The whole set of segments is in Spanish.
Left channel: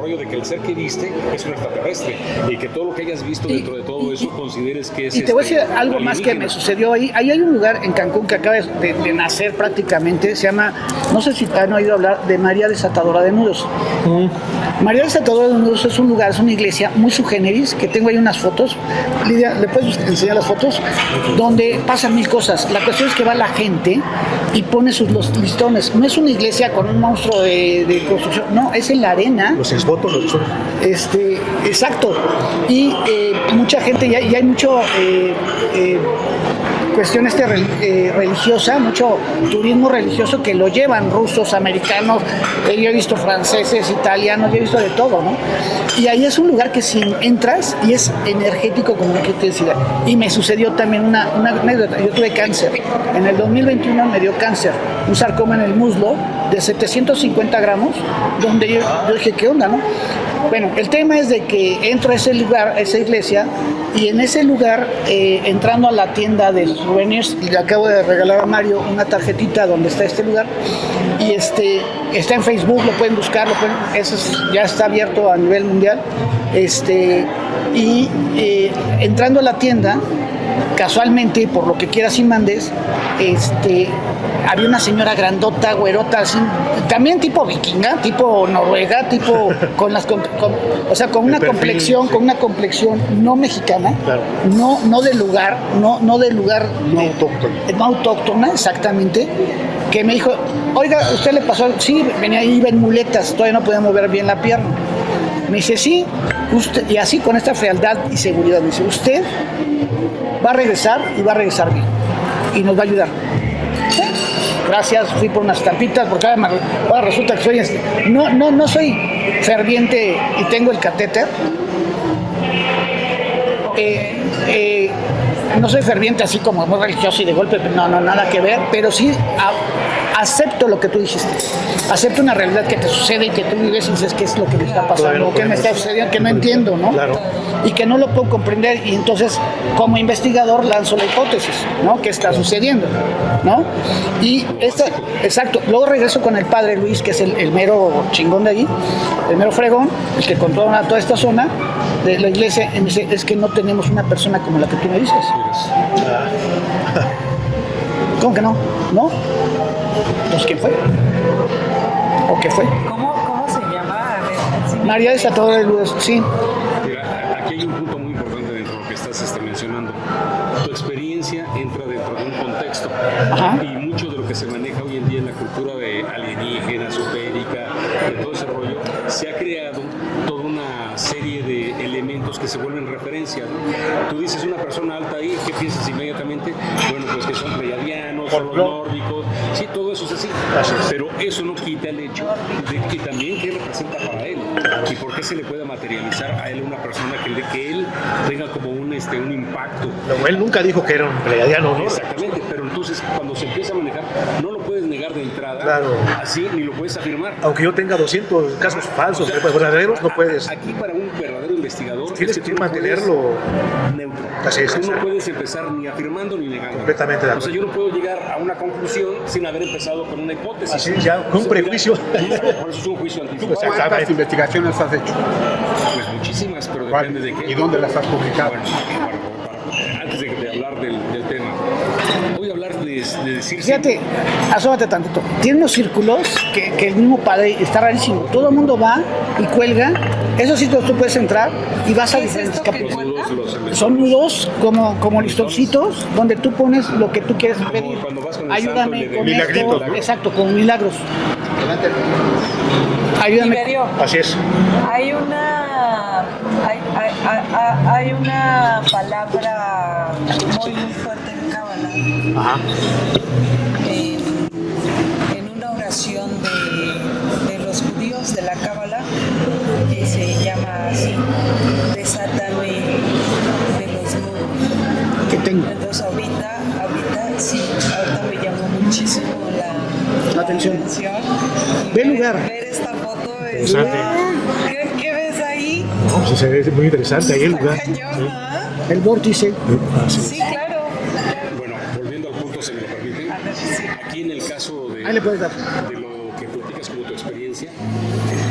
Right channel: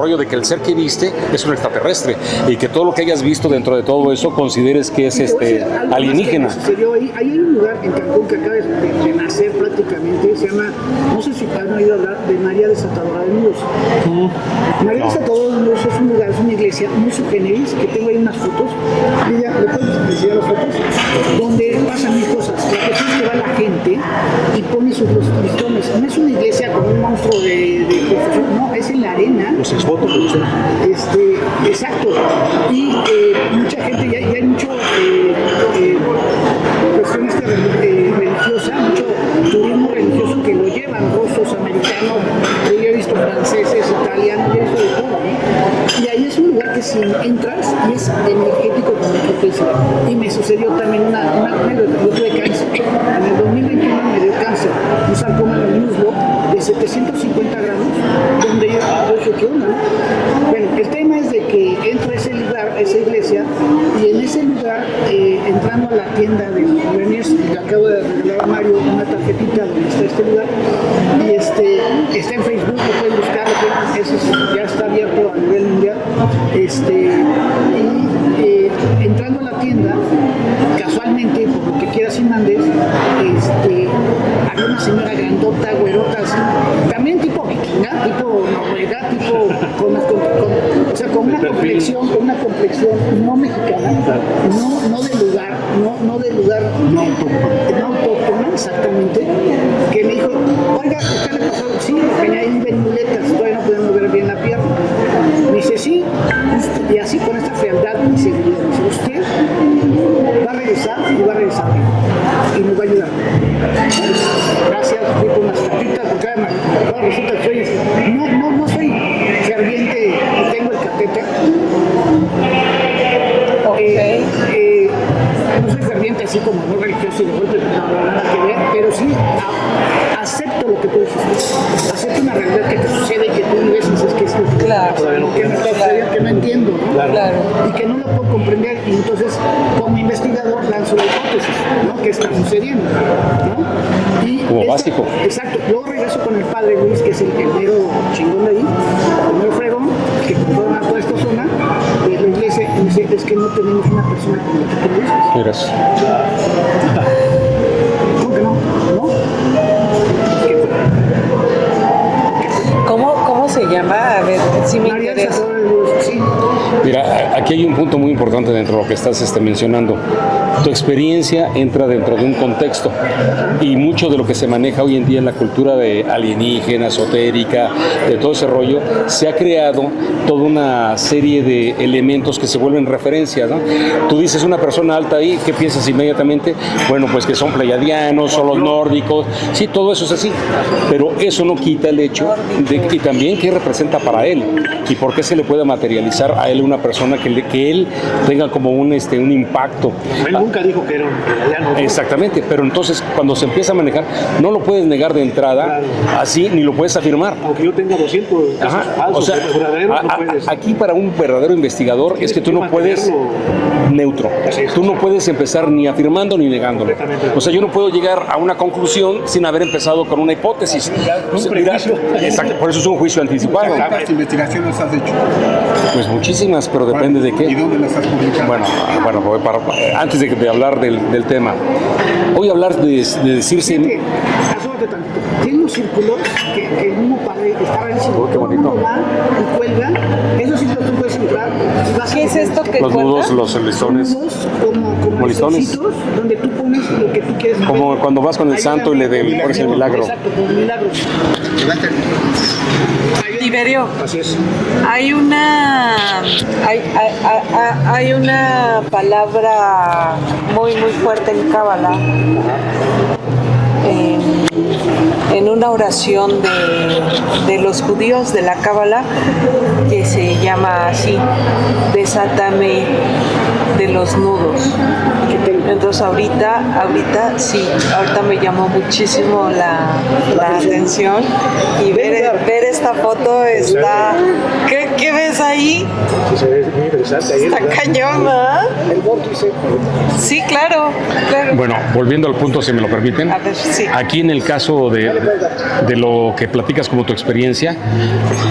rollo de que el ser que viste es un extraterrestre y que todo lo que hayas visto dentro de todo eso consideres que es y te voy a decir algo alienígena. más que me sucedió ahí. Ahí hay un lugar en Cancún que acaba de nacer prácticamente, se llama, no sé si te han oído hablar de María Desatadora de Nudos. María Desatadora de Nudos es un lugar, es una iglesia muy sui generis, que tengo ahí unas fotos. Lidia, ¿le puedes enseñar las fotos? Donde pasan mil cosas. La cuestión es que va la gente y pone sus listones. No es una iglesia con un monstruo de construcción, no, es en la arena. Exacto. Y mucha gente, y hay mucho cuestión religiosa, mucho turismo religioso que lo llevan rusos, americanos, yo he visto franceses, italianos, yo he visto de todo, ¿no? Y ahí es un lugar que si entras y es energético como que te decía. Y me sucedió también una anécdota. Yo tuve cáncer. En el 2021 me dio cáncer, un sarcoma en el muslo de 750 gramos, donde yo dije, ¿qué onda, no? Bueno, el tema es de que entro a ese lugar, a esa iglesia, y en ese lugar, entrando a la tienda de souvenirs, y le acabo de regalar a Mario una tarjetita donde está este lugar, y está en Facebook, lo pueden buscar, ya está abierto a nivel mundial, entrando a la tienda, casualmente, por lo que quieras y mandes, había una señora grandota, güerota, así, también tipo vikinga, tipo noruega, tipo con una complexión no mexicana, no de lugar, no no autóctona, exactamente, que me dijo, oiga, ¿usted le pasó algo? Sí, venía ahí, iba en muletas, todavía no podía mover bien la pierna. Me dice, sí, usted, y así con esta frialdad y seguridad, me dice, usted va a regresar y va a regresar bien y nos va a ayudar. Gracias, fui por unas tapitas, porque además, resulta que no soy ferviente y tengo el catéter. No soy ferviente así como muy religioso y de golpe, no, nada que ver, pero sí acepto lo que tú dijiste, acepto una realidad que te sucede y que tú vives y dices, ¿qué es lo que te está pasando? ¿Qué me está sucediendo? Que no entiendo, ¿no? Claro. Y que no lo puedo comprender, y entonces como investigador lanzo la hipótesis, ¿no? ¿Qué está sucediendo? ¿No? Y básico. Exacto, luego regreso con el padre Luis, que es el mero chingón de ahí, el mero fregón, el que controla toda esta zona de la iglesia, y dice, es que no tenemos una persona como la que tú me dices. ¿Cómo que no? ¿No? Pues ¿qué fue? ¿O qué fue? ¿Cómo se llama? A ver, si me María Desatadora de Nudos, sí. Mira, aquí hay un punto muy importante dentro de lo que estás mencionando. Tu experiencia entra dentro de un contexto. Ajá. Y mucho de lo que se maneja hoy en día en la cultura de alienígena, esotérica, de todo ese rollo, se ha creado toda una serie de elementos que se vuelven referencias, ¿no? Tú dices una persona alta ahí, ¿qué piensas inmediatamente? Bueno, pues que son pleiadianos, son los nórdicos, sí, todo eso es así, pero eso no quita el hecho de que también qué representa para él y por qué se le puede materializar a él una persona que él tenga como un impacto. Pero él nunca dijo que era un pleiadiano, ¿no? Exactamente, pero entonces cuando se empieza a manejar, no lo puedes negar de entrada, claro, así, ni lo puedes afirmar. Aunque yo tenga 200 casos falsos, o sea, verdaderos, no puedes. Aquí para un verdadero investigador es que tú no puedes neutro. Tú no puedes empezar ni afirmando ni negándolo. O sea, yo no puedo llegar a una conclusión sin haber empezado con una hipótesis. Sí, ya, un prejuicio. Exacto, por eso es un juicio anticipado. ¿Cuántas investigaciones has hecho? Pues muchísimas, pero depende de qué. ¿Y dónde las has publicado? Bueno, antes de hablar del tema, voy a hablar de decirse... Fíjate, asómate tantito. Tiene unos círculos que el mismo padre está rarísimo. Todo el mundo va y cuelga. Esos sitios tú puedes entrar y vas a... ¿Qué es esto que los nudos, los son listones. nudos como listoncitos donde tú pones lo que tú quieres. Como cuando vas con el santo y le pones el milagro. Exacto, como milagros. Tiberio, Así es. hay una palabra muy fuerte en Cábala, en una oración de los judíos de la Cábala, que se llama así: desátame de los nudos. Entonces ahorita me llamó muchísimo la atención, y ver esta foto está... ¿Qué ves? ves ahí. Sí, se ve muy interesante ahí. Está cañón, ¿verdad? El vórtice. Sí, claro. Bueno, volviendo al punto, si me lo permiten. A ver, sí. Aquí en el caso de lo que platicas como tu experiencia,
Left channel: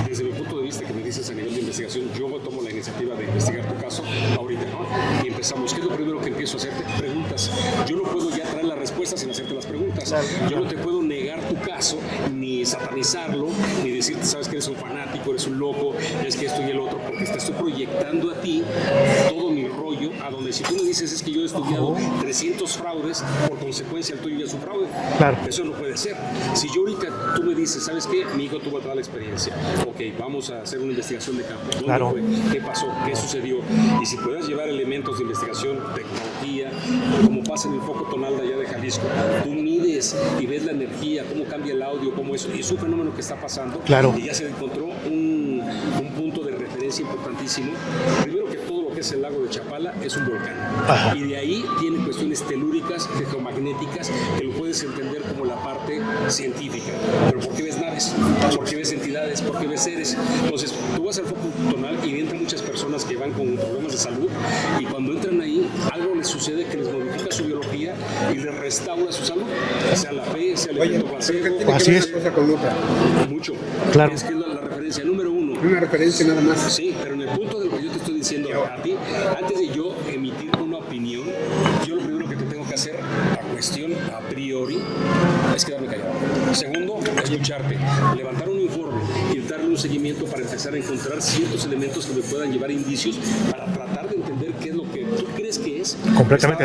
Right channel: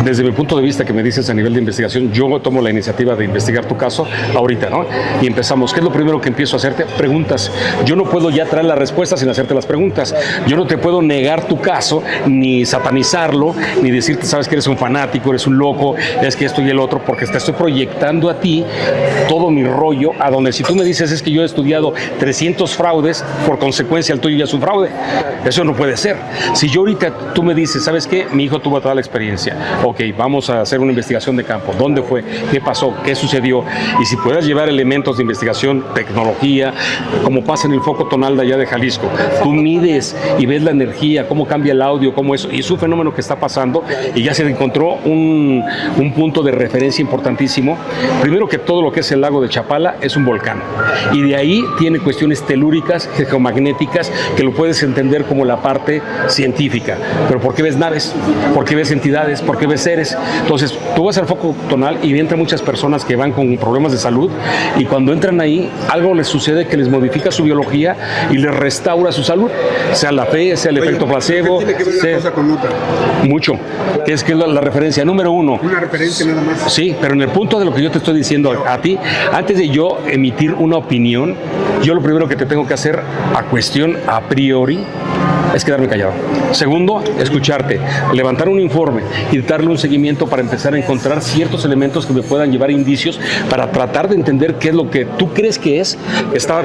desde mi punto de vista que me dices a nivel de investigación, yo tomo la iniciativa de investigar tu caso ahorita, ¿no? Y empezamos. ¿Qué es lo primero que empiezo a hacerte? Preguntas. Yo no puedo ya traer la respuesta sin hacerte las preguntas. Yo no te puedo negar tu caso, ni satanizarlo, ni decirte, sabes que eres un fanático, eres un loco, es que esto y el otro, porque te estoy proyectando a ti todo mi rollo, a donde si tú me dices es que yo he estudiado 300 fraudes, por consecuencia el tuyo ya es un fraude. Eso no puede ser. Si yo ahorita tú me dices, ¿sabes qué? Mi hijo tuvo toda la experiencia. Ok, vamos a hacer una investigación de campo. ¿Dónde fue? ¿Qué pasó? ¿Qué sucedió? Y si puedes llevar elementos de investigación, tecnología, como pasa en el foco tonal de allá de Jalisco, tú mides y ves la energía, cómo cambia el audio, cómo eso, y es un fenómeno que está pasando, y ya se encontró un punto de referencia importantísimo. Primero que todo lo que es el lago de Chapala es un volcán, y de ahí tiene cuestiones telúricas, geomagnéticas, que lo puedes entender como la parte científica. Pero ¿por qué ves naves? ¿Por qué ves entidades? ¿Por qué ves seres? Entonces, tú vas al foco tonal y entran muchas personas que van con problemas de salud, y cuando entran ahí, algo les sucede que les modifica su biología y les restaura su salud, sea la fe, sea el efecto placebo, Tiene que ver una cosa con otra. mucho. Claro. Es que es la referencia número uno. Una referencia nada más. Sí, pero en el punto de lo que yo te estoy diciendo a ti, antes de yo emitir una opinión, yo lo primero que te tengo que hacer a cuestión a priori es quedarme callado. Segundo, escucharte, levantar un informe y darle un seguimiento para empezar a encontrar ciertos elementos que me puedan llevar indicios para tratar de entender qué es lo que tú crees que es.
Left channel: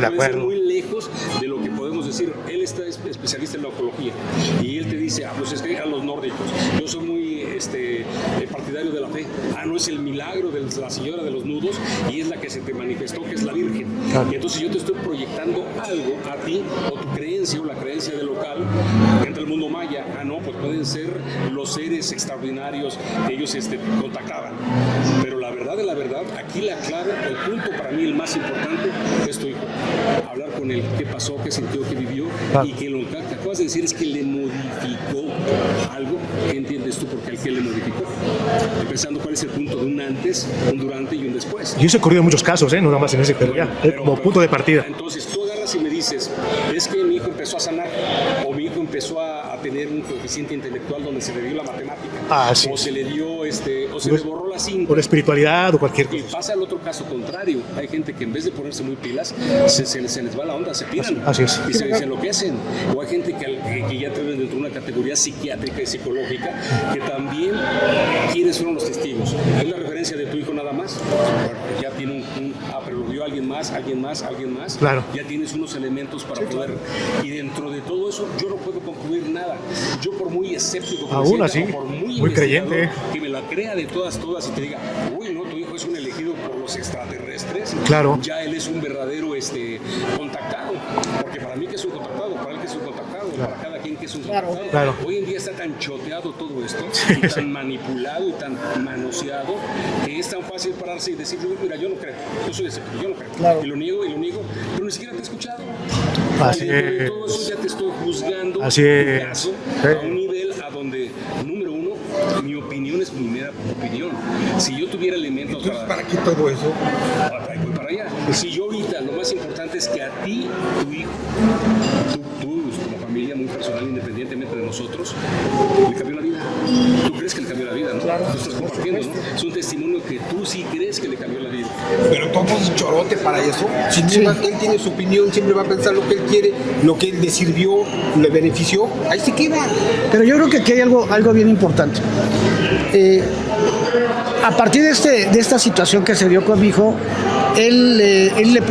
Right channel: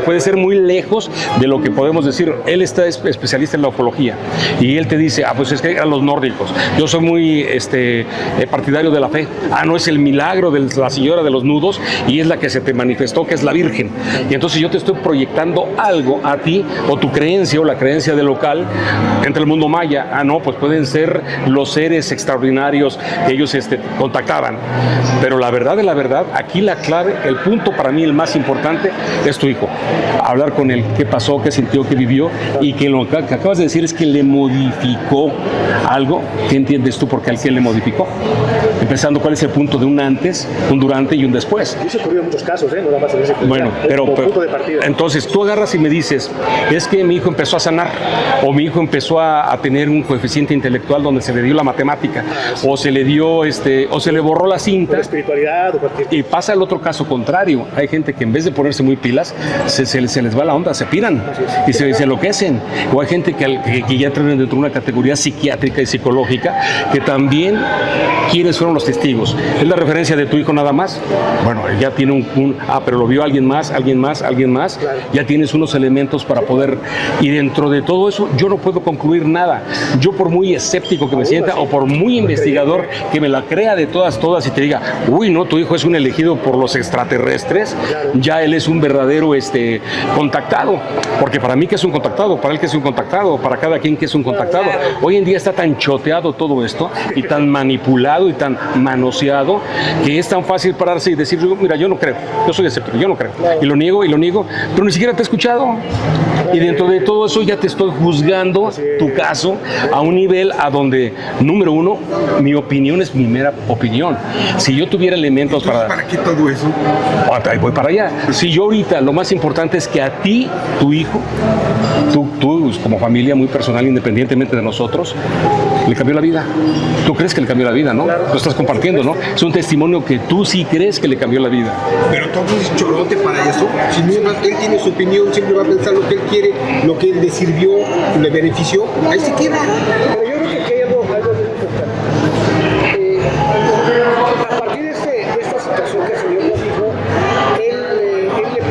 Puede ser muy lejos de lo que podemos decir. Él está especialista en la ufología y él te dice, pues es que eran los nórdicos. Yo soy muy partidario de la fe. No, es el milagro de la señora de los nudos y es la que se te manifestó, que es la Virgen. Y entonces yo te estoy proyectando algo a ti, o tu creencia o la creencia del local entre el mundo maya. No, pues pueden ser los seres extraordinarios que ellos contactaban. Pero la verdad de la verdad, aquí la clave, el punto para mí el más importante es tu hijo. Hablar con él, qué pasó, qué sintió, qué vivió, y que lo que acabas de decir es que le modificó algo. ¿Qué entiendes tú por qué al que le modificó? Empezando, ¿cuál es el punto de un antes, un durante y un después? Y eso ha ocurrido en muchos casos, no nada más en ese bueno, pero punto de partida. Entonces tú agarras y me dices, es que mi hijo empezó a sanar, o mi hijo empezó a tener un coeficiente intelectual donde se le dio la matemática, sí. o se le dio o se le borró la cinta, o la espiritualidad o cualquier. Y pasa el otro caso contrario. Hay gente que en vez de ponerse muy pilas, se les va la onda, se piran y se enloquecen. O hay gente que ya entran dentro de una categoría psiquiátrica y psicológica que también, ¿quiénes fueron los testigos? ¿Es la referencia de tu hijo nada más? Bueno, ya tiene pero lo vio alguien más. Claro. Ya tienes unos elementos para poder, y dentro de todo eso yo no puedo concluir nada. Yo, por muy escéptico que me sienta, o por muy investigador que me la crea de todas y te diga, uy, no, tu hijo es un elegido por los extraterrestres, claro. Ya él es un verdadero contactado, porque para mí que es un contactado, para él que es un contactado, para cada quien que es un contactado. Hoy en día está tan choteado todo esto, y tan manipulado y tan manoseado, que es tan fácil pararse y decir, mira, yo no creo, yo soy escéptico, yo no creo, y lo niego, pero ni siquiera te he escuchado. Y dentro de todo eso ya te estoy juzgando tu caso a un nivel a donde, número uno, mi opinión es mi mera opinión. Si yo tuviera elementos ¿Para qué todo eso? Voy para allá. Si yo ahorita, lo más importante es que a ti, tu hijo, tú como familia muy personal, independientemente de nosotros, le cambió la vida. Tú crees que le cambió la vida, ¿no? Lo estás compartiendo, ¿no? Es un testimonio que tú sí crees que le cambió la vida. Pero todo es chorote para eso. Si él tiene su opinión, siempre va a pensar lo que él quiere, lo que le sirvió, le benefició, ahí se queda. Pero yo creo que aquí hay algo bien importante. A partir de esta situación que se dio con mi hijo, él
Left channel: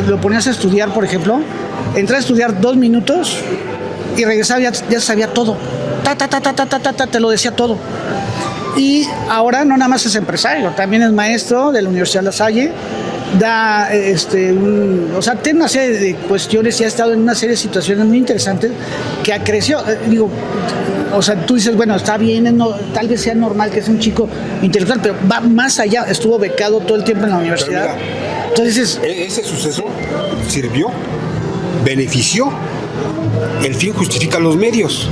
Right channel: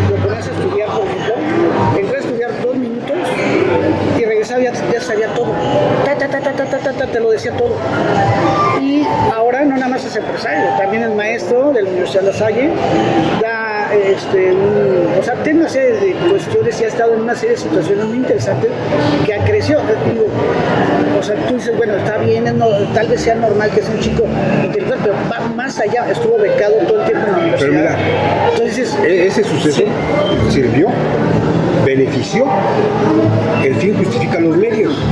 lo ponías a estudiar, por ejemplo, entraba a estudiar 2 minutos y regresaba, ya sabía todo. Te lo decía todo. Y ahora no nada más es empresario, también es maestro de la Universidad La Salle, da tiene una serie de cuestiones y ha estado en una serie de situaciones muy interesantes que ha crecido. Digo, tú dices, bueno, está bien, tal vez sea normal que sea un chico intelectual, pero va más allá, estuvo becado todo el tiempo en la universidad. Pero mira, entonces ese suceso sirvió. benefició. El fin justifica los medios.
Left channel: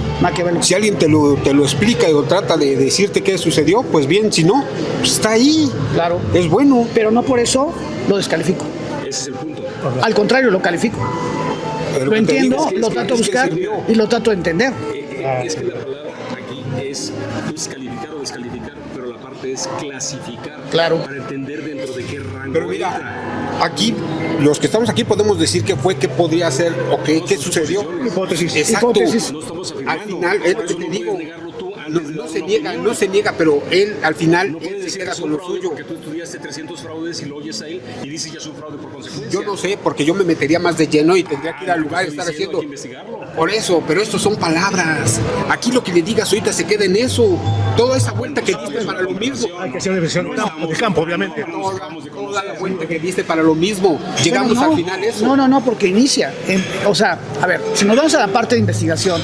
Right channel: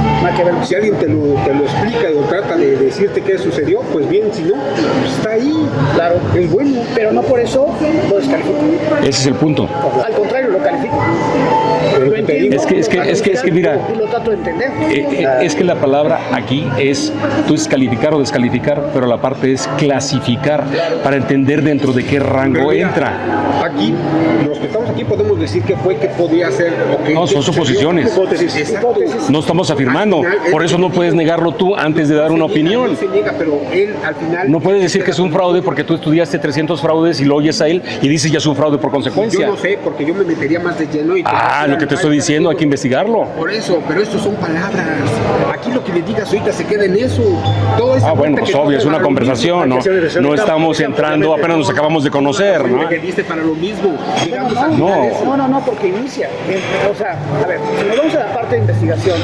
Si alguien te lo explica o trata de decirte qué sucedió, pues bien, si no, pues está ahí. Claro. Es bueno. Pero no por eso lo descalifico. Ese es el punto. Al contrario, lo califico. Pero Lo entiendo, es que mira, y lo trato de entender. Es que la palabra aquí es, tú es calificar o descalificar, pero la parte es clasificar, para entender dentro de qué rango Pero mira, entra. Aquí, los que estamos aquí podemos decir que fue, que podría ser o que No, que son sucedió. suposiciones. Exacto. No estamos afirmando, Al final, por es eso lo no que puedes digo. negarlo tú antes de dar No una se niega, opinión. No se niega, pero él al final... No puedes decir que es un fraude porque tú estudiaste 300 fraudes y lo oyes a él y dices ya es un fraude por consecuencia. Yo no sé, porque yo me metería más de lleno y... Lo que te estoy diciendo, hay que investigarlo. Por eso, pero estos son palabras. Aquí lo que le digas ahorita se queda en eso. Todo esa Bueno, vuelta pues que obvio, es das una para lo conversación, ¿no? mismo. No estamos De campo, entrando, obviamente. apenas nos acabamos de conocer, ¿no? Que viste para lo mismo. Llegamos al final no. a eso. No, porque inicia. O sea, a ver, si nos vamos a la parte de investigación,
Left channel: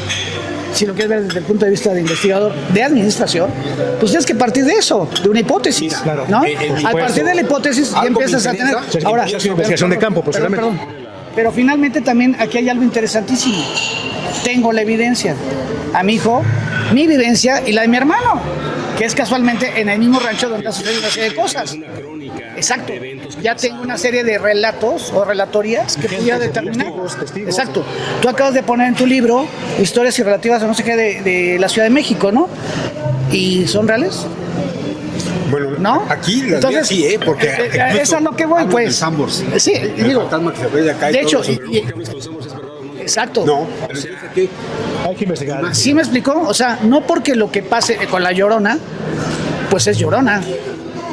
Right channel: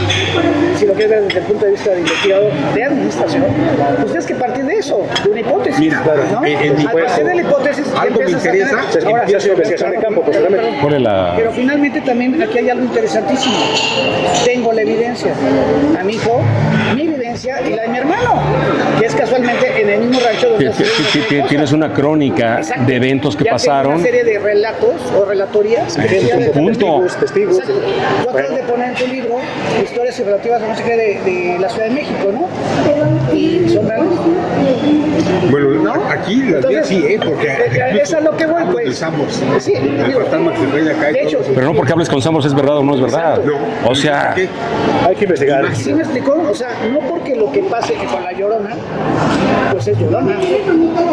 si lo quieres ver desde el punto de vista de investigador, de administración, pues tienes que partir de eso, de una hipótesis. Mira, ¿no? en A partir de la hipótesis ya algo me empiezas a tener. interesa, Ahora, ya es una investigación de campo, posiblemente. Ponle la- pero finalmente también aquí hay algo interesantísimo. Tengo la evidencia. A mi hijo, mi vivencia y la de mi hermano, que es casualmente en el mismo rancho donde Tienes una crónica Exacto. de eventos que ya pasaron. tengo una serie de relatos o relatorías que ya de testigos. Exacto. Tú acabas de poner en tu libro historias relativas a no sé qué de la Ciudad de México, ¿no? ¿Y son reales? Bueno, ¿No? aquí las Entonces, sí, porque... es a lo que voy, pues. Pensamos. Sí, El digo, fantasma que se ve de acá y de hecho, todo. Pero no porque hables con Samos es verdad o no es verdad. Exacto. No. O sea, Hay que investigar. ¿sí me explicó? O sea, no porque lo que pase con la Llorona, pues es Llorona.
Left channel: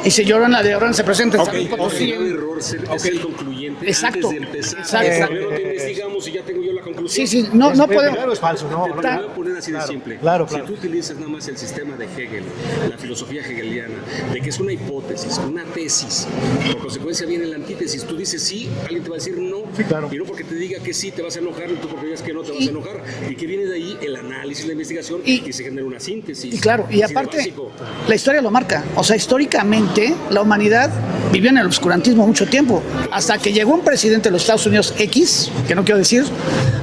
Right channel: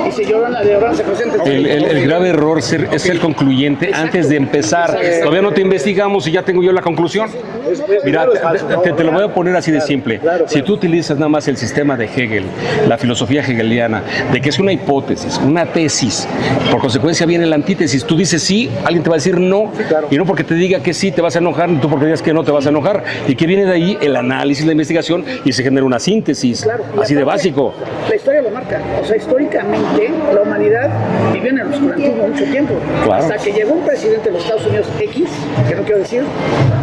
Y si Llorona de Llorona se presenta... el grave error es ser concluyente Exacto. antes de empezar. Exacto. Todavía no te investigamos y ya tengo yo la conclusión. Sí, no Es podemos... Mira, es falso, ¿no? te lo voy a poner así de simple. claro. Si tú utilizas nada más el sistema de Hegel, la filosofía hegeliana, de que es una hipótesis, una tesis, por consecuencia viene la antítesis. Tú dices sí, alguien te va a decir no, claro. y no porque te diga que sí te vas a enojar, ni tú porque digas que no te vas a enojar. Y que viene de ahí el análisis, la investigación, y se genera una síntesis. Claro, y así de aparte, básico. La historia lo marca. O sea, históricamente la humanidad vivió en el oscurantismo mucho tiempo. Claro. Hasta que llegó un presidente de los Estados Unidos X, que no quiero decir,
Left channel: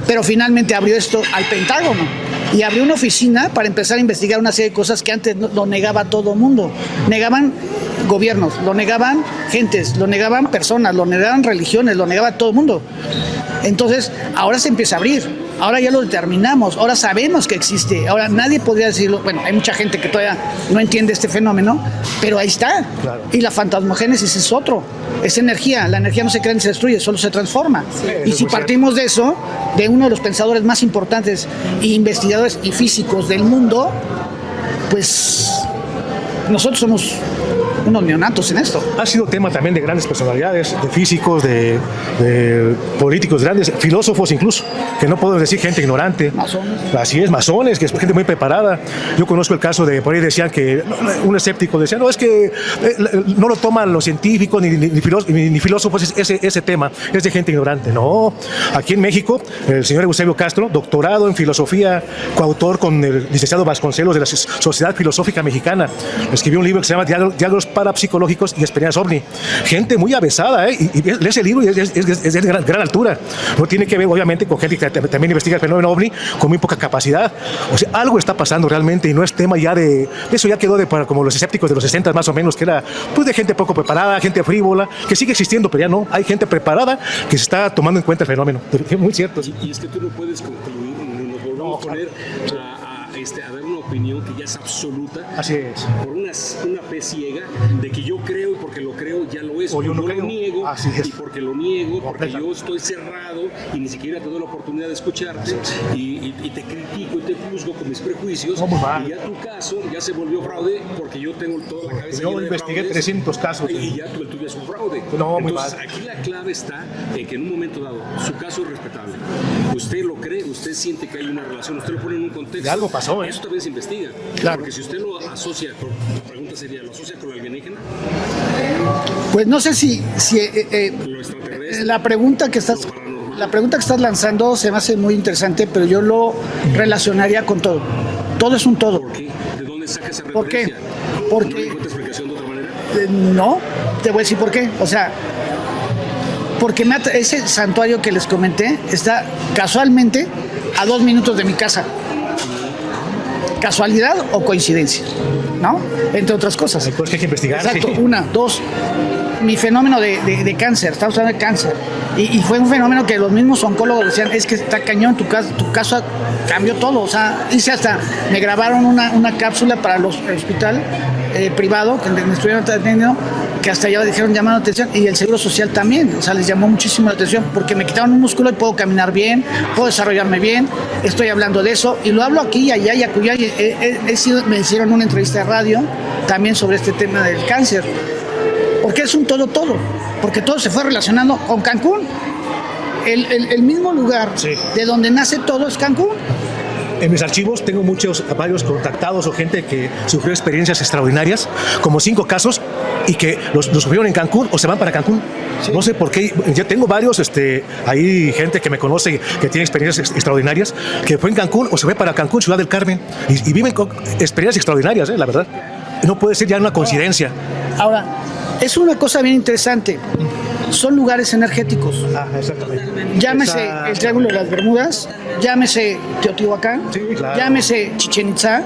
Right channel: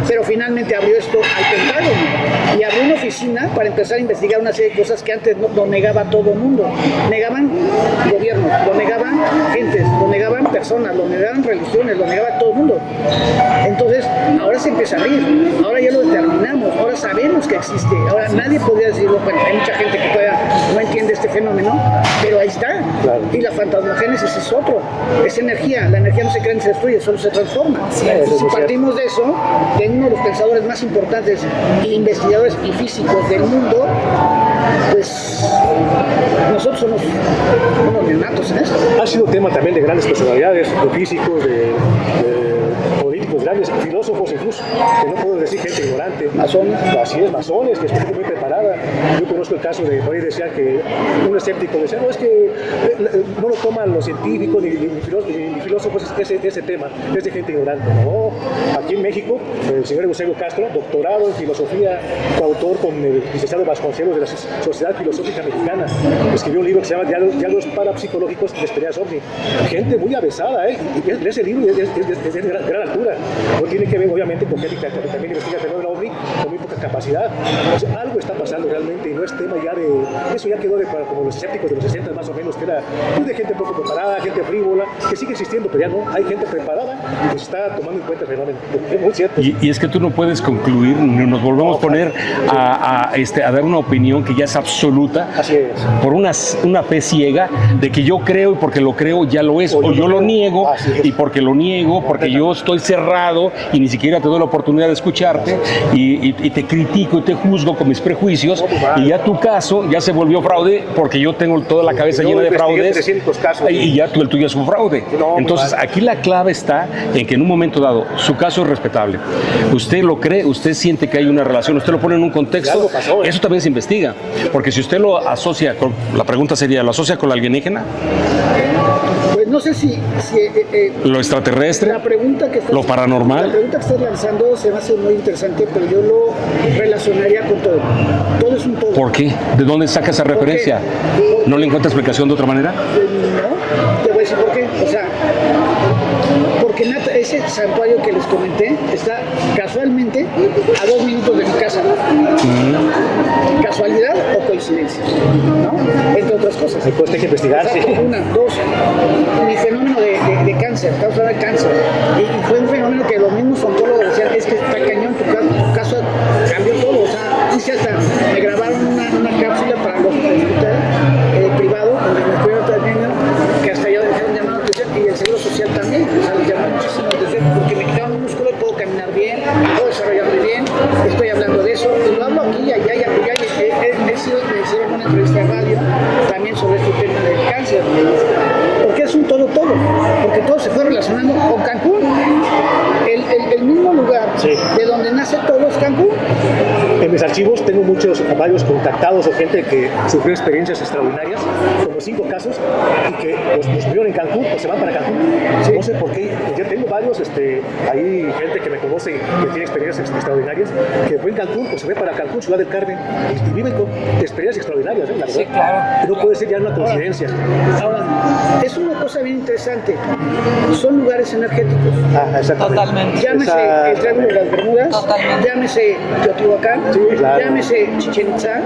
pero finalmente abrió esto al Pentágono. Y abrió una oficina para empezar a investigar una serie de cosas que antes lo negaba todo el mundo. Negaban gobiernos, lo negaban gentes, lo negaban personas, lo negaban religiones, lo negaba todo el mundo. Entonces, ahora se empieza a abrir. Ahora ya lo determinamos, ahora sabemos que existe. Ahora nadie podría decirlo. Bueno, hay mucha gente que todavía no entiende este fenómeno, pero ahí está. Claro. Y la fantasmogénesis es otro. Es energía. La energía no se crea ni se destruye, solo se transforma. eso Y es si muy partimos de eso, de uno de los pensadores más importantes e investigadores y físicos del mundo, pues nosotros somos unos neonatos en esto. Ha sido tema también de grandes personalidades, de físicos, de políticos grandes, filósofos incluso, que no podemos decir gente ignorante. Masones. Así es, masones, que es gente muy preparada. Yo conozco el caso de, por ahí decían que un escéptico decía, no, es que no lo toman los científicos ni filósofos ese tema, es de gente ignorante. No, aquí en México, el señor Eusebio Castro, doctorado en filosofía, coautor con el licenciado Vasconcelos de la Sociedad Filosófica Mexicana, escribió un libro que se llama Diálogos Parapsicológicos y Experiencias OVNI. Gente muy avesada, y lee ese libro y es de gran altura. No tiene que ver, obviamente, con gente que también investiga el fenómeno OVNI con muy poca capacidad. O sea, algo está pasando realmente y no es tema ya de... Eso ya quedó para como los escépticos de los 60 más o menos, que era pues de gente poco preparada, gente frívola, que sigue existiendo, pero ya no. Hay gente preparada que se está tomando en cuenta el fenómeno. Es muy cierto. Y es que tú no puedes concluir, ni nos volvemos a poner a dar una opinión que ya es absoluta. Así es. Por una fe ciega de que yo creo y porque lo creo ya lo es, o yo lo niego y porque lo niego, porque yo estoy cerrado y ni siquiera te doy la oportunidad de escucharte y te critico y te juzgo con mis prejuicios y ya tu caso ya se volvió fraude porque yo tengo toda la cabeza llena de fraudes 300 casos. y ya el tuyo es un fraude. No, entonces aquí la clave está en que en un momento dado su caso es respetable. Usted lo cree, usted siente que hay una relación, usted lo pone en un contexto, algo pasó, eso también se investiga. Porque si usted lo asocia con, la pregunta sería, ¿lo asocia con la alienígena? Pues no sé si ¿Lo extraterrestre? la pregunta que estás... ¿Lo paranormal? La pregunta que estás lanzando se me hace muy interesante, pero yo lo relacionaría con todo. Todo es un todo. ¿Por qué? ¿De dónde saca esa ¿Por qué? referencia? Porque- ¿No le encuentra explicación de otra manera? No, te voy a decir por qué. O sea, Porque ese santuario que les comenté está casualmente a 2 minutos de mi casa. ¿Casualidad o coincidencia? ¿No? Entre otras cosas. Pues que hay que investigar. Exacto, Sí. 1, 2. Mi fenómeno de cáncer, estamos hablando de cáncer. Y fue un fenómeno que los mismos oncólogos decían, es que está cañón, tu caso cambió todo. O sea, me grabaron una cápsula para el hospital privado, donde me estuvieron atendiendo, que hasta ya dijeron llamando la atención, y el Seguro Social también. O sea, les llamó muchísimo la atención, porque me quitaron un músculo y puedo caminar bien, puedo desarrollarme bien, estoy hablando de eso, y lo hablo aquí, allá y acullá. Me hicieron una entrevista de radio también sobre este tema del cáncer, porque es un todo, porque todo se fue relacionando con Cancún. El mismo lugar de donde nace todo es Cancún. En mis archivos tengo varios contactados o gente que sufrió experiencias extraordinarias, como 5 casos, y que los vieron en Cancún o se van para Cancún. Sí. No sé por qué. Yo tengo varios, hay gente que me conoce que tiene experiencias extraordinarias, que fue en Cancún o se fue para Cancún, Ciudad del Carmen, y viven con experiencias extraordinarias, la verdad. Sí, claro. No puede ser ya una coincidencia. Ahora, es una cosa bien interesante. Son lugares energéticos. Totalmente. Llámese el Triángulo de las Bermudas, llámese Teotihuacán, llámese Chichén Itzá,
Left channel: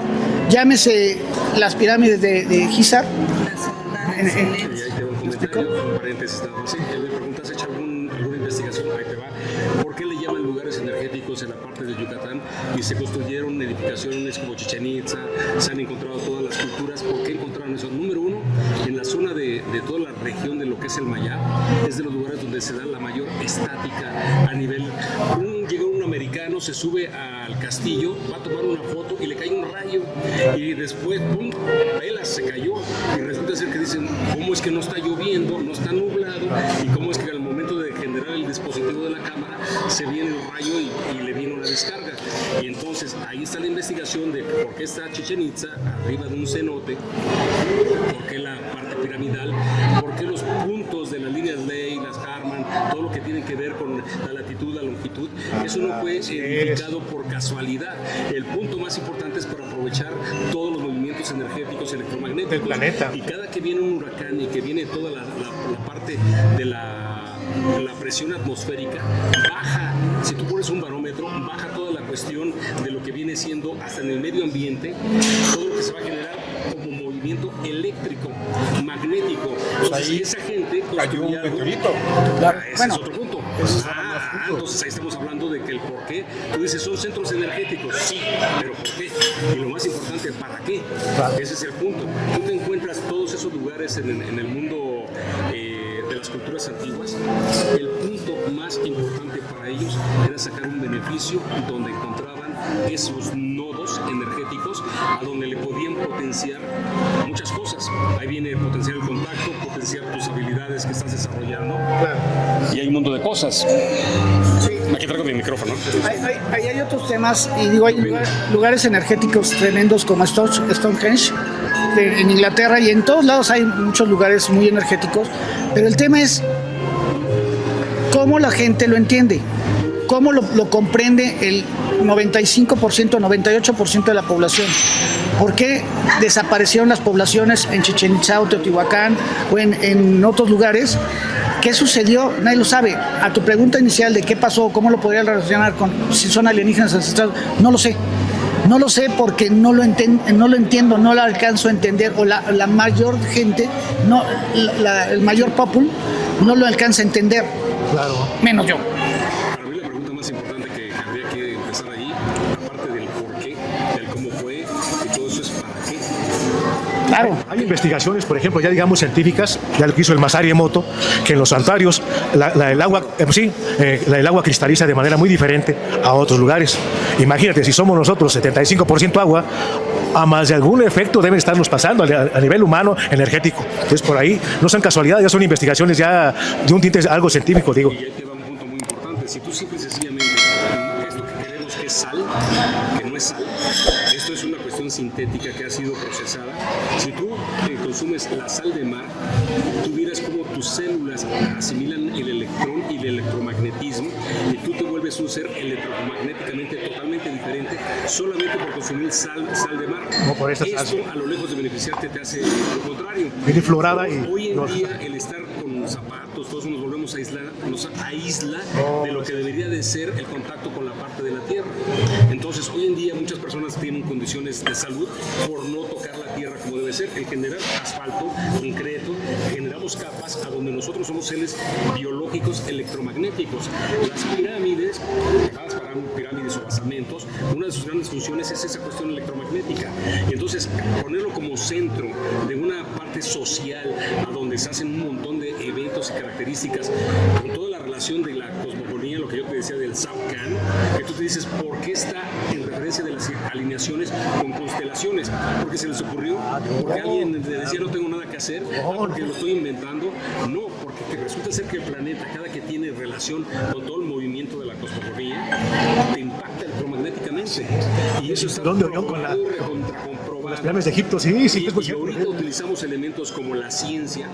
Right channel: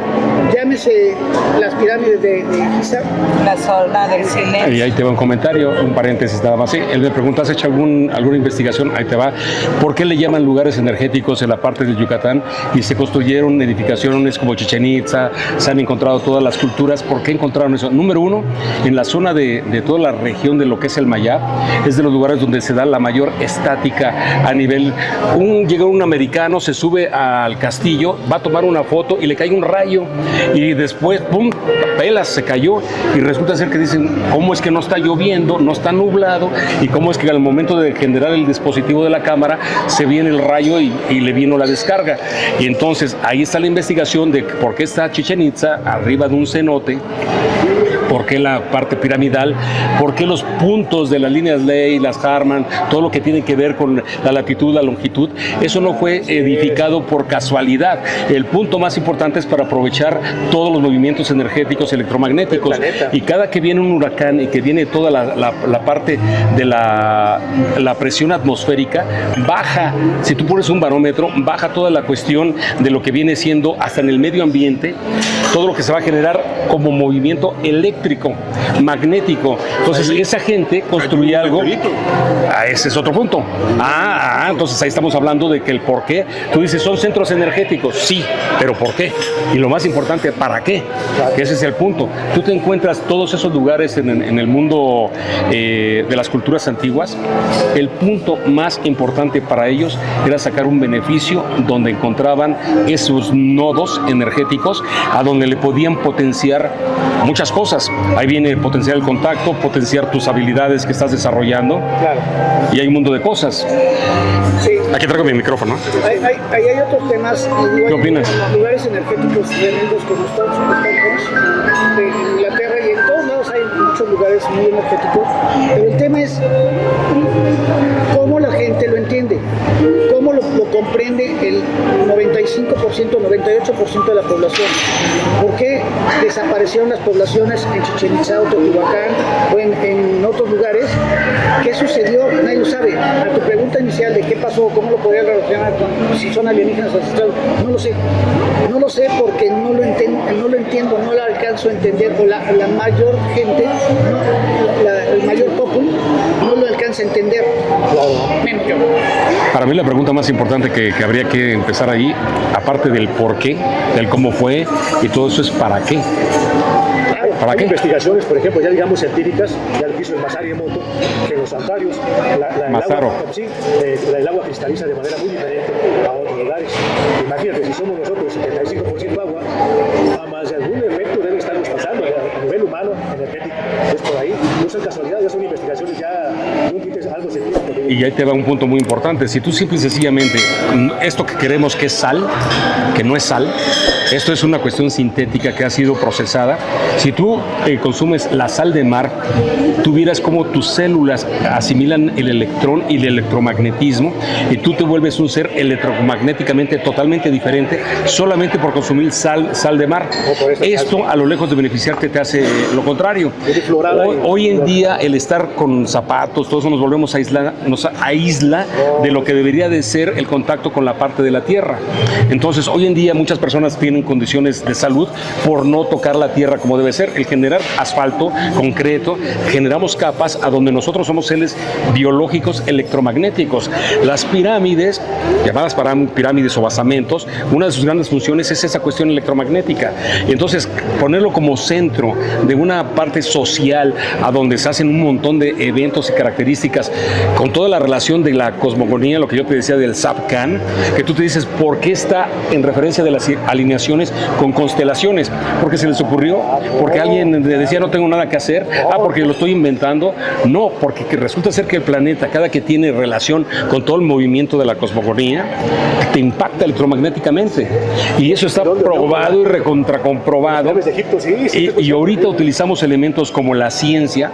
llámese las pirámides de Giza. La zona del silencio. Y ahí te va un comentario, un paréntesis nada más. Sí, él me pregunta, ¿has hecho alguna investigación? Ahí te va. ¿Por qué le llaman lugares energéticos en la parte del Yucatán y se construyeron edificaciones como Chichén Itzá, se han encontrado todas las culturas? ¿Por qué encontraron eso? Número 1, en la zona de toda la región de lo que es el Mayab, es de los lugares donde se da la mayor estática a nivel. Llega un americano, se sube al castillo, va a tomar una foto y le cae un rayo y después, ¡pum!, pelas, se cayó, y resulta ser que dicen, ¿cómo es que no está lloviendo, no está nublado? Y cómo es que al momento de generar el dispositivo de la cámara se viene el rayo y le vino la descarga. Y entonces ahí está la investigación de por qué está Chichén Itzá arriba de un cenote, por qué la parte piramidal, por qué los puntos de las líneas Ley, las Harman, todo lo que tiene que ver con la latitud, la longitud, eso no fue edificado por casualidad. El punto más importante es para aprovechar todos los movimientos energéticos electromagnéticos. Y cada que viene un huracán y que viene toda la parte de la presión atmosférica, baja, si tú pones un barómetro, baja toda la cuestión de lo que viene siendo hasta en el medio ambiente, todo lo que se va a generar como movimiento eléctrico, magnético. Entonces esa gente construye algo. Ese es otro punto. Entonces ahí estamos hablando de que el por qué. Tú dices, son centros energéticos, sí, pero ¿por qué? Y lo más importante, ¿para qué? Ese es el punto. Tú te encuentras todos esos lugares en el mundo de las culturas antiguas. El punto más importante para ellos era sacar un beneficio donde encontraban esos nodos energéticos a donde le podían potenciar muchas cosas. Ahí viene potenciar el contacto, potenciar tus habilidades que estás desarrollando. Claro. Y hay un mundo de cosas. Sí. Aquí traigo mi micrófono. Ahí hay otros temas. ¿Qué opinas? Lugares energéticos tremendos como Stonehenge en Inglaterra, y en todos lados hay muchos lugares muy energéticos. Pero el tema es cómo la gente lo entiende. ¿Cómo lo comprende el 95%, 98% de la población? ¿Por qué desaparecieron las poblaciones en Chichén Itzá o Teotihuacán o en otros lugares? ¿Qué sucedió? Nadie lo sabe. A tu pregunta inicial de qué pasó, cómo lo podría relacionar con si son alienígenas ancestrales, no lo sé. No lo sé porque no lo entiendo, no lo alcanzo a entender, o la mayor gente, el mayor popular no lo alcanza a entender, menos yo. Para mí la pregunta más importante que habría que empezar ahí, aparte del por qué, del cómo fue y todo eso, es ¿para qué? Claro, hay investigaciones, por ejemplo, ya digamos científicas, ya lo que hizo el Masaru Emoto, que en los santuarios el agua cristaliza de manera muy diferente a otros lugares. Imagínate, si somos nosotros 75% agua, a más de algún efecto deben estarnos pasando a nivel humano, energético. Entonces, por ahí no son casualidades, ya son investigaciones ya de un tinte algo científico, digo. Y ahí te va un punto muy importante. Si tú simple y sencillamente, esto que queremos que es sal, que no es sal, esto es una cuestión sintética que ha sido procesada. Si tú consumes la sal de mar, tú vieras cómo tus células asimilan el electrón y el electromagnetismo y tú te vuelves un ser electromagnéticamente totalmente diferente solamente por consumir sal de mar. Esto, a lo lejos de beneficiarte, te hace lo contrario. Hoy en día, el estar con zapatos, todo eso nos volvemos a aislar, nos aísla de lo que debería de ser el contacto con la parte de la tierra. Entonces, hoy en día muchas personas tienen condiciones de salud por no tocar la tierra como debe ser. El generar asfalto, concreto, generamos capas a donde nosotros somos seres biológicos electromagnéticos. Las pirámides, llamadas pirámides o basamentos, una de sus grandes funciones es esa cuestión electromagnética. Entonces, ponerlo como centro de una parte social a donde se hacen un montón de eventos y características con toda la relación de la cosmogonía, lo que yo te decía del Zapcan, que tú te dices, ¿por qué está en referencia de las alineaciones con constelaciones? Porque se les ocurrió, porque alguien le decía no tengo nada que hacer, porque lo estoy inventando. No, porque resulta ser que el planeta, cada que tiene relación con todo el movimiento de la cosmogonía, te impacta electromagnéticamente. Y eso está probado y recontracomprobado. Y ahorita utilizamos elementos como la ciencia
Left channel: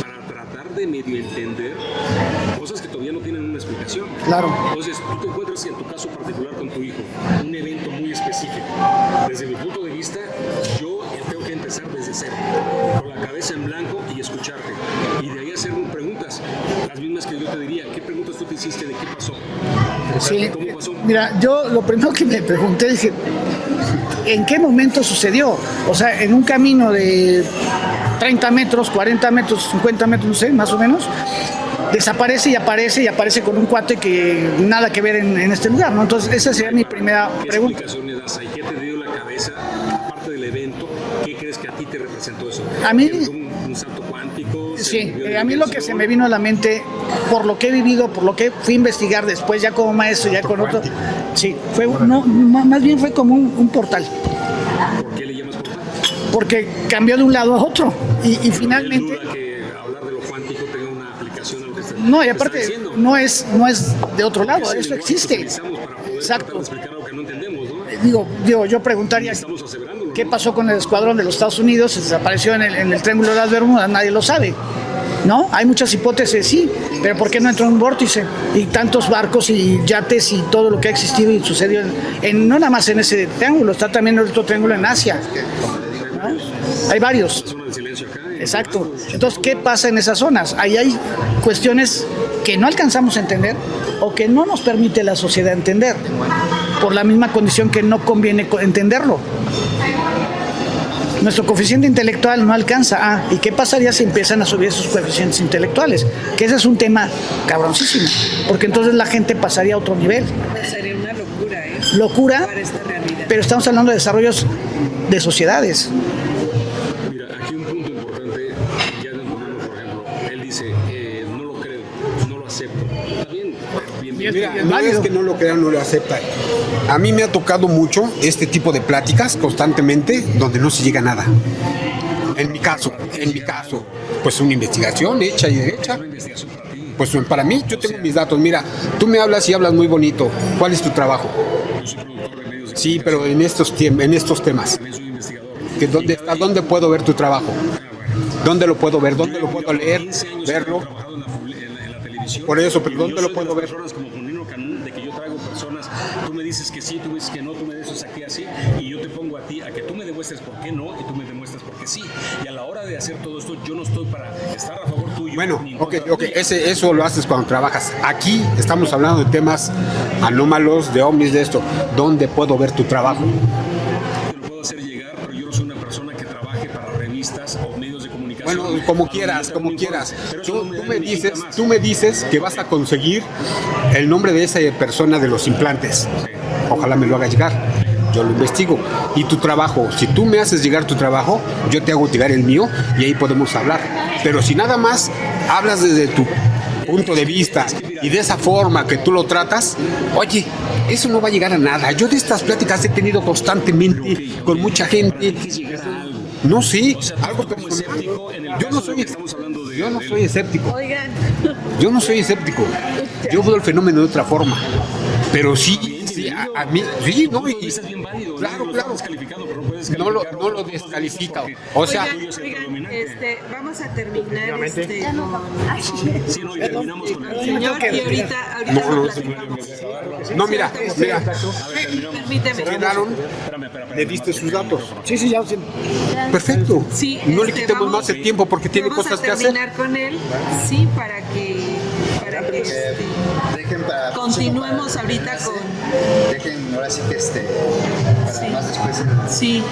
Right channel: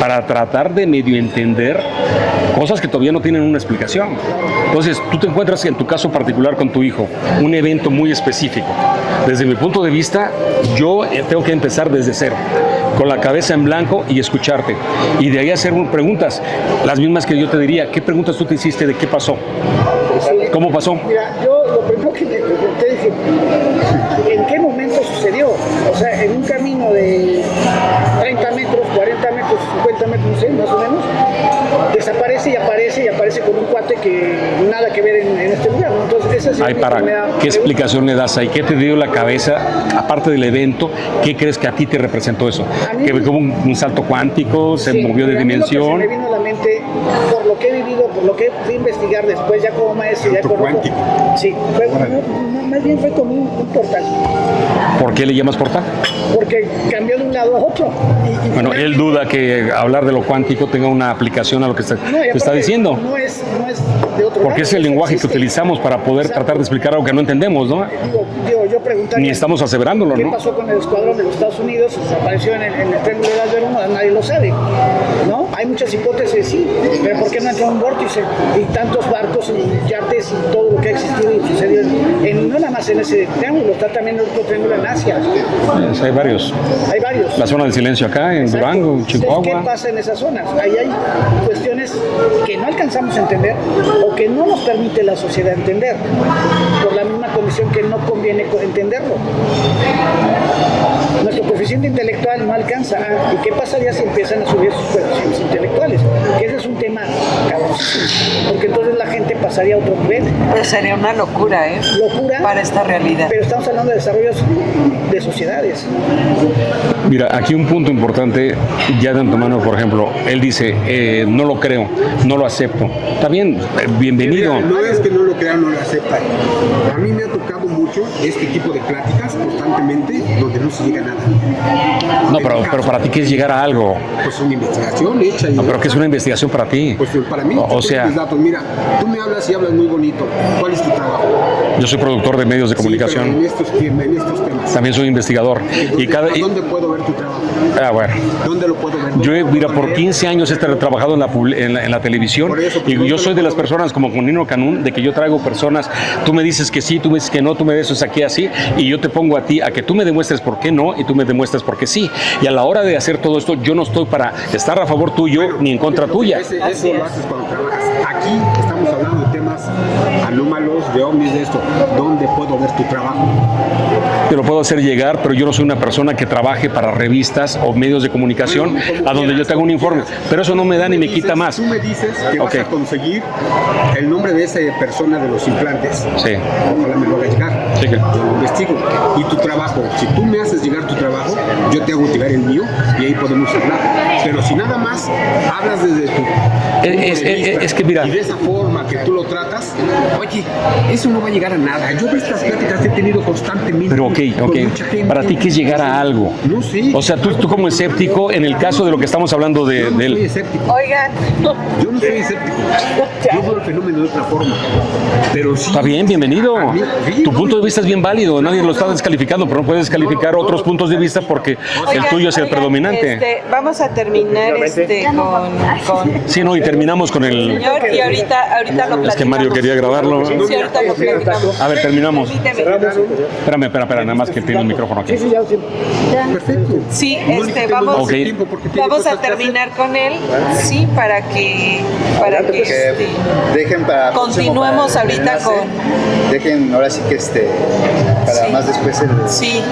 para tratar de medio entender cosas que todavía no tienen una explicación. Claro. Entonces, tú te encuentras en tu caso particular con tu hijo, un evento muy específico. Desde mi punto de vista, yo tengo que empezar desde cero, con la cabeza en blanco y escucharte. Y de ahí hacer preguntas, las mismas que yo te diría. ¿Qué preguntas tú te hiciste de qué pasó? Sí. ¿Cómo pasó? Mira, yo lo primero que me pregunté, dije, ¿en qué momento sucedió? O sea, en un camino de 30 metros, 40 metros, 50 metros, no sé, más o menos, desaparece y aparece con un cuate que nada que ver en este lugar, ¿no? Entonces, esa sería mi primera ¿Qué pregunta. explicación le das ahí? ¿Qué te dio la cabeza, aparte del evento? ¿Qué crees que a ti te representó eso? A mí- ¿Que hubo un salto cuántico? ¿Se movió de a mí lo que se dimensión? me vino a la mente, por lo que he vivido, por lo que fui a investigar después, ya como maestro, ya con otro. Sí, más bien fue como un portal. ¿Por qué le llamas portal? Porque cambió de un lado a otro. Y Bueno, finalmente, él duda que hablar de lo cuántico tenga una aplicación a lo que no, y te aparte, está diciendo. No es de otro lado. Porque es el eso lenguaje existe. que utilizamos para poder Exacto. tratar de explicar algo que no entendemos, ¿no? Digo, yo preguntaría. Ni estamos aseverándolo, ¿Qué ¿no? pasó con el escuadrón de los Estados Unidos? Desapareció en el Triángulo de las Bermudas, nadie lo sabe. ¿No? Hay muchas hipótesis, sí, pero ¿por qué no entró un vórtice? Y tantos barcos y yates y todo lo que ha existido y sucedió no nada más en ese triángulo, está también el otro triángulo en Asia. Hay varios. Hay varios. La zona del silencio acá, en Exacto. Durango, en Chihuahua. Entonces, ¿qué pasa en esas zonas? Ahí hay cuestiones que no alcanzamos a entender o que no nos permite la sociedad entender, por la misma condición que no conviene entenderlo. Nuestro coeficiente intelectual no alcanza. ¿Y qué pasaría si empiezan a subir esos coeficientes intelectuales? Que ese es un tema cabrosísimo, porque entonces la gente pasaría a otro nivel. Pues sería una locura, ¿eh? Locura. Para esta realidad. Pero estamos hablando de desarrollos de sociedades. Mira, aquí un punto importante, ya de antemano, por ejemplo, él dice, no lo creo, no lo acepto. Está bien, bienvenido. No es que no lo crean, no lo aceptan. A mí me ha tocado mucho este tipo de pláticas constantemente donde no se llega a nada. No, En pero mi caso, para ti, ¿qué es llegar a algo? Pues una investigación hecha y No, pero ¿qué es hecha. una investigación para ti? Pues para mí, yo O tengo sea, mis datos. Mira, tú me hablas y hablas muy bonito. ¿Cuál es tu trabajo? yo soy productor de medios de Sí, pero comunicación. en estos temas. También soy investigador. ¿A dónde puedo ver tu trabajo? Bueno. ¿Dónde lo puedo ver? ¿Dónde Yo, lo puedo mira, por leer? 15 años he Verlo. trabajado en la televisión. Por eso, y ¿dónde yo lo soy de puedo las ver? personas como con Nino Canún, de que yo traigo personas, tú me dices que sí, tú me dices que no, tú me dices aquí así, y yo te pongo a ti a que tú me demuestres por qué no y tú me demuestras por qué sí. Y a la hora de hacer todo esto, yo no estoy para estar a favor tuyo Bueno, ni en contra ok, tuya. Eso lo haces cuando trabajas. Aquí estamos hablando de temas anómalos, de ovnis, de esto. ¿Dónde puedo ver tu trabajo? Te lo puedo hacer llegar, pero yo no soy una persona que trabaje para revistas o medios de comunicación Bueno, como a donde quieras, yo te hago un como informe. quieras. Pero eso no me da ni me dices- quita más. Tú me dices que vas Ok. a conseguir el nombre de esa persona de los implantes. Sí. Ojalá me lo hagas llegar. Sí, que- Yo lo investigo. Y tu trabajo, si tú me haces llegar tu trabajo, yo te hago llegar el mío y ahí podemos hablar. Pero si nada más hablas desde tu punto de vista es que mira, y de esa forma que tú lo tratas, oye, eso no va a llegar a nada. Yo de estas pláticas he tenido constantemente pero con mucha gente. Para ti, ¿qué es llegar a algo? No sé. O sea, tú como escéptico, en el caso de lo que estamos hablando Yo no soy escéptico. Oigan, Yo no soy escéptico. Yo veo el fenómeno de otra forma. Pero sí. Está bien, bienvenido. A mí- sí, Tu no, punto de vista es bien válido, nadie lo está descalificando, pero no puedes descalificar no otros lo puntos de vista porque O sea, el tuyo es el oigan, predominante. vamos a terminar con Sí, no, y terminamos con el... señor y ahorita lo platicamos. Es que Mario quería grabarlo. Sí, No, mira, ahorita lo platicamos. A ver, terminamos. Permíteme. Espérame, nada más que tiene el micrófono aquí. Sí, ya, sí. Perfecto. Sí, No le quitemos vamos, más el tiempo porque tiene vamos a cosas que hacer. terminar con él, sí, para que Dejen para continuemos para ahorita enlace. con... Dejen ahora sí que para Sí. más después Sí,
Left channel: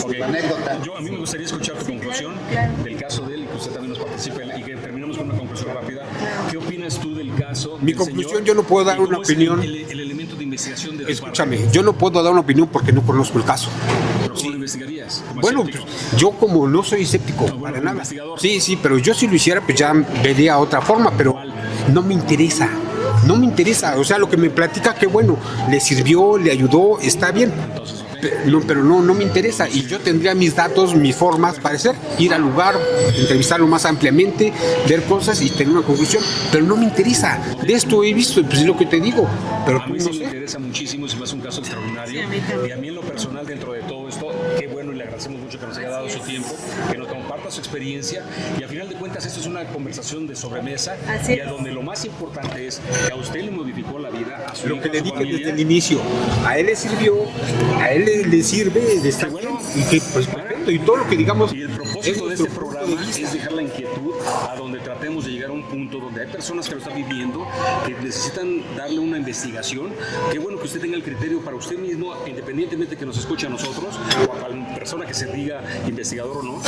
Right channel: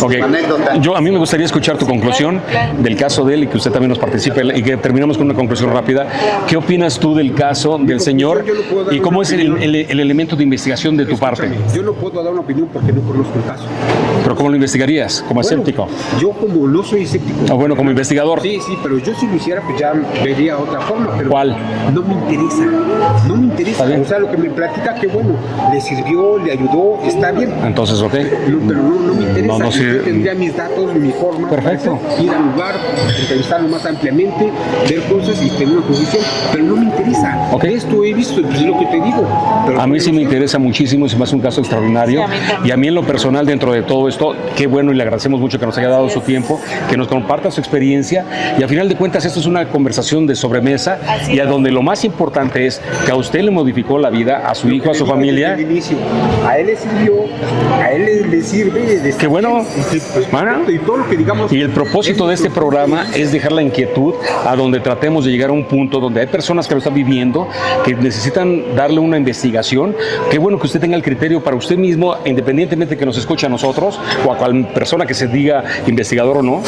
Ok. anécdota. A mí me gustaría escuchar tu conclusión claro. del caso de él y que usted también nos participe y que terminemos con una conclusión rápida. ¿Qué opinas tú del caso del señor yo no puedo dar y cómo una es opinión. el elemento de investigación de tu Escúchame, parte? yo no puedo dar una opinión porque no conozco el caso. ¿Pero cómo lo investigarías? ¿Como Bueno, escéptico? yo como no soy escéptico. Bueno, como investigador. Sí, pero yo si lo hiciera, pues ya vería otra forma, pero ¿Cuál? no me interesa. No me interesa. O sea, lo que me platica, que bueno, le sirvió, le ayudó, está bien. Entonces, ok. Pero no me interesa. No, sí. Yo tendría mis datos, mis formas Perfecto. para hacer, ir al lugar, entrevistarlo más ampliamente, ver cosas y tener una conclusión. Pero no me interesa. Ok. De esto he visto, pues es lo que te digo. Pero A mí sí me interesa muchísimo y se me hace un caso extraordinario. Sí, a mí también. Y a mí en lo personal, dentro de todo esto, qué bueno y le agradecemos mucho que nos haya dado su tiempo, que nos comparta su experiencia. Y al final de cuentas, esto es una conversación de sobremesa Así y a es. donde lo más importante es que a usted le modificó la vida, a su hijo, a su familia. Desde el inicio, a él le sirvió, a él le sirve. Qué bueno. Pues, Bueno. perfecto, y todo lo que digamos. Y el propósito de este programa es dejar la inquietud a donde tratemos de llegar a un punto donde hay personas que lo están viviendo, que necesitan darle una investigación. Qué bueno que usted tenga el criterio para usted mismo, independientemente de que nos escuche a nosotros o a cual persona que se diga investigador o no.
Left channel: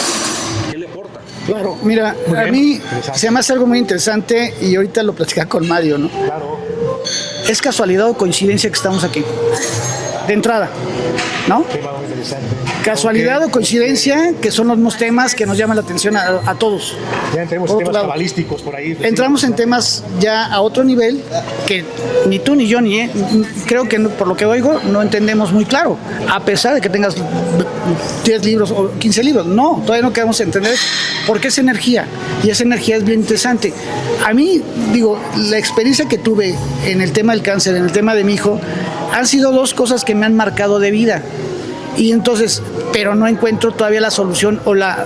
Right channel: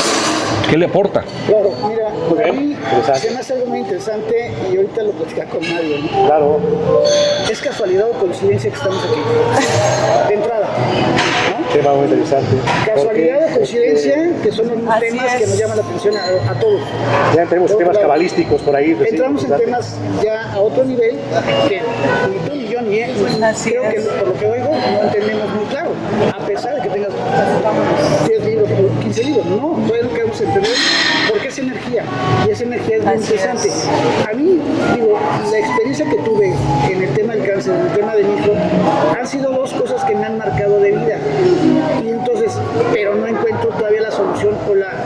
¿Qué le aporta? Claro, mira, a mí se me hace algo muy interesante y ahorita lo platicaba con Mario, ¿no? Claro. ¿Es casualidad o coincidencia que estamos aquí? De entrada, ¿no? Tema muy interesante. Casualidad o coincidencia, que son los mismos temas que nos llaman la atención a todos. Ya tenemos Por otro temas lado, cabalísticos por ahí. Entramos en temas ya a otro nivel que ni tú ni yo ni él, creo que por lo que oigo no entendemos muy claro, a pesar de que tengas 10 libros o 15 libros. No, todavía no queremos entender por qué es energía y esa energía es bien interesante. A mí, digo, la experiencia que tuve en el tema del cáncer, en el tema de mi hijo, han sido dos cosas que me han marcado de vida. Y entonces, pero no encuentro todavía la solución o la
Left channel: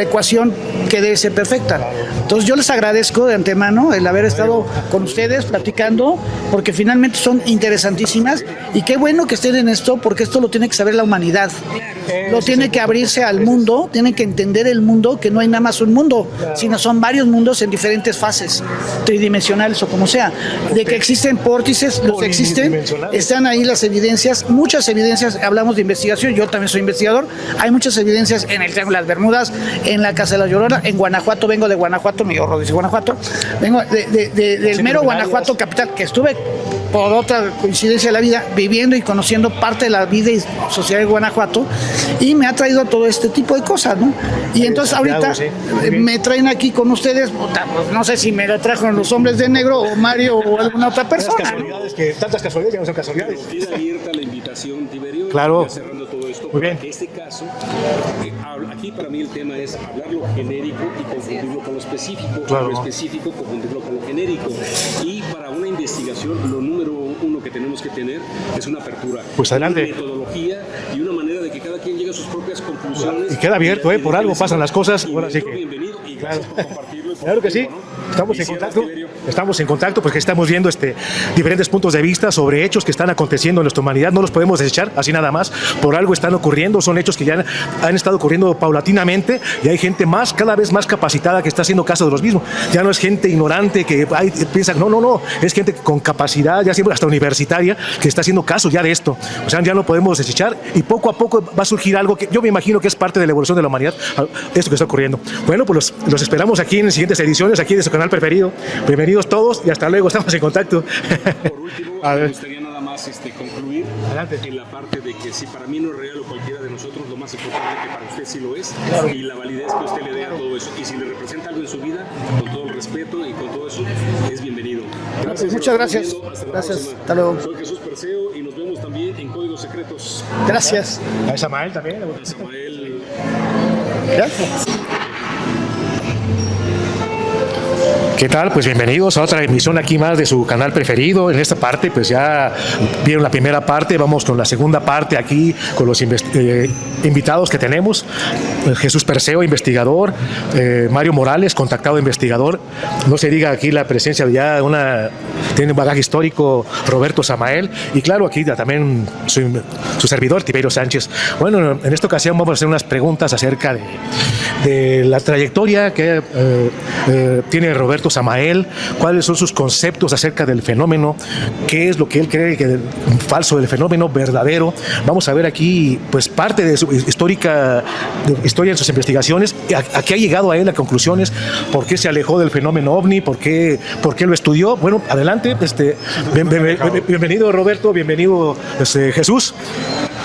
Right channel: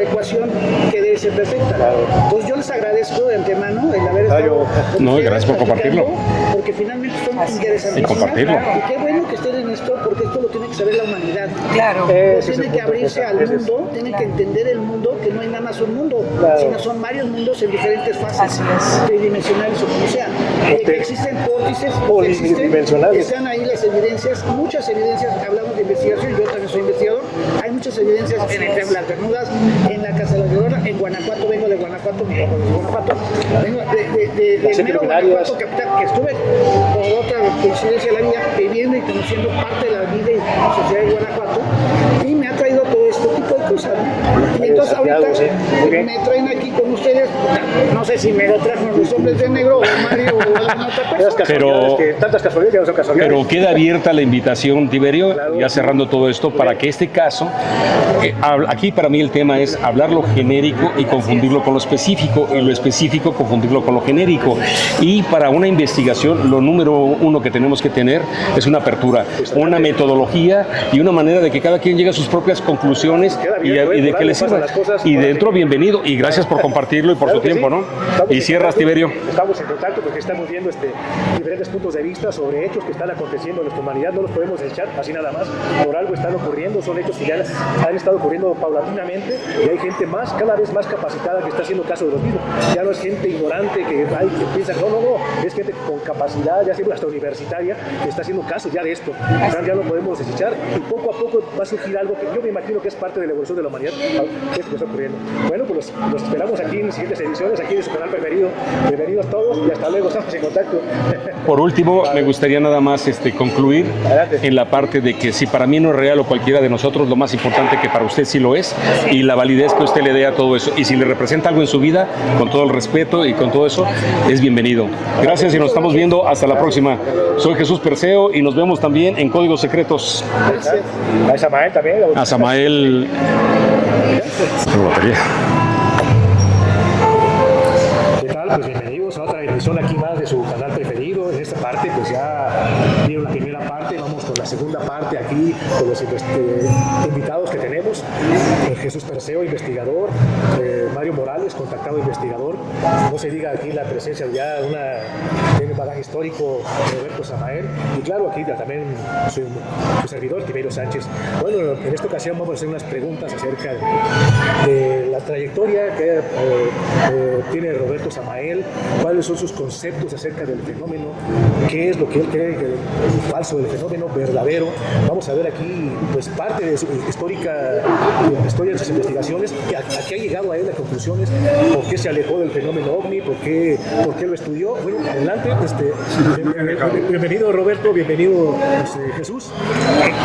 ecuación que debe ser perfecta. Entonces yo les agradezco de antemano el haber estado con No, ustedes gracias por platicando, compartirlo. porque finalmente son interesantísimas. Y Y qué bueno que estén en esto, porque esto lo tiene que saber la humanidad. claro. No tiene que abrirse al mundo, tiene que entender el mundo, que no hay nada más un mundo, sino son varios mundos en diferentes fases, tridimensionales o como sea. De que existen vórtices, los existen, están ahí las evidencias, muchas evidencias, hablamos de investigación, yo también soy investigador, hay muchas evidencias en el Triángulo de las Bermudas, en la Casa de la Llorona, en Guanajuato, vengo de Guanajuato, mi horror de Guanajuato, vengo del mero Guanajuato capital, que estuve por otra coincidencia de la vida viviendo y conociendo parte de la vida y sociedad de Guanajuato, y me ha traído todo este tipo de cosas, ¿no? Y entonces ahorita me traen aquí con ustedes, no sé si me trajeron los hombres de negro o Mario o alguna otra persona. Pero- Tantas casualidades ya no son casualidades. Pero queda abierta la invitación, Tiberio, Claro. ya cerrando todo esto, para bien. que este caso, aquí para mí el tema es hablar lo genérico y confundirlo con lo específico, y lo específico confundirlo con lo genérico. Y para una investigación, lo número uno que tenemos que tener es una apertura, Pues una adelante. metodología y una manera de que cada quien llegue a sus propias conclusiones. Queda abierto, y de por que algo les pasan sirva. las cosas. Y Ahora sí dentro, que- bienvenido, y gracias por compartirlo y por Claro tu que tiempo, sí. ¿no? Estamos Y en cierras, contacto. Tiberio. Estamos en contacto porque estamos viendo diferentes puntos de vista sobre hechos que están aconteciendo en nuestra humanidad. No los podemos desechar así nada más. Por algo están ocurriendo. Son hechos que ya han estado ocurriendo paulatinamente y hay gente cada vez más capacitada que está haciendo caso de los mismos. Ya no es gente ignorante que piensa, no. Es gente con capacidad, ya siempre hasta universitaria, que está haciendo caso ya de esto. O sea, ya lo podemos desechar y poco a poco va a surgir algo que yo me imagino que es parte de la evolución de la humanidad. esto que está ocurriendo. Bueno, pues los esperamos aquí en las siguientes ediciones, aquí de su canal preferido. Bienvenidos todos y hasta luego, estamos en contacto. Por último, me gustaría nada más concluir en la parte de que si para mí no es real o cualquiera de nosotros, lo más importante que para usted sí lo es, y la validez que usted le dé a todo eso. Y si le representa algo en su vida, con todo el respeto y con todo eso, es bienvenido. Gracias y nos estamos viendo hasta la próxima. Soy Jesús Perseo y nos vemos también en Códigos Secretos. Gracias. A Samael también. A Samael. ¿Qué tal? Pues bienvenidos a otra emisión aquí más de su canal preferido. En esta parte pues ya vieron la primera parte, vamos con la segunda parte aquí con los invitados que tenemos. Jesús Perseo, investigador, Mario Morales, contactado investigador. No se diga aquí la presencia de ya tiene un bagaje histórico, Roberto Samael, y claro, aquí también su servidor, Tiberio Sánchez. Bueno, en esta ocasión vamos a hacer unas preguntas acerca de la trayectoria que tiene Roberto Samael, cuáles son sus conceptos acerca del fenómeno, qué es lo que él cree que falso del fenómeno, verdadero. Vamos a ver aquí pues parte de su historia de sus investigaciones, a qué ha llegado a él a conclusiones, por qué se alejó del fenómeno ovni, por qué lo estudió. Bueno, adelante, bienvenido Roberto, bienvenido Jesús.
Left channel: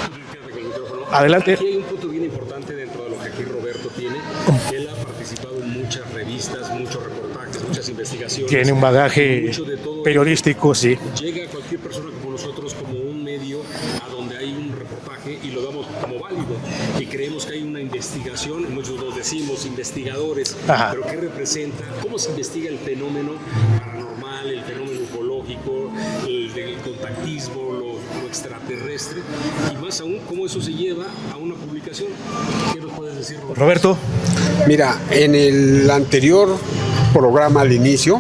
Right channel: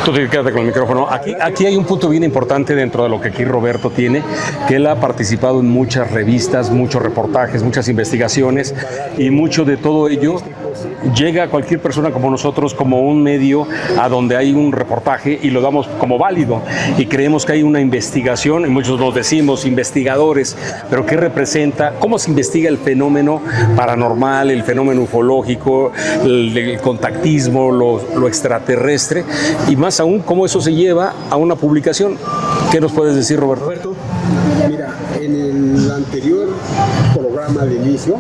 Tú te quedas con el micrófono. Adelante. Aquí hay un punto bien importante dentro de lo que aquí Roberto tiene, que él ha participado en muchas revistas, muchos reportajes, muchas investigaciones. Tiene un bagaje y mucho de todo periodístico, sí. Llega a cualquier persona como nosotros como un medio a donde hay un reportaje y lo damos como válido y creemos que hay una investigación, y muchos nos decimos investigadores. Ajá. Pero ¿qué representa? ¿Cómo se investiga el fenómeno paranormal, el fenómeno ufológico, el contactismo, lo extraterrestre? Y más aún, ¿cómo eso se lleva a una publicación? ¿Qué nos puedes decir, Roberto? Mira, en el anterior programa al inicio,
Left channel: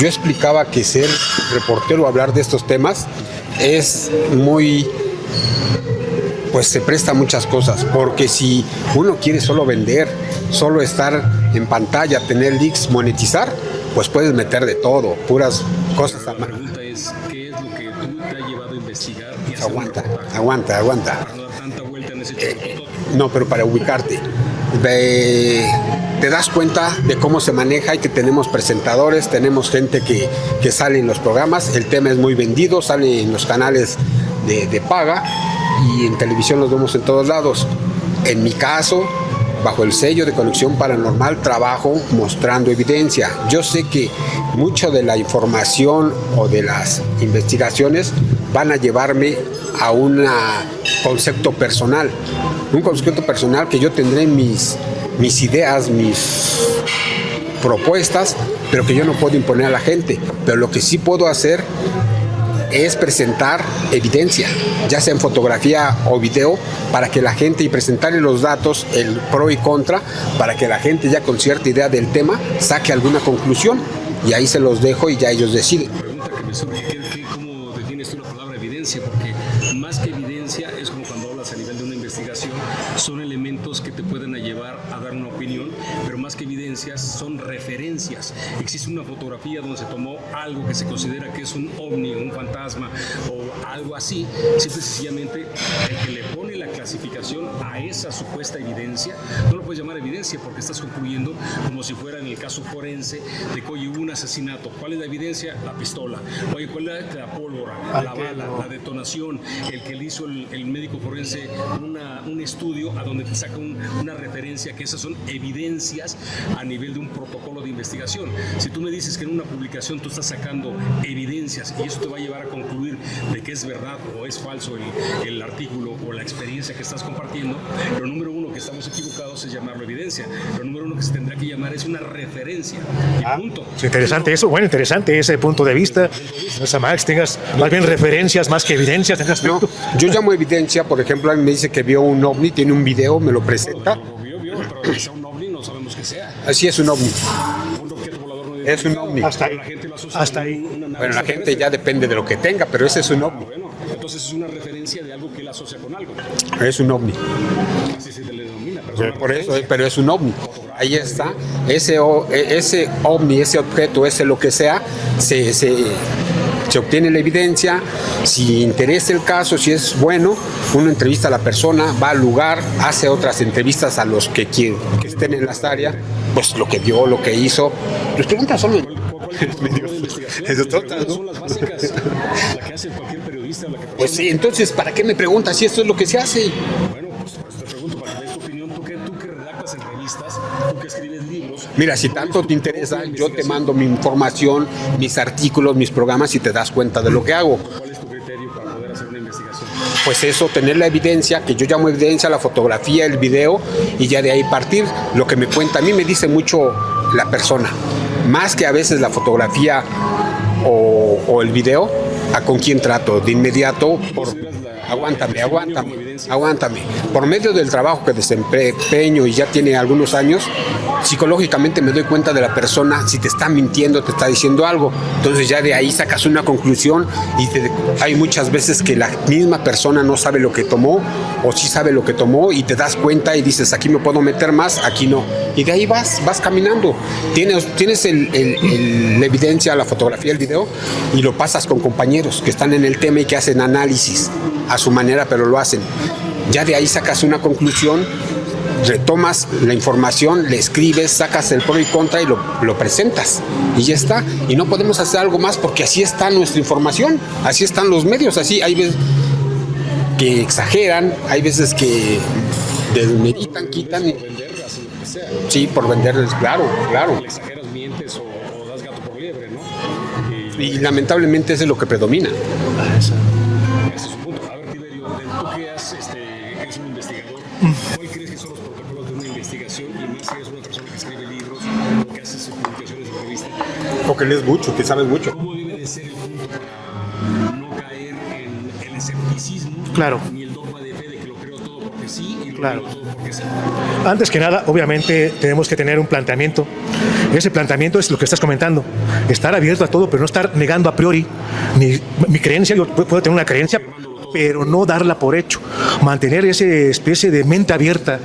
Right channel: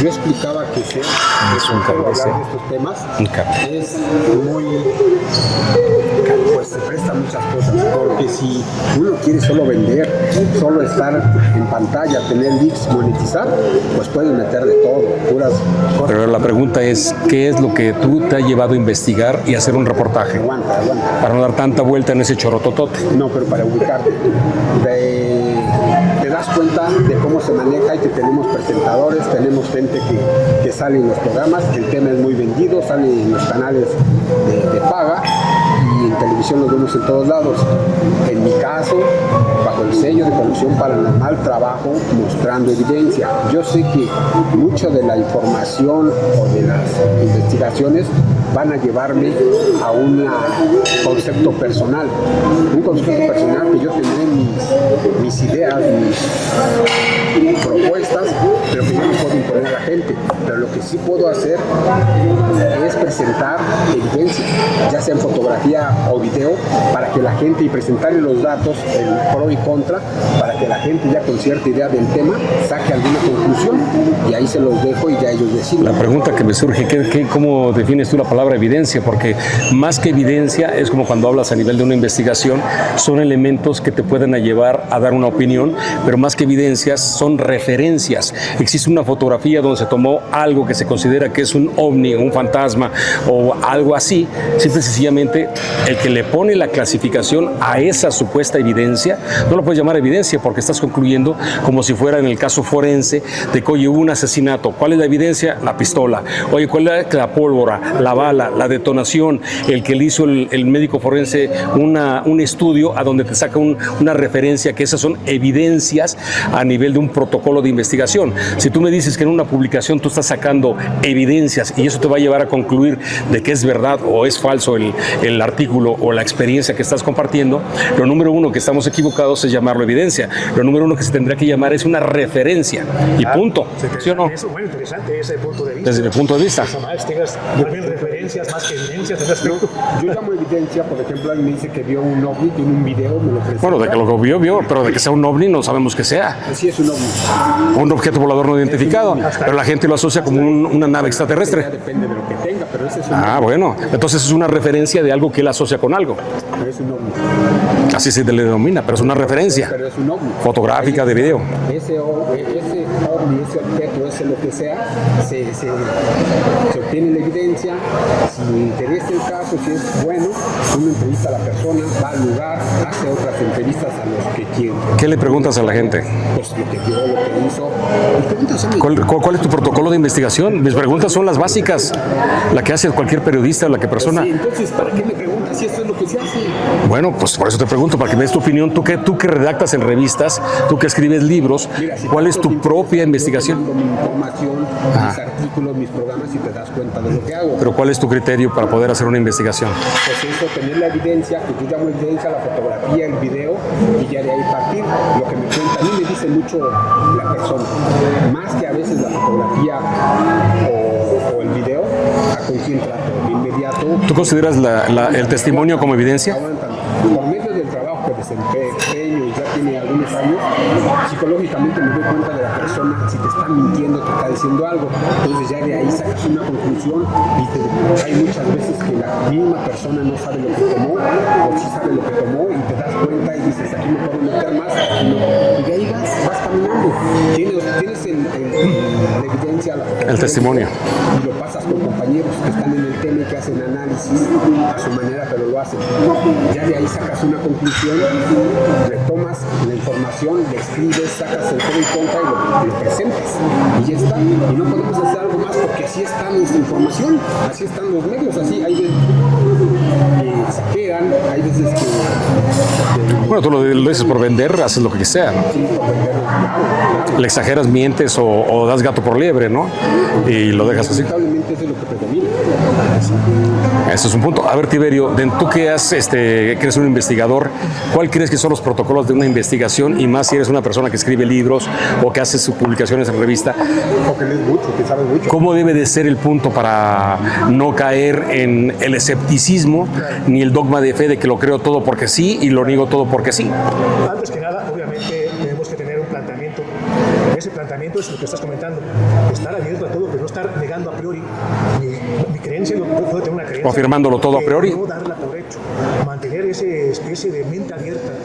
yo explicaba que ser reportero, hablar de estos temas, es muy... pues se presta a muchas cosas, porque si uno quiere solo vender, solo estar en pantalla, tener leaks, monetizar, pues puedes meter de todo, puras cosas. Pero la pregunta es, ¿qué es lo que tú te ha llevado a investigar y hacer un reportaje? Aguanta. Para no dar tanta vuelta en ese chorototote. No, pero para ubicarte. Te das cuenta de cómo se maneja y que tenemos presentadores, tenemos gente que sale en los programas, el tema es muy vendido, sale en los canales de paga, y en televisión los vemos en todos lados. En mi caso, bajo el sello de Conexión Paranormal, trabajo mostrando evidencia. Yo sé que mucho de la información o de las investigaciones van a llevarme a un concepto personal. Un concepto personal que yo tendré mis ideas, mis propuestas, pero que yo no puedo imponer a la gente. Pero lo que sí puedo hacer es presentar evidencia, ya sea en fotografía o video, para que la gente, y presentarle los datos, el pro y contra, para que la gente ya con cierta idea del tema saque alguna conclusión, y ahí se los dejo y ya ellos deciden. La pregunta que me surge, ¿cómo defines tú la palabra evidencia? Porque más que evidencia es como cuando hablas a nivel de una investigación, son elementos que te pueden llevar a dar una opinión, pero más que evidencias son referencias. Existe una fotografía donde se tomó algo que se considera que es un ovni, un fantasma o algo así, simple y sencillamente el que le pone la clasificación a esa supuesta evidencia, no lo puedes llamar evidencia porque estás concluyendo como si fuera en el caso forense de que oye, hubo un asesinato. ¿Cuál es la evidencia? La pistola. Oye, ¿cuál es la pólvora, la bala, la detonación? El que le hizo el médico forense un estudio a donde te saca una referencia, que esas son evidencias a nivel de un protocolo de investigación. Si tú me dices que en una publicación tú estás sacando evidencias y eso te va a llevar a concluir de que es verdad o es falso el artículo o la experiencia que estás compartiendo, lo número uno que estamos equivocados es llamarlo evidencia. Lo número uno que se tendrá que llamar es una referencia y punto. Interesante eso, bueno, interesante ese punto de vista. Desde el punto de vista. Pues, Max, tengas más bien referencias más que evidencias. Yo llamo evidencia, por ejemplo, alguien me dice que vio un ovni, tiene un video, me lo presenta. Bueno, de que lo vio, pero de que sea un ovni no sabemos que sea. Así es un ovni. Un objeto volador no identificado, pero la gente lo asocia como una nave extraterrestre. Ya depende de lo que tenga, pero ese es un ovni. Bueno, entonces es una referencia de algo que él asocia con algo. Es un ovni. Así se le denomina, pero es una Por eso, referencia. pero es un ovni. Fotográfica, Ahí de está. video. Ese ovni, ese objeto, ese lo que sea, se obtiene la evidencia. Si interesa el caso, si es bueno, uno entrevista a la persona, va al lugar, hace otras entrevistas a los que quieren. ¿Qué le preguntas a la gente? Pues lo que vio, lo que hizo. Las preguntas son... ¿Cuál es tu protocolo de investigación? Mis preguntas son las básicas, la que hace cualquier periodista o la que persona. Sí, entonces, ¿para qué me preguntas si esto es lo que se hace? Bueno, pues por eso te pregunto, para que me des tu opinión. Tú que redactas en revistas, tú que escribes libros, Mira, si ¿cuál es tanto tu te interesa, propia yo investigación? te mando mi información, mis artículos, mis programas y te das cuenta de lo que hago. Pero ¿cuál es tu criterio para poder hacer una investigación? Pues eso, tener la evidencia, que yo llamo evidencia, la fotografía, el video, y ya de ahí partir. Lo que me cuenta, a mí me dice mucho la persona, más que a veces la fotografía o el video, a con quién trato. De inmediato... ¿Tú consideras el testimonio como evidencia? Aguántame. Por medio del trabajo que desempeño y ya tiene algunos años, psicológicamente me doy cuenta de la persona si te está mintiendo, te está diciendo algo. Entonces ya de ahí sacas una conclusión y hay muchas veces que la misma persona no sabe lo que tomó o sí sabe lo que tomó y te das cuenta y dices, aquí me puedo meter más, aquí no. Y de ahí vas caminando. Tienes la evidencia, la fotografía, el testimonio, el video, y lo pasas con compañeros que están en el tema y que hacen análisis a su manera, pero lo hacen. Ya de ahí sacas una conclusión, retomas la información, le escribes, sacas el pro y contra y lo presentas. Y ya está. Y no podemos hacer algo más porque así está nuestra información, así están los medios, así hay veces que exageran, hay veces que... Bueno, tú lo dices por vender, haces lo que sea, ¿no? Sí, por vender, claro. Le exageras, mientes o das gato por liebre, ¿no? Y lo dejas. Lamentablemente eso es lo que predomina. Eso es un punto. A ver, Tiberio, tú que eres un investigador, ¿cuál crees que son los protocolos de una investigación? Y más si eres una persona que escribe libros o que hace sus publicaciones en revista. O que lees mucho, que sabes mucho. ¿Cómo debe de ser el punto para no caer en el escepticismo, ni el dogma de fe de que lo creo todo porque sí y lo niego todo porque sí? Antes que nada, obviamente, tenemos que tener un planteamiento. Ese planteamiento es lo que estás comentando. Estar abierto a todo, pero no estar negando a priori mi creencia. Yo puedo tener una creencia, afirmándolo todo a pero priori, no darla por hecho. Mantener esa especie de mente abierta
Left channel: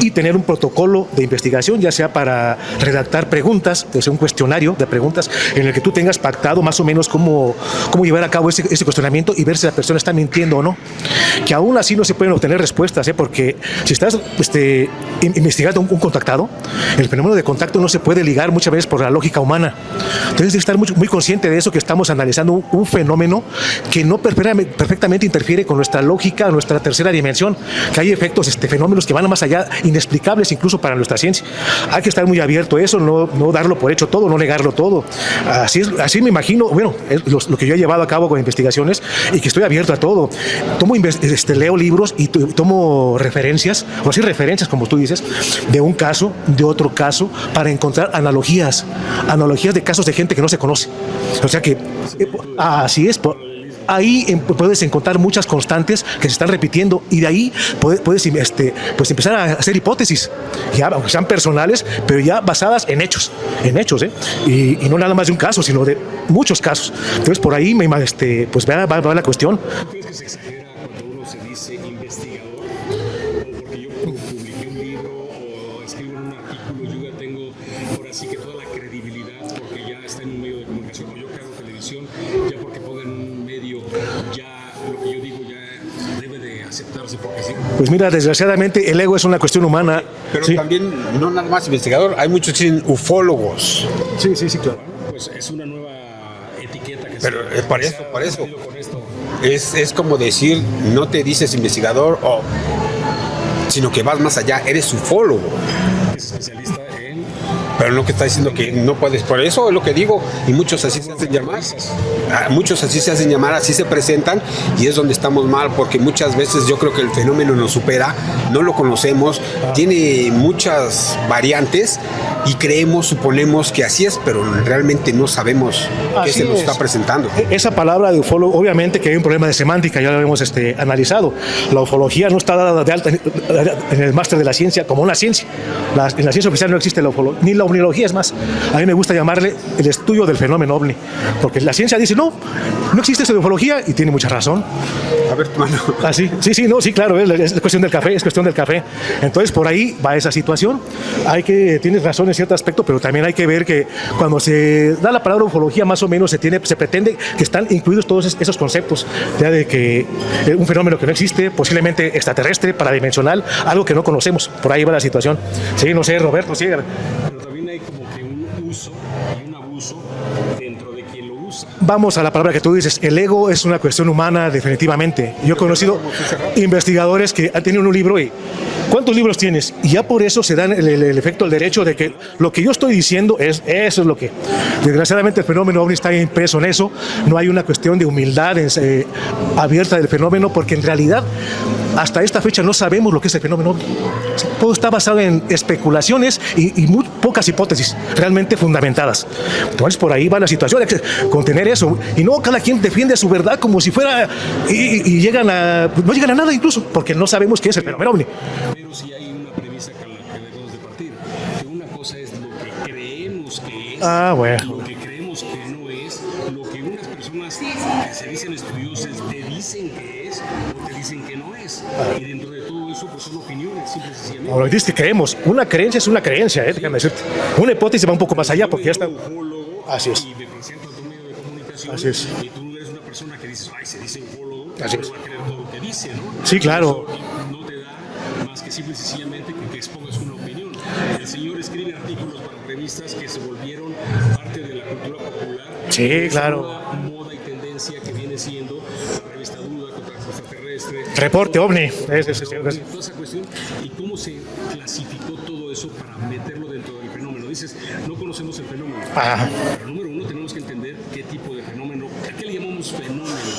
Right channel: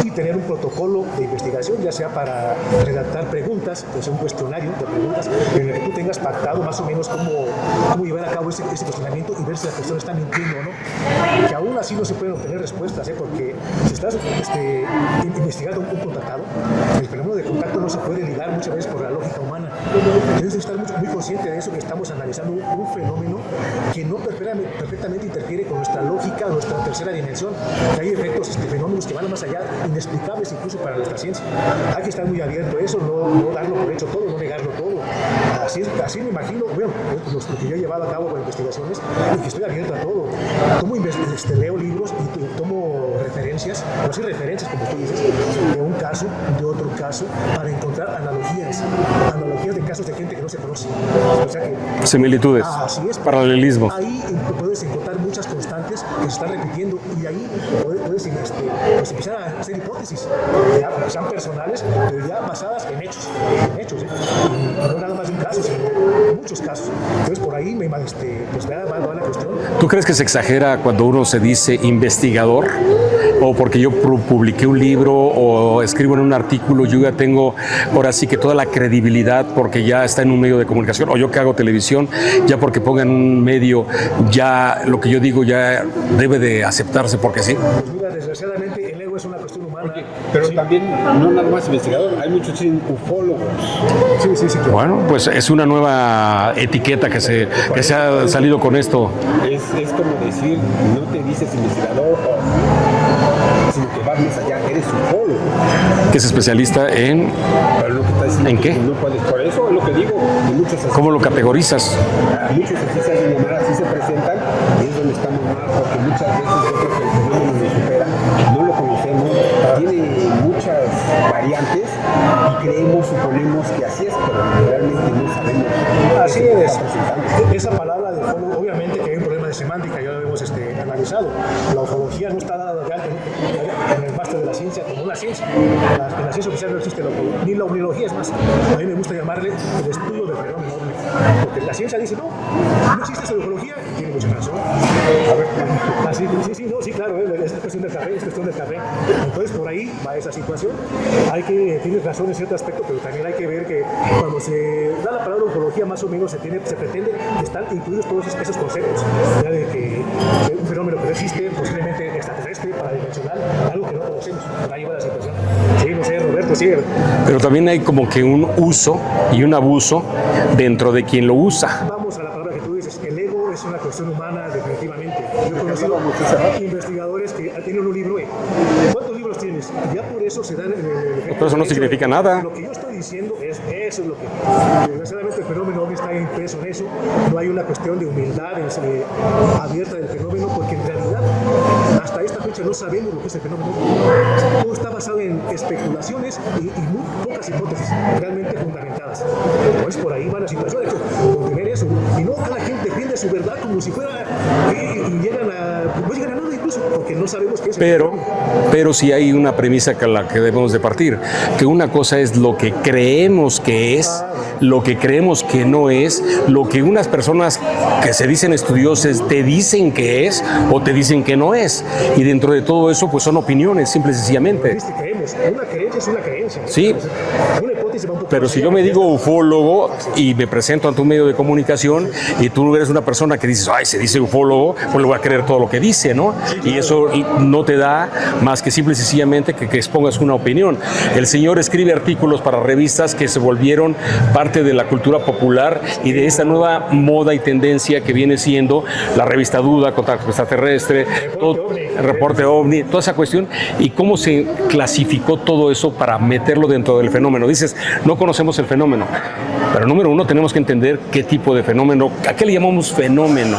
y tener un protocolo de investigación, ya sea para redactar preguntas, pues un cuestionario de preguntas en el que tú tengas pactado más o menos cómo llevar a cabo ese cuestionamiento y ver si la persona está mintiendo o no. Que aún así no se pueden obtener respuestas, porque si estás investigando un contactado, el fenómeno de contacto no se puede ligar muchas veces por la lógica humana. Entonces, estar muy consciente de eso, que estamos analizando un fenómeno que no perfectamente interfiere con nuestra lógica, nuestra tercera dimensión, que hay efectos, fenómenos que van más allá, inexplicables incluso para nuestra ciencia. Hay que estar muy abierto a eso, no darlo por hecho todo, no negarlo todo. Así me imagino, bueno, lo que yo he llevado a cabo con investigaciones y que estoy abierto a todo. Leo libros y tomo referencias, o sí referencias, como tú dices, de un caso, de otro caso, para encontrar analogías de casos de gente que no se conoce. O sea que... similitudes. Así es. Paralelismo. Ahí puedes encontrar muchas constantes que se están repitiendo y de ahí puedes pues empezar a hacer hipótesis, ya, aunque sean personales, pero ya basadas en hechos, y no nada más de un caso, sino de muchos casos. Entonces por ahí pues va la cuestión. ¿Tú crees que se exagera cuando uno se dice investigador? O porque yo publiqué un libro o escribo en un artículo, yo ya tengo ahora sí que toda la credibilidad porque ya está en un medio de comunicación, o yo que hago televisión, ya porque ponga en un medio, ya lo que yo digo ya debe de aceptarse porque sí. Pues mira, desgraciadamente el ego es una cuestión humana. Pero sí. También, no nada más investigador, hay muchos que dicen ufólogos. Sí, claro. Bueno, pues es una nueva etiqueta que se ha salido con esto. Es como decir, no te dices investigador sino que vas más allá, eres ufólogo. Que es especialista en... Pero lo que está diciendo ¿en que qué? No puedes, por eso es lo que digo, y muchos así... ¿Cómo lo categorizas? Muchos así se hacen llamar, así se presentan, y es donde estamos mal, porque muchas veces yo creo que el fenómeno nos supera, no lo conocemos, tiene muchas variantes, y suponemos que así es, pero realmente no sabemos qué se nos está presentando. Esa palabra de ufólogo, obviamente que hay un problema de semántica, ya lo hemos analizado. La ufología no está dada de alta en el máster de la ciencia como una ciencia. En la ciencia oficial no existe ni la ovniología, es más, a mí me gusta llamarle el estudio del fenómeno ovni, porque la ciencia dice, no existe esa ufología, y tiene mucha razón. A ver, mano. Sí, claro, es cuestión del café, Entonces, por ahí va esa situación. Tienes razón en cierto aspecto, pero también hay que ver que cuando se da la palabra ufología, más o menos se pretende que están incluidos todos esos conceptos, ya de que un fenómeno que no existe, posiblemente extraterrestre, paradimensional, algo que no conocemos. Por ahí va la situación. Sí, no sé, Roberto, sí. Pero también hay como que un uso y un abuso dentro de quien lo usa. Vamos a la palabra que tú dices, el ego es una cuestión humana definitivamente. Yo he conocido investigadores que han tenido un libro y ¿cuántos libros tienes? Y ya por eso se dan el efecto del hecho de que nada. Lo que yo estoy diciendo eso es lo que, desgraciadamente, el fenómeno ovni está impreso en eso. No hay una cuestión de humildad abierta del fenómeno, porque en realidad hasta esta fecha no sabemos lo que es el fenómeno ovni. Todo está basado en especulaciones y muy pocas hipótesis realmente fundamentadas. Entonces por ahí va la situación, hay que contener eso, y no cada quien defiende su verdad como si fuera y no llegan a nada, incluso porque no sabemos qué es el fenómeno ovni. Pero sí hay una premisa con la que debemos de partir, que una cosa es lo que creemos que es, lo que creemos que no es, lo que unas personas que se dicen estudiosas te dicen que es o te dicen que no es, y dentro de todo eso pues son opiniones, simple y sencillamente. Dices que creemos, una creencia es una creencia, sí. Una hipótesis va un poco pero más si allá. yo me digo ufólogo y me presento ante un medio de comunicación y tú eres una persona que dices, se dice ufólogo, pues le voy a creer todo lo que dice, ¿no? Sí, claro. Y eso no te da más que simple y sencillamente que expongas una opinión. El señor escribe artículos para revistas que se volvieron parte de la cultura popular y de esa nueva moda y tendencia que viene siendo la revista Duda, Contacto Extraterrestre, Reporte OVNI, toda esa cuestión, y cómo se clasificó todo eso para meterlo dentro del fenómeno. Dices, no conocemos el fenómeno, pero número uno tenemos que entender qué tipo de fenómeno, a qué le llamamos fenómeno,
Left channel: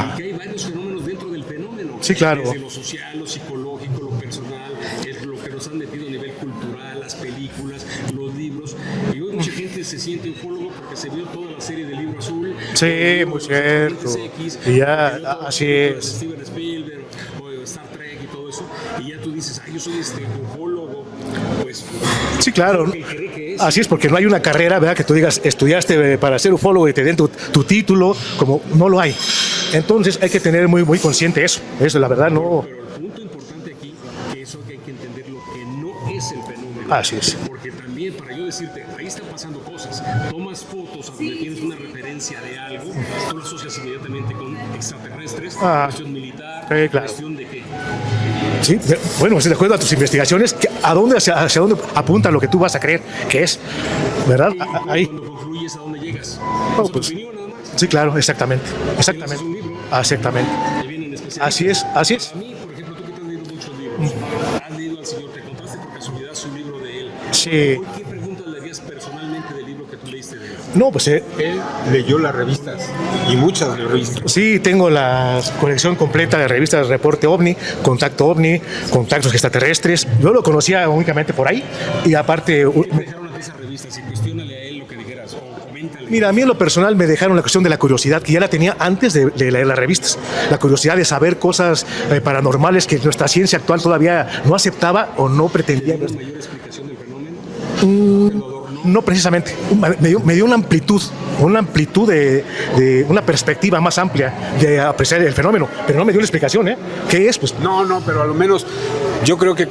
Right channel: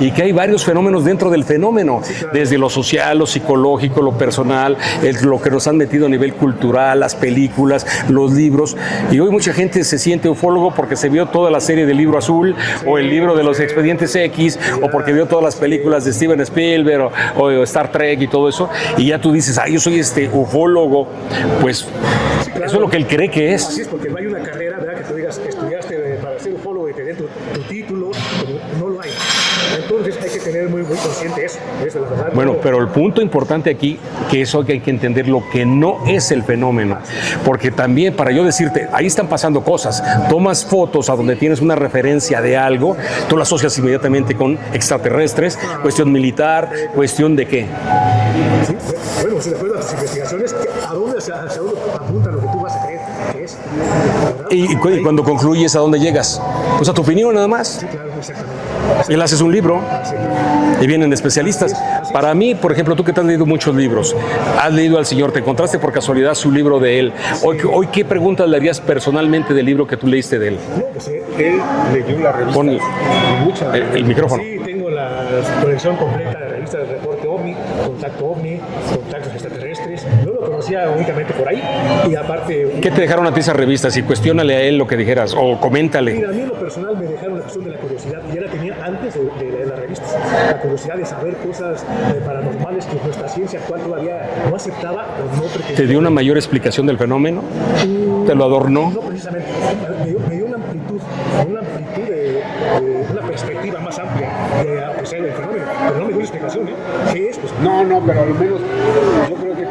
y que hay varios fenómenos dentro del fenómeno, desde lo social, lo psicológico, lo personal, lo que nos han metido a nivel cultural, las películas, los libros, y hoy mucha gente se siente ufólogo porque se vio toda la serie del Libro Azul, o el libro de los Expedientes X, o porque vio todas las películas de Steven Spielberg o Star Trek y todo eso, y ya tú dices, yo soy ufólogo, pues sí, claro. Eso es lo que él cree que es. Así es, porque no hay una carrera, ¿verdad?, que tú digas, estudiaste para ser ufólogo y te den tu título, como no lo hay. Entonces hay que tener muy consciente eso es la verdad. Bueno, pero el punto importante aquí, que eso hay que entender lo que no es el fenómeno. Así es. Porque también, para yo decirte, ahí están pasando cosas, tomas fotos a donde tienes una referencia de algo, tú la asocias inmediatamente con extraterrestres, cuestión militar, cuestión de qué. Sí, bueno, pues de acuerdo a tus investigaciones, hacia dónde apunta lo que tú vas a creer que es, ¿verdad? Y cuando concluyes, ¿a dónde llegas? Pues a tu opinión nada más. Sí, claro, exactamente. Él haces un libro. Exactamente. Y vienen especialistas. Así es. Para mí, por ejemplo, tú que te has leído muchos libros, has leído al señor, te encontraste por casualidad su libro de él. Sí. Hoy, ¿qué preguntas le harías personalmente del libro que tú leíste de él? No, pues Él leyó la revista y muchas de las el micrófono. Sí, tengo la colección completa de revistas Reporte OVNI, Contacto OVNI, Contactos Extraterrestres. Yo lo conocía únicamente por ahí y aparte... ¿Qué te dejaron a ti esas revistas? Y cuestiónale a él lo que dijeras o coméntale. Mira, a mí en lo personal me dejaron la cuestión de la curiosidad, que ya la tenía antes de leer las revistas. La curiosidad de saber cosas paranormales que nuestra ciencia actual todavía no aceptaba o no pretendía. ¿Te dio una mayor explicación del fenómeno? ¿Te lo adornó? No precisamente. Me dio una amplitud de una perspectiva más amplia de apreciar el fenómeno, pero no me dio una explicación, ¿eh? ¿Qué es? Pues no, pero a lo menos yo creo que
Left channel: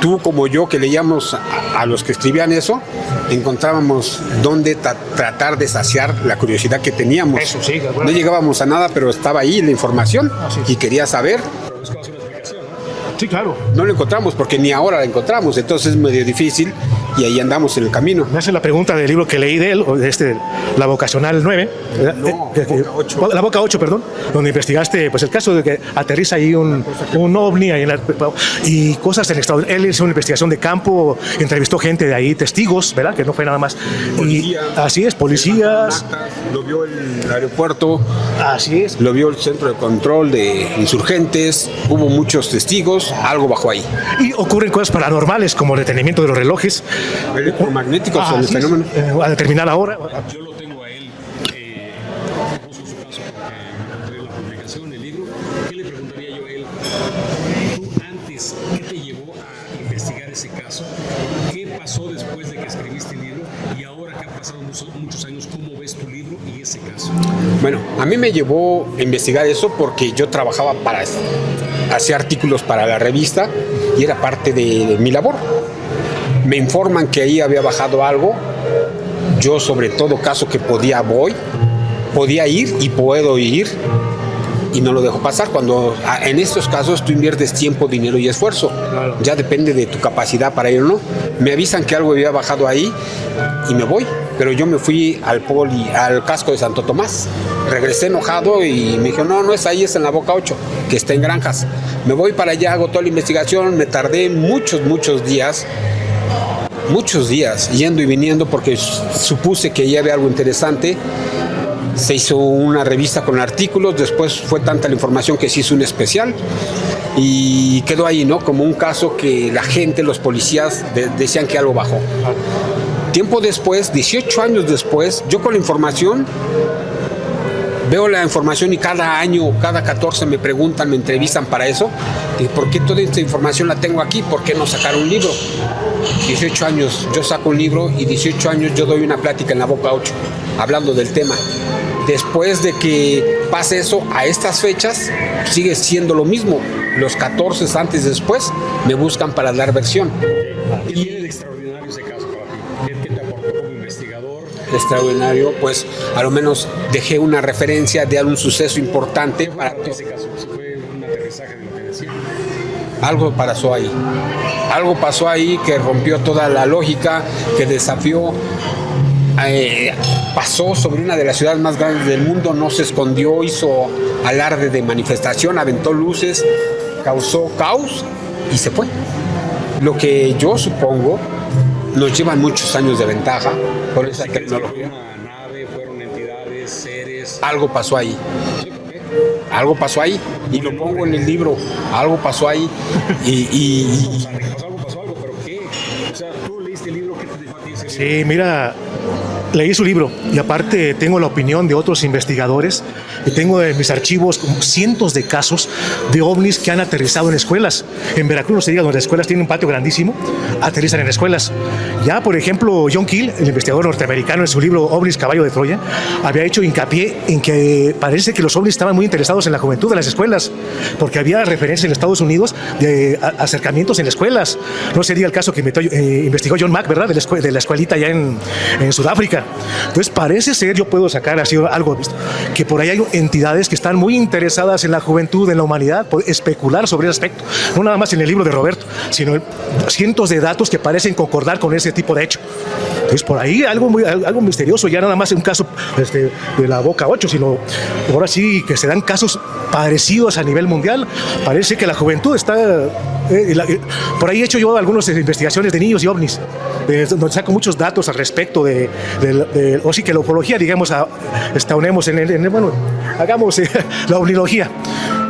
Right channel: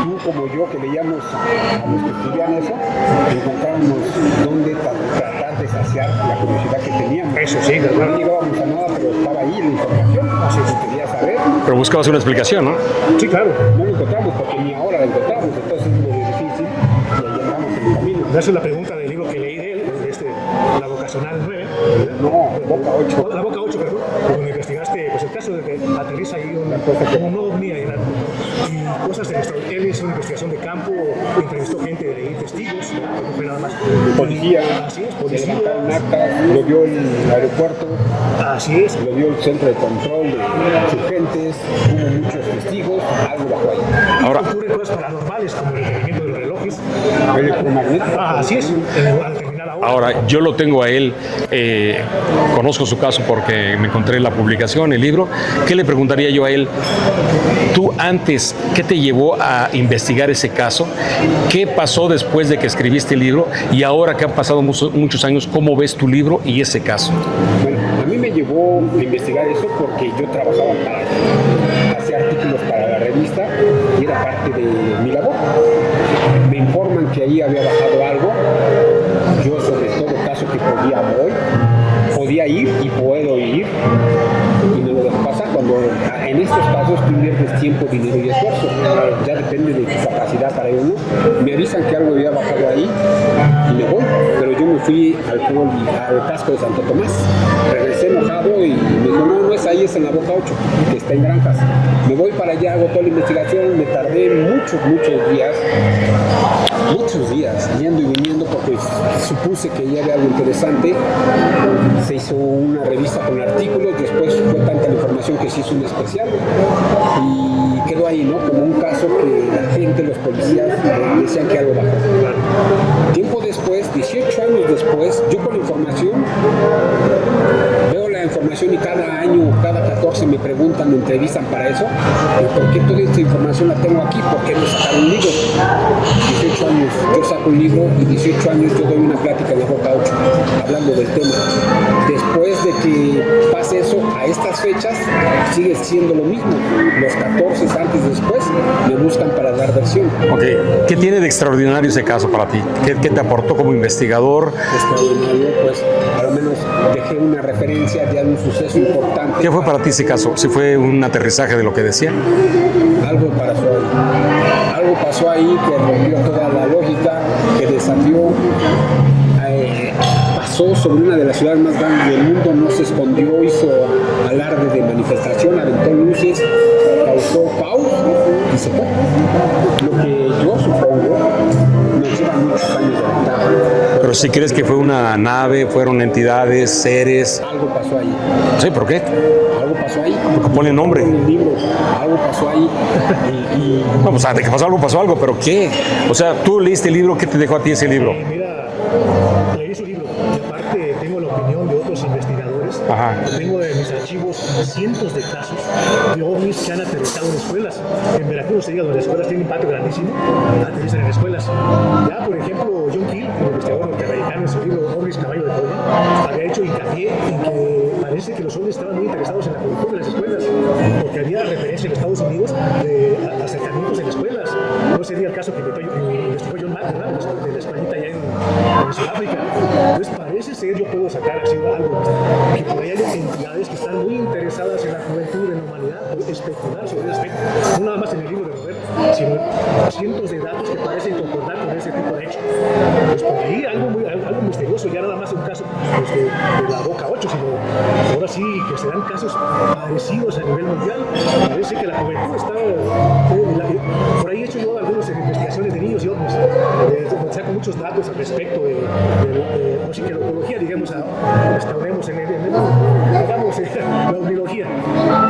tú como yo que leíamos a los que escribían eso, encontrábamos dónde tratar de saciar la curiosidad que teníamos. Eso sí, claro. No llegábamos a nada, pero estaba ahí la información y quería saber. Pero buscabas una explicación, ¿no? Sí, claro. No la encontramos porque ni ahora la encontramos, entonces es medio difícil y ahí andamos en el camino. Me hace la pregunta del libro que leí de él, la vocacional 9, Boca 8. La Boca 8, perdón, donde investigaste pues el caso de que aterriza ahí un ovni ahí y cosas del extraordinario. Él hizo una investigación de campo, entrevistó gente de ahí, testigos, ¿verdad? Que no fue nada más. Policía. Así es, policías. Lo vio el aeropuerto. Así es. Lo vio el centro de control de insurgentes. Hubo muchos testigos, algo bajó ahí. Y ocurren cosas paranormales como el detenimiento de los relojes, electromagnéticos o el Así es, fenómeno. a determinada hora. Ahora, yo lo tengo a él, conozco su caso porque me encontré la publicación, el libro. ¿Qué le preguntaría yo a él? Tú antes, ¿qué te llevó a investigar ese caso? ¿Qué pasó después de que escribiste el libro? Y ahora que han pasado muchos años, ¿cómo ves tu libro y ese caso? Bueno, a mí me llevó a investigar eso porque yo trabajaba hacía artículos para la revista y era parte de mi labor. Me informan que ahí había bajado algo. Yo, sobre todo caso que podía ir y puedo ir y no lo dejo pasar. Cuando en estos casos tú inviertes tiempo, dinero y esfuerzo, ya depende de tu capacidad para ir o no. Me avisan que algo había bajado ahí y me voy, pero yo me fui al casco de Santo Tomás, regresé enojado y me dijo, no es ahí, es en la Boca 8, que está en Granjas. Me voy para allá, hago toda la investigación, me tardé muchos días yendo y viniendo porque supuse que ya había algo interesante. Se hizo una revista con artículos, después fue tanta la información que se hizo un especial y quedó ahí, ¿no? Como un caso que la gente, los policías decían que algo bajó. Tiempo después, 18 años después, yo con la información veo la información y cada año, cada 14 me preguntan, me entrevistan para eso. ¿Por qué toda esta información la tengo aquí? ¿Por qué no sacar un libro? 18 años yo saco un libro y 18 años yo doy una plática en la Boca 8 hablando del tema. Después de que pase eso, a estas fechas sigue siendo lo mismo. Los 14 antes y después me buscan para dar versión. Okay. ¿Qué tiene de extraordinario ese caso para ti? ¿Qué te aportó como investigador? Extraordinario, pues a lo menos dejé una referencia de algún suceso importante. ¿Qué fue para ti ese caso? ¿Si fue un aterrizaje de lo que decía? Algo pasó ahí que rompió toda la lógica, que desafió. Pasó sobre una de las ciudades más grandes del mundo, no se escondió, hizo alarde de manifestación, aventó luces, causó caos y se fue. Lo que yo supongo, nos llevan muchos años de ventaja. Pero si crees que fue una nave, fueron entidades, seres... Algo pasó ahí. Sí, ¿por qué? Algo pasó ahí. Porque pone nombre. En el libro, algo pasó ahí. No, o sea, de que pasó algo, pero ¿qué? O sea, tú leíste el libro, ¿qué te dejó a ti ese libro? Sí, mira, leí su libro y aparte tengo la opinión de otros investigadores. Ajá. Y tengo en mis archivos como cientos de casos de ovnis que han aterrizado en escuelas. En Veracruz, se diga, donde las escuelas tienen un patio grandísimo, aterrizan en escuelas. Ya, por ejemplo, John Keel, el investigador norteamericano, en su libro Ovnis, Caballo de Troya, había hecho hincapié en que parece que los ovnis estaban muy interesados en la juventud de las escuelas, porque había referencia en Estados Unidos de acercamientos en escuelas. No sería el caso que investigó John Mack, ¿verdad? De la escuelita allá en Sudáfrica. Entonces parece ser, yo puedo sacar así algo, que por ahí hay entidades que están muy interesadas en la juventud, en la humanidad, especular sobre ese aspecto. No nada más en el libro de Roberto, sino cientos de datos que parecen concordar con ese tipo de hecho. Entonces por ahí algo misterioso, ya nada más un caso de la Boca 8, sino ahora sí que se dan casos parecidos a nivel mundial. Parece que la juventud está... por ahí he hecho yo algunas investigaciones de niños y ovnis, donde saco muchos datos al respecto o sí que la ufología, digamos, estaunemos hagamos la ovnilogía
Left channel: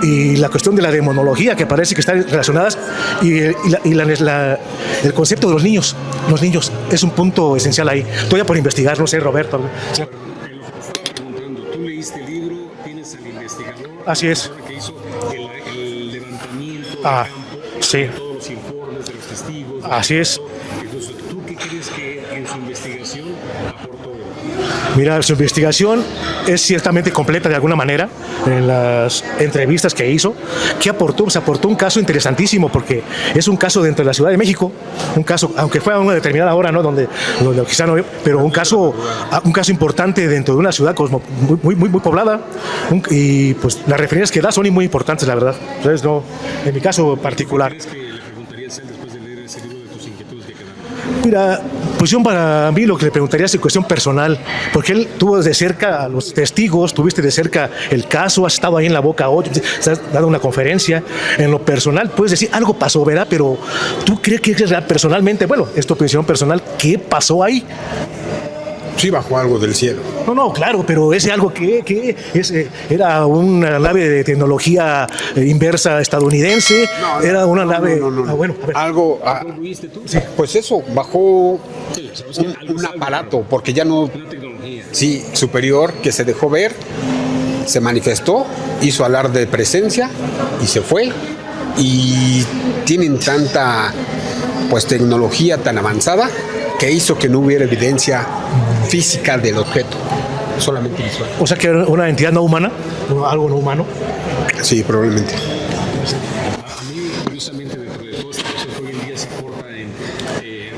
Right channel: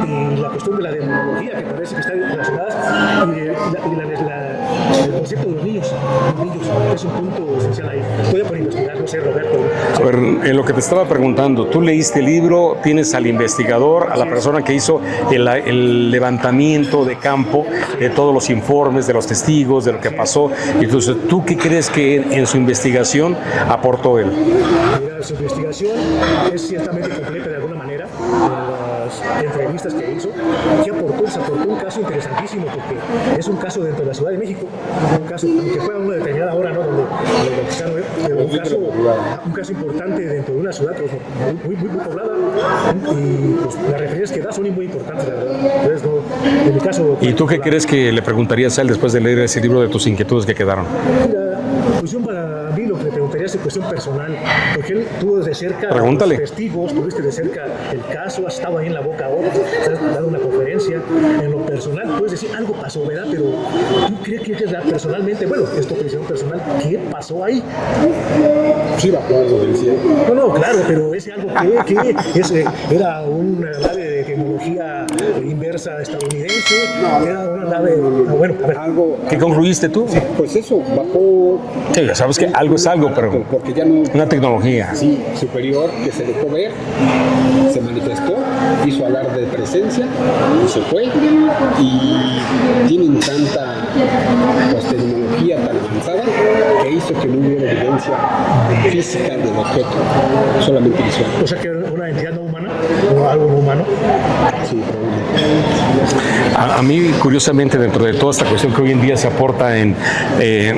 y la cuestión de la demonología, que parece que están relacionadas, y el concepto de los niños. Los niños es un punto esencial ahí. Todavía por investigar, no sé, Roberto. A ver, en lo que te estaba preguntando, tú leíste el libro, tienes al investigador, a la persona que hizo el levantamiento de campo, sí, de todos los informes, de los testigos, de lo que pasó. Entonces, ¿tú qué crees que en su investigación aportó él? Mira, su investigación es ciertamente completa de alguna manera. En las entrevistas que hizo, ¿qué aportó? Se aportó un caso interesantísimo, porque es un caso dentro de la Ciudad de México, un caso, aunque fue a una determinada hora, ¿no? Donde quizá no, pero un caso importante dentro de una ciudad muy poblada, y pues las referencias que da son muy importantes, la verdad. Entonces, no, en mi caso particular. ¿Y tú qué crees que le preguntarías a él después de leer ese libro, de tus inquietudes que quedaron? Mira, pues para mí lo que le preguntaría es cuestión personal, porque él tuvo de cerca a los testigos, tuviste de cerca el caso, has estado ahí en la Boca 8, has dado una conferencia. En lo personal puedes decir algo pasó, ¿verdad? Pero ¿tú crees que es real personalmente? Bueno, es tu opinión personal, ¿qué pasó ahí? Sí bajó algo del cielo. No, claro, pero ese algo era una nave de tecnología inversa estadounidense, era una nave... Bueno, a ver. Algo... ¿Qué concluiste tú? Pues eso, bajó... Sí, sabes que algo es algo, aparato, pero porque ya no... una tecnología. Sí, superior, que se dejó ver, se manifestó, hizo alarde de presencia y se fue. Y tienen tanta pues tecnología tan avanzada que hizo que no hubiera evidencia física del objeto, solamente visual. O sea que era una entidad no humana, algo no humano. Sí, probablemente. A mí, curiosamente, dentro de toda esta cuestión que hoy en día se aporta en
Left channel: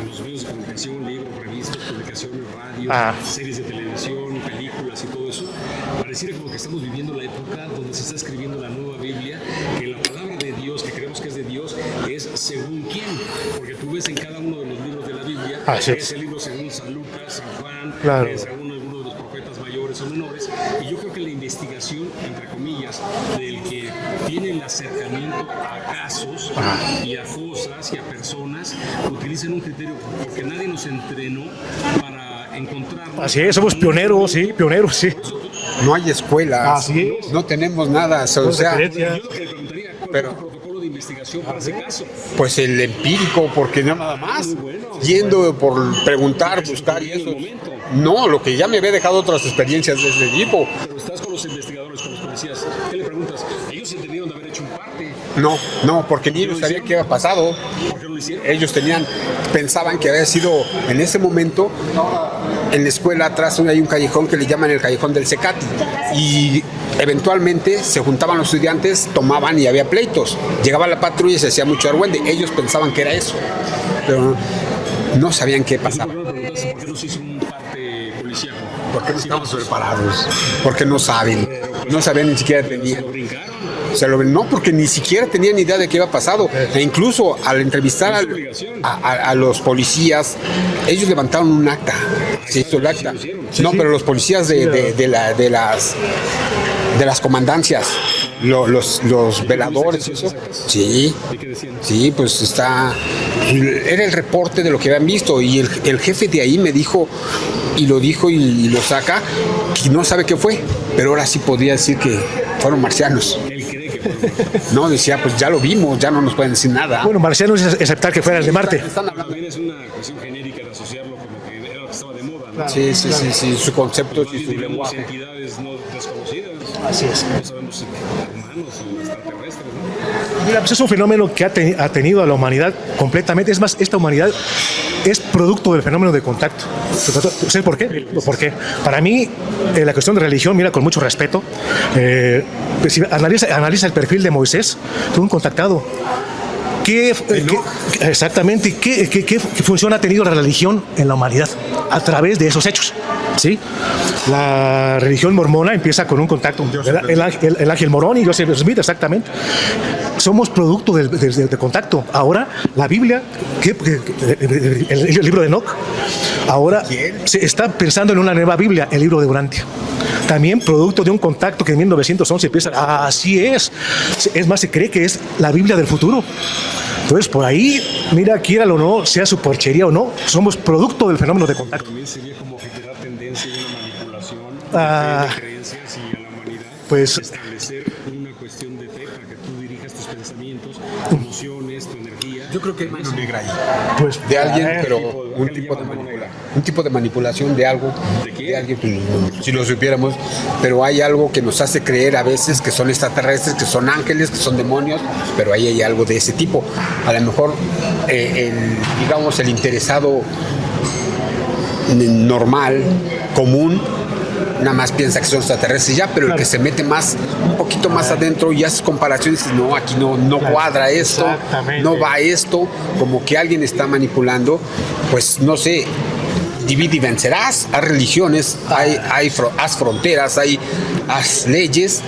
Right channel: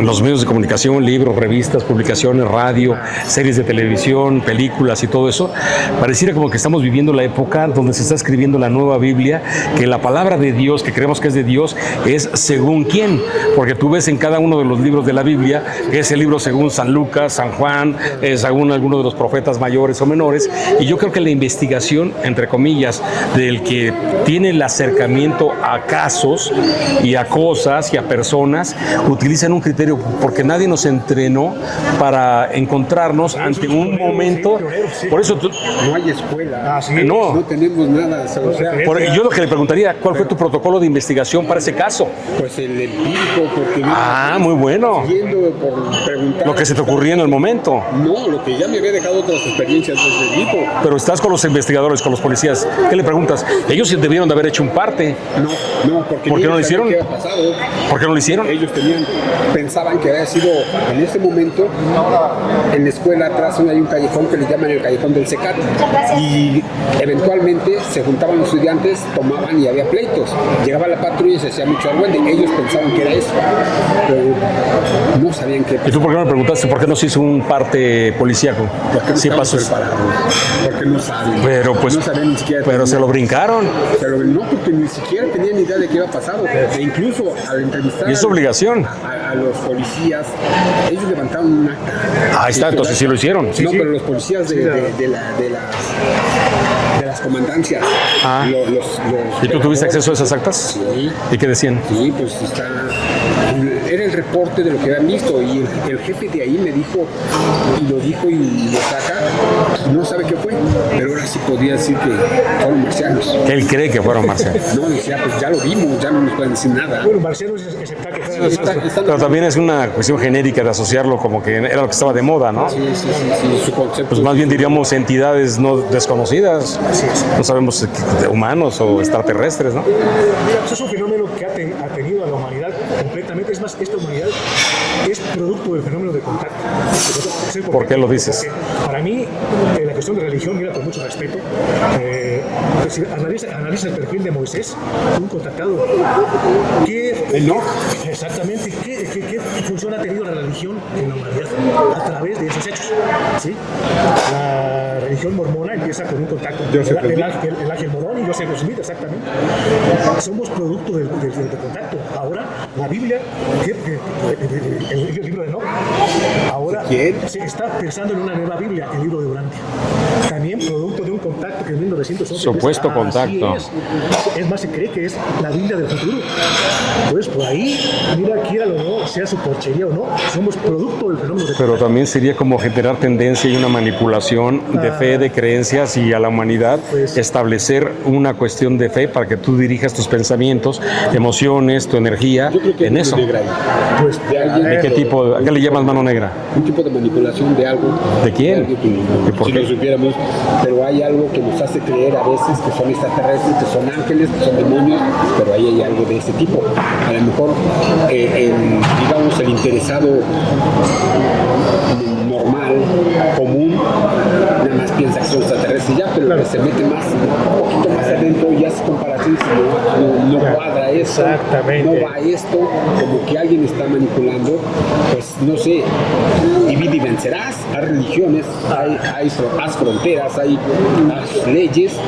los medios de comunicación, libros, revistas, publicaciones, radio, series de televisión, películas y todo eso, pareciera como que estamos viviendo la época donde se está escribiendo la nueva Biblia, que la palabra de Dios, que creemos que es de Dios, es según quién, porque tú ves en cada uno de los libros de la Biblia, ese libro según San Lucas, San Juan, según alguno de los profetas mayores o menores, y yo creo que la investigación, entre comillas, del que tiene el acercamiento a casos y a cosas y a personas, utilizan un criterio, porque nadie nos entrenó para encontrarnos. Sí, somos pioneros, sí. Por eso No hay escuela, no tenemos nada. O sea, yo lo que le preguntaría, ¿cuál fue tu protocolo de investigación para ese caso? pues el empírico, porque no Muy bueno. yendo por preguntar. Lo que se te ocurría en el momento. No, lo que ya me había dejado otras experiencias de ese tipo. Pero estás con los investigadores, con los policías. ¿Qué le preguntas? Ellos debieron de haber hecho un parte. No, porque ¿Por ni qué no lo ellos sabían hicieron? qué había pasado. ¿Por qué no lo hicieron? Ellos pensaban que había sido en ese momento en la escuela atrás hay un callejón que le llaman el callejón del Cecate y eventualmente se juntaban los estudiantes, tomaban y había pleitos. Llegaba la patrulla y se hacía mucho argüende. Ellos pensaban que era eso, pero no sabían qué ¿Y tú pasaba. por qué no me preguntaste por qué no se hizo un parte policíaco? Porque no Sí estaban pasó. preparados, porque no saben. Pero pues, no sabían ni siquiera. Pero se lo brincaron. No, porque ni siquiera tenían idea de qué había pasado. E incluso al entrevistar Es obligación. a los policías, ellos levantaron un acta. Ahí Se está, hizo el entonces sí acta. lo hicieron. No, pero los policías de las comandancias, los ¿Y tú tuviste veladores, acceso a esas actas? Sí. ¿Y qué decían? Sí, pues era el reporte de lo que habían visto y el jefe de ahí me dijo, y lo dijo y lo saca, que no sabe qué fue, pero ahora sí podría decir que fueron marcianos. Él cree que fueron marcianos. No, decía, pues ya lo vimos, ya no nos pueden decir nada. Bueno, marcianos es aceptar que fueran de Marte. Pero también es una cuestión genérica de asociarlo como que era lo que estaba de moda, ¿no? Sí, su concepto. Pues más bien diríamos entidades no desconocidas. No sabemos de humanos o extraterrestres, ¿no? Mira, pues es un fenómeno que ha tenido a la humanidad completamente. Es más, esta humanidad es producto del fenómeno de contacto. ¿Sabes por qué? ¿Por qué lo dices? Porque para mí, la cuestión de religión, mira, con mucho respeto, pues si analiza el perfil de Moisés, fue un contactado. Exactamente, ¿qué función ha tenido la religión en la humanidad a través de esos hechos? ¿Sí? La religión mormona empieza con un contacto, el ángel morón y Joseph Smith, exactamente. Somos producto de contacto. Ahora, la Biblia, el libro de Enoch, ahora se está pensando en una nueva Biblia, el libro de Urantia. También producto de un contacto que en 1911 empieza. Así es. Es más, se cree que es la Biblia del futuro. Entonces, por ahí, mira, quíralo o no, sea su porchería o no, somos producto del fenómeno de Pero contacto. también sería como generar tendencia y una manipulación de fe, de creencias y a la humanidad Pues- establecer una cuestión de fe para que tú dirijas tus pensamientos, emociones, tu energía en eso. Pues de alguien, ¿De qué pero tipo? ¿A qué le llamas mano negra? un tipo de manipulación de algo. ¿De quién? alguien, por si qué? lo supiéramos, pero hay algo que nos hace creer a veces que son extraterrestres, que son ángeles, que son demonios, pero ahí hay algo de ese tipo. A lo mejor, digamos, el interesado normal, común, nada más piensa que son extraterrestres ya, pero el que se mete un poquito más adentro y hace comparaciones, no, aquí no cuadra esto, Exactamente. no va esto, como que alguien está manipulando, pues no sé, divide y vencerás, hay religiones, haz fronteras, haz leyes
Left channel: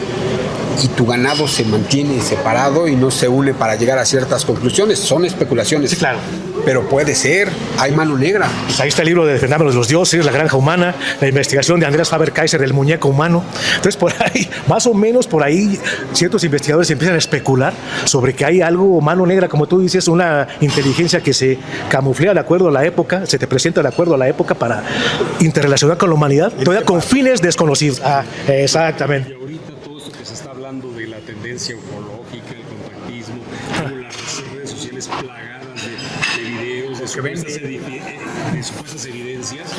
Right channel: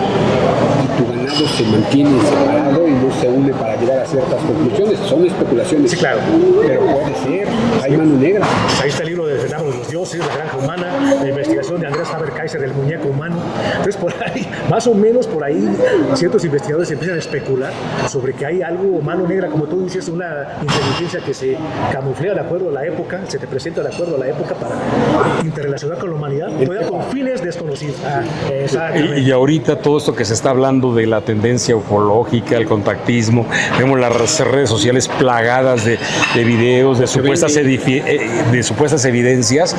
y tu ganado se mantiene separado y no se une para llegar a ciertas conclusiones, son especulaciones, claro. pero puede ser, hay mano negra. Ahí está el libro del fenómeno de los dioses, la granja humana, la investigación de Andreas Faber-Kaiser del muñeco humano. Entonces, por ahí, más o menos por ahí, ciertos investigadores empiezan a especular sobre que hay algo mano negra, como tú dices, una inteligencia que se camuflea de acuerdo a la época, se te presenta de acuerdo a la época, boca para interrelacionar con la humanidad, todavía con fines desconocidos. Exactamente. Y ahorita todo esto que se está hablando de la tendencia ufológica, el contactismo, vemos las redes sociales plagadas de videos, de supuestas evidencias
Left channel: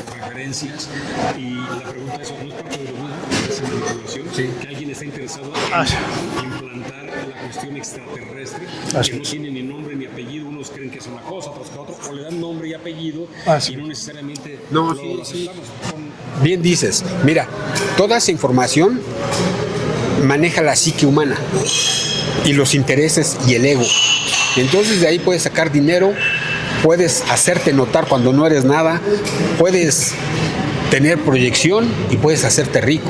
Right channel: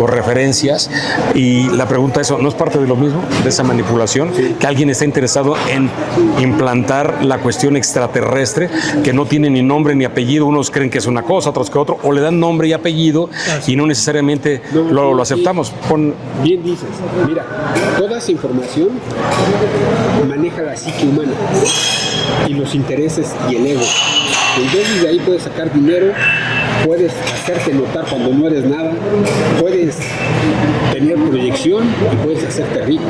o referencias, y la pregunta es, ¿no es parte de lo mismo, de esa manipulación? Sí. Que alguien está interesado en implantar la cuestión extraterrestre, que no tiene ni nombre ni apellido, unos creen que es una cosa, otros que otro, o le dan nombre y apellido y no necesariamente lo aceptamos. Bien dices, mira, toda esa información maneja la psique humana y los intereses y el ego. Entonces de ahí puedes sacar dinero, puedes hacerte notar cuando no eres nada, puedes tener proyección y puedes hacerte rico.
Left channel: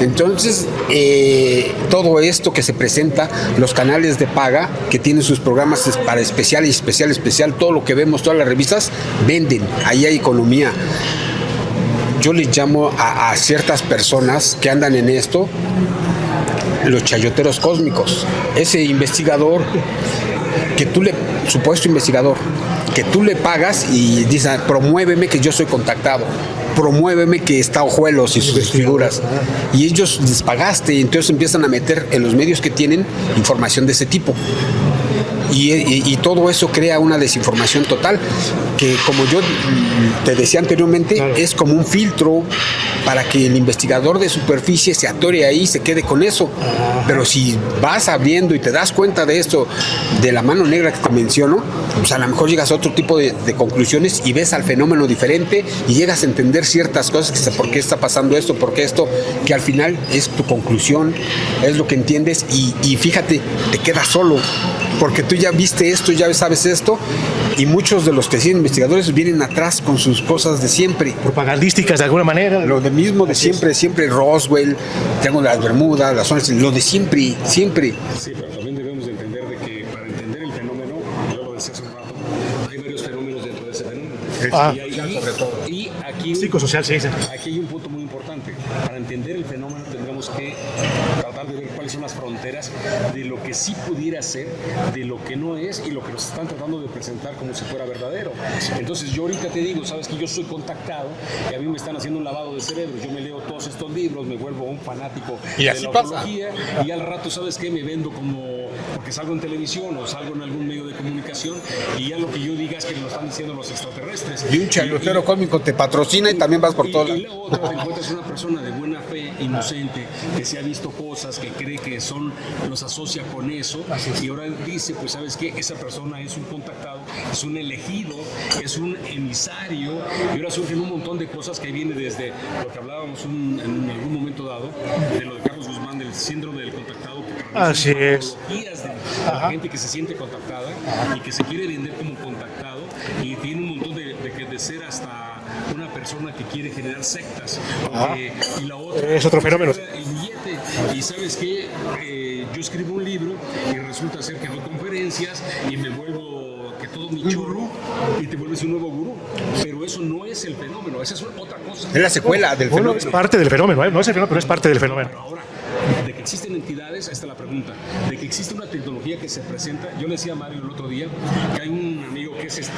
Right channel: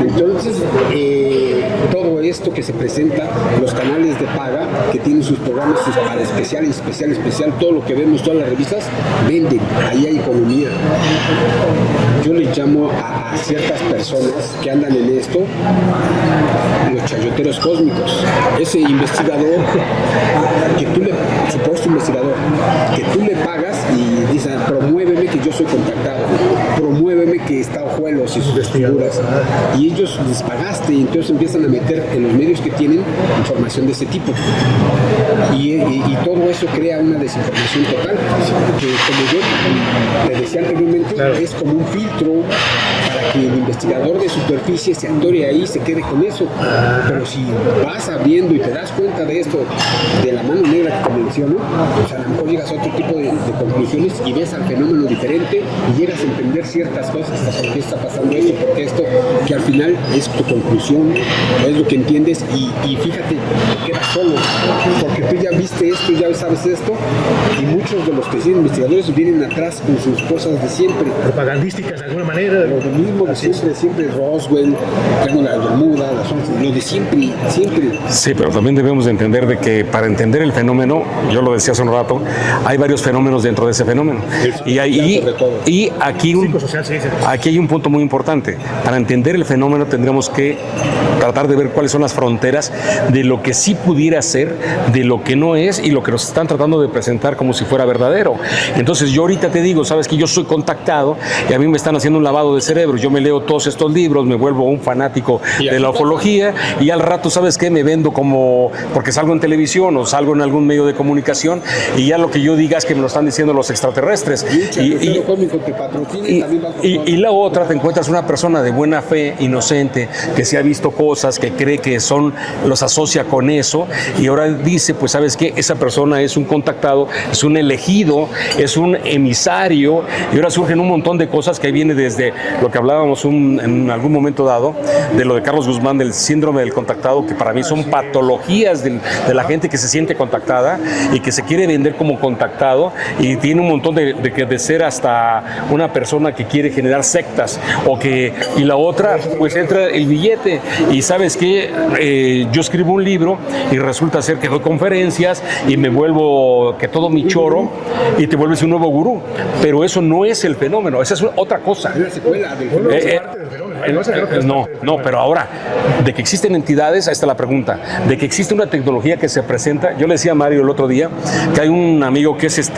Entonces, todo esto que se presenta, los canales de paga que tienen sus programas para especial, todo lo que vemos, todas las revistas, venden, ahí hay economía. Yo les llamo a ciertas personas que andan en esto los chayoteros cósmicos. Ese investigador supuesto investigador, que tú le pagas y dices, promuéveme que yo soy contactado, promuéveme que está Ojuelos y sus figuras. Y ellos les pagaste y entonces empiezan a meter en los medios que tienen información de ese tipo. Y todo eso crea una desinformación total, que como yo te decía anteriormente, es como un filtro para que el investigador de superficie se atore ahí y se quede con eso. Pero si vas abriendo y te das cuenta de esto, de la mano negra que te menciono, pues a lo mejor llegas a otro tipo de conclusiones y ves al fenómeno diferente y llegas a entender ciertas cosas, por qué está pasando esto, por qué esto, que al final es tu conclusión, es lo que entiendes y fíjate, te quedas solo, porque tú ya viste esto, ya sabes esto, y muchos de los que siguen investigadores vienen atrás con sus cosas de siempre. Propagandísticas de alguna manera. Lo de mismo de siempre Roswell, tengo las Bermudas, las zonas, lo de siempre. Sí, pero también debemos de entender de que para entender el fenómeno, yo lo decía hace un rato, hay varios fenómenos dentro de ese fenómeno. Y aquí hay un punto muy importante. Para entender el fenómeno tendremos que tratar de ver cuáles son las fronteras de lo que sí pudiera ser, de lo que no es y lo que nos están tratando de presentar como si fuera verdadero. Entonces yo ahorita te digo, sabes que yo soy contactado y a mí me están haciendo un lavado de cerebro. Yo me leo todos estos libros, me vuelvo un fanático de la ufología y al rato, ¿sabes qué? Me vendo como porque salgo en televisión o salgo en algún medio de comunicación y ya lo que yo diga es que me lo están diciendo los extraterrestres. Y un chayotero cósmico te patrocina y también vas por todo. Y la otra, te encuentras una persona de buena fe, inocente, que se ha visto cosas, que cree que los asocia con eso y ahora dice, pues ¿sabes qué? Esa persona es un contactado, es un elegido, es un emisario y ahora surgen un montón de cosas que viene desde lo que hablábamos en algún momento dado, de lo de Carlos Guzmán, del síndrome del contactado, que para mí son patologías de la gente que se siente contactada y que se quiere vender como contactado y tiene un montón de ser hasta una persona que quiere generar sectas y la otra pues entra el billete y sabes que yo escribo un libro y resulta ser que doy conferencias y me vuelvo que todo mi choro y te vuelves un nuevo gurú, pero eso no es el fenómeno, esa es otra cosa. Es la secuela del fenómeno. Es parte del fenómeno, ¿eh? No es el fenómeno, pero es parte del fenómeno. No, pero ahora, de que existen entidades, ahí está la pregunta, de que existe una tecnología que se presenta, yo le decía a Mario el otro día que hay un amigo que es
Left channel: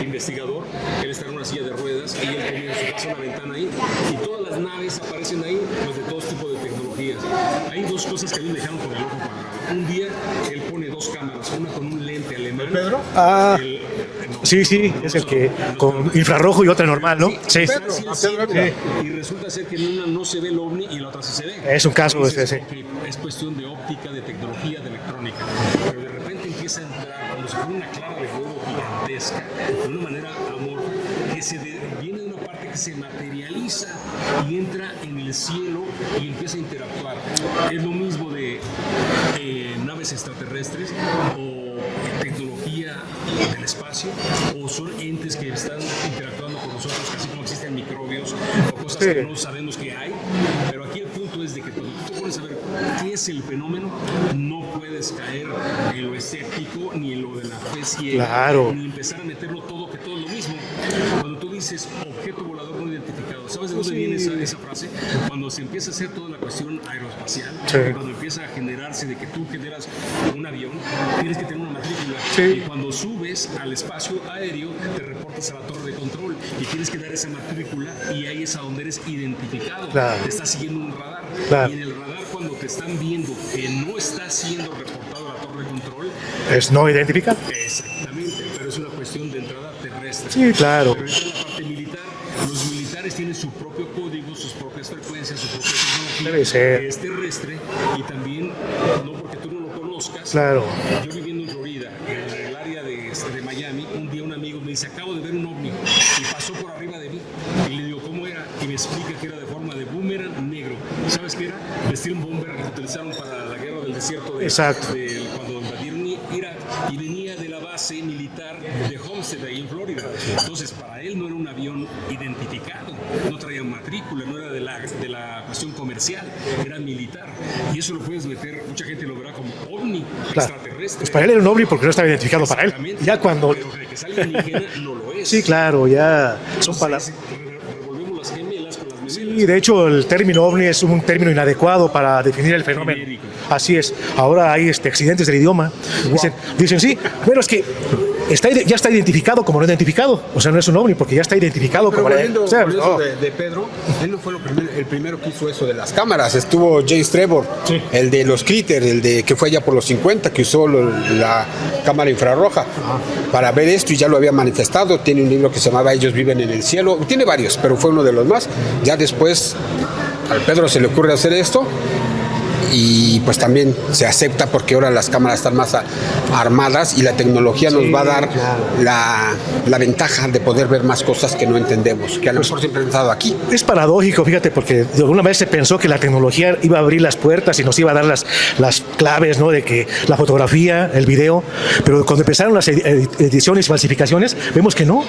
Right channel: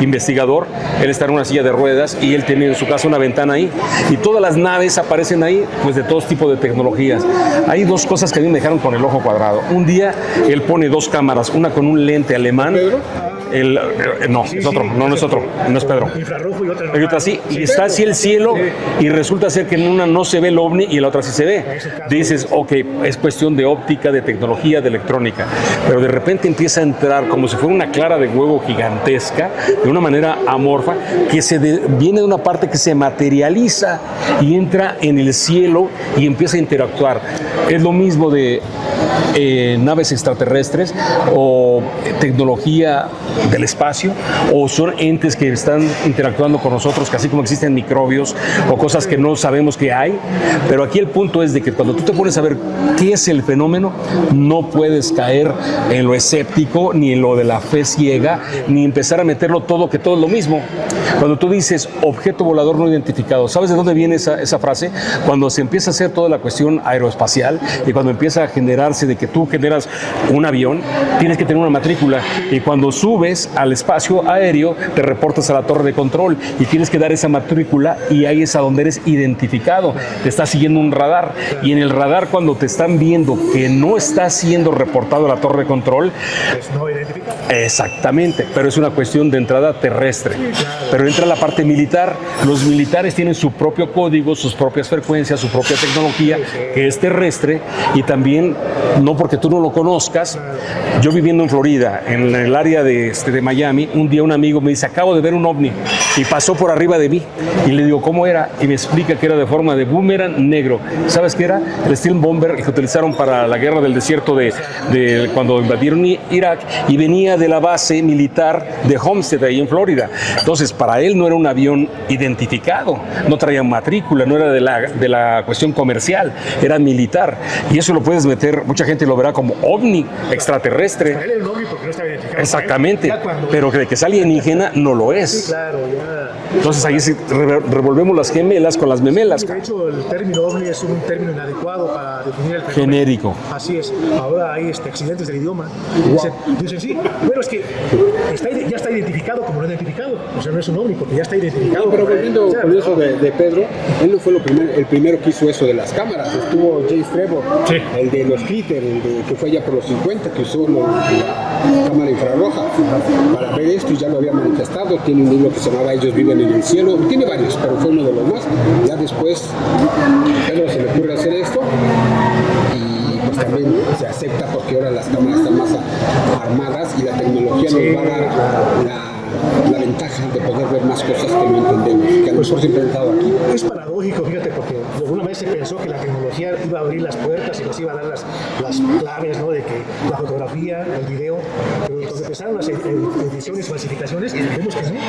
investigador, él está en una silla de ruedas y él tiene en su casa una ventana ahí y todas las naves aparecen ahí, pues de todos tipos de tecnologías. Hay dos cosas que a mí me dejaron con el ojo cuadrado. Un día él pone dos cámaras, una con un lente alemán. ¿Pedro? No es Pedro. Infrarrojo y otra normal, ¿no? Sí, está así el cielo y resulta ser que en una no se ve el ovni y en la otra sí se ve. Es un caso. Dices, ok, es cuestión de óptica, de tecnología, de electrónica, pero de repente empieza a entrar como si fuera una clara de huevo gigantesca, de una manera amorfa, que viene de una parte que se materializa y entra en el cielo y empieza a interactuar. Es lo mismo de naves extraterrestres o tecnología del espacio, o son entes que están interactuando con nosotros, que así como existen microbios o cosas que no sabemos que hay, pero aquí el punto es de que cuando tú te pones a ver qué es el fenómeno, no puedes caer en lo escéptico, ni en lo de la fe ciega, ni empezar a meterlo todo, que todo es lo mismo. Cuando tú dices objeto volador no identificado, ¿sabes de dónde viene esa frase? Cuando se empieza a hacer toda la cuestión aeroespacial y cuando empieza a generar asegurarse de que tú generas un avión, tienes que tener una matrícula. Y cuando subes al espacio aéreo, te reportas a la torre de control y tienes que dar esa matrícula y ahí es a donde eres identificado. Te está siguiendo un radar. Y en el radar, cuando te están viendo que no está siendo reportado a la torre de control, Es no identificar. exactamente, pero es una cuestión de entrada terrestre. Sí, claro. Pero entra la parte militar. Los militares tienen su propio código, sus propias frecuencias, su propia tecnología, Sí. que es terrestre, y también, no porque tú no lo conozcas, Claro. yo viviendo en Florida, en el área de Miami, un día un amigo me dice, acabo de ver un ovni, y pasó por arriba de mí, y le digo, ¿cómo era? Y me explica que era de forma de boomerang negro. ¿Sabes qué era? El Steel Bomber que utilizaron para la guerra del desierto Exacto. de cuando invadieron Irak, y venía de la base militar de Homestead, ahí en Florida. Entonces, para él no era un avión identificado, no traía matrícula, no era de la cuestión comercial, era militar. Y eso lo puedes meter, mucha gente lo verá como ovni extraterrestre. Para él era un ovni porque no estaba identificado. Para él. Exactamente, Ya cuando... pero de que es alienígena no lo es. Sí, claro, ya. Entonces ahí revolvemos las gemelas con las memelas. Y de hecho el término ovni es un término inadecuado para definir el fenómeno. Genérico. Así es. Ahora hay accidentes del idioma. Dicen sí, bueno, es que ya está identificado como no identificado. O sea, no es un ovni porque ya está identificado. Pero como volviendo o sea, por eso no. de Pedro, él no fue el primero que hizo eso de las cámaras. Estuvo James Trevor, Sí. el de los Critter, el de que fue allá por los 50, que usó la cámara infrarroja para ver esto y ya lo había manifestado. Tiene un libro que se llamaba Ellos viven en el cielo. Tiene varios, pero fue uno de los más. Ya después a Pedro se le ocurre hacer esto y pues también se acepta porque ahora las cámaras están más armadas y la tecnología nos va a dar la ventaja de poder ver más cosas que no entendemos, que a lo mejor siempre han estado aquí. Es paradójico, fíjate, porque de alguna vez se pensó que la tecnología iba a abrir las puertas y nos iba a dar las claves, ¿no? De que la fotografía, el video, pero cuando empezaron las ediciones, falsificaciones, vemos que no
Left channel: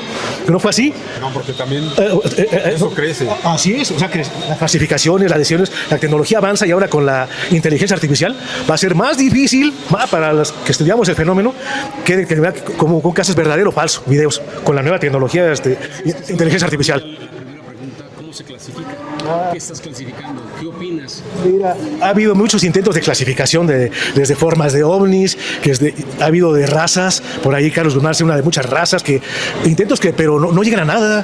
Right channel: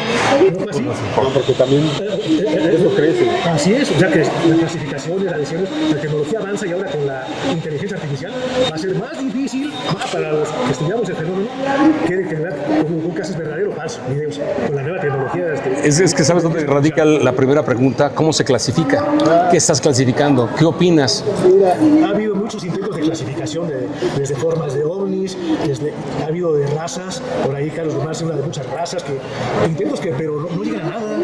fue así. No, porque también eso crece. Así es, o sea que las falsificaciones, las ediciones, la tecnología avanza y ahora con la inteligencia artificial va a ser más difícil para los que estudiamos el fenómeno que como un caso es verdadero o falso, videos, con la nueva tecnología Es que sabes inteligencia dónde radica artificial. la primera pregunta, ¿cómo se clasifica? ¿Qué estás clasificando? ¿Qué opinas? Ha habido muchos intentos de clasificación desde formas de ovnis, ha habido de razas, por ahí Carlos Lunar es una de muchas razas, pero no llegan a nada,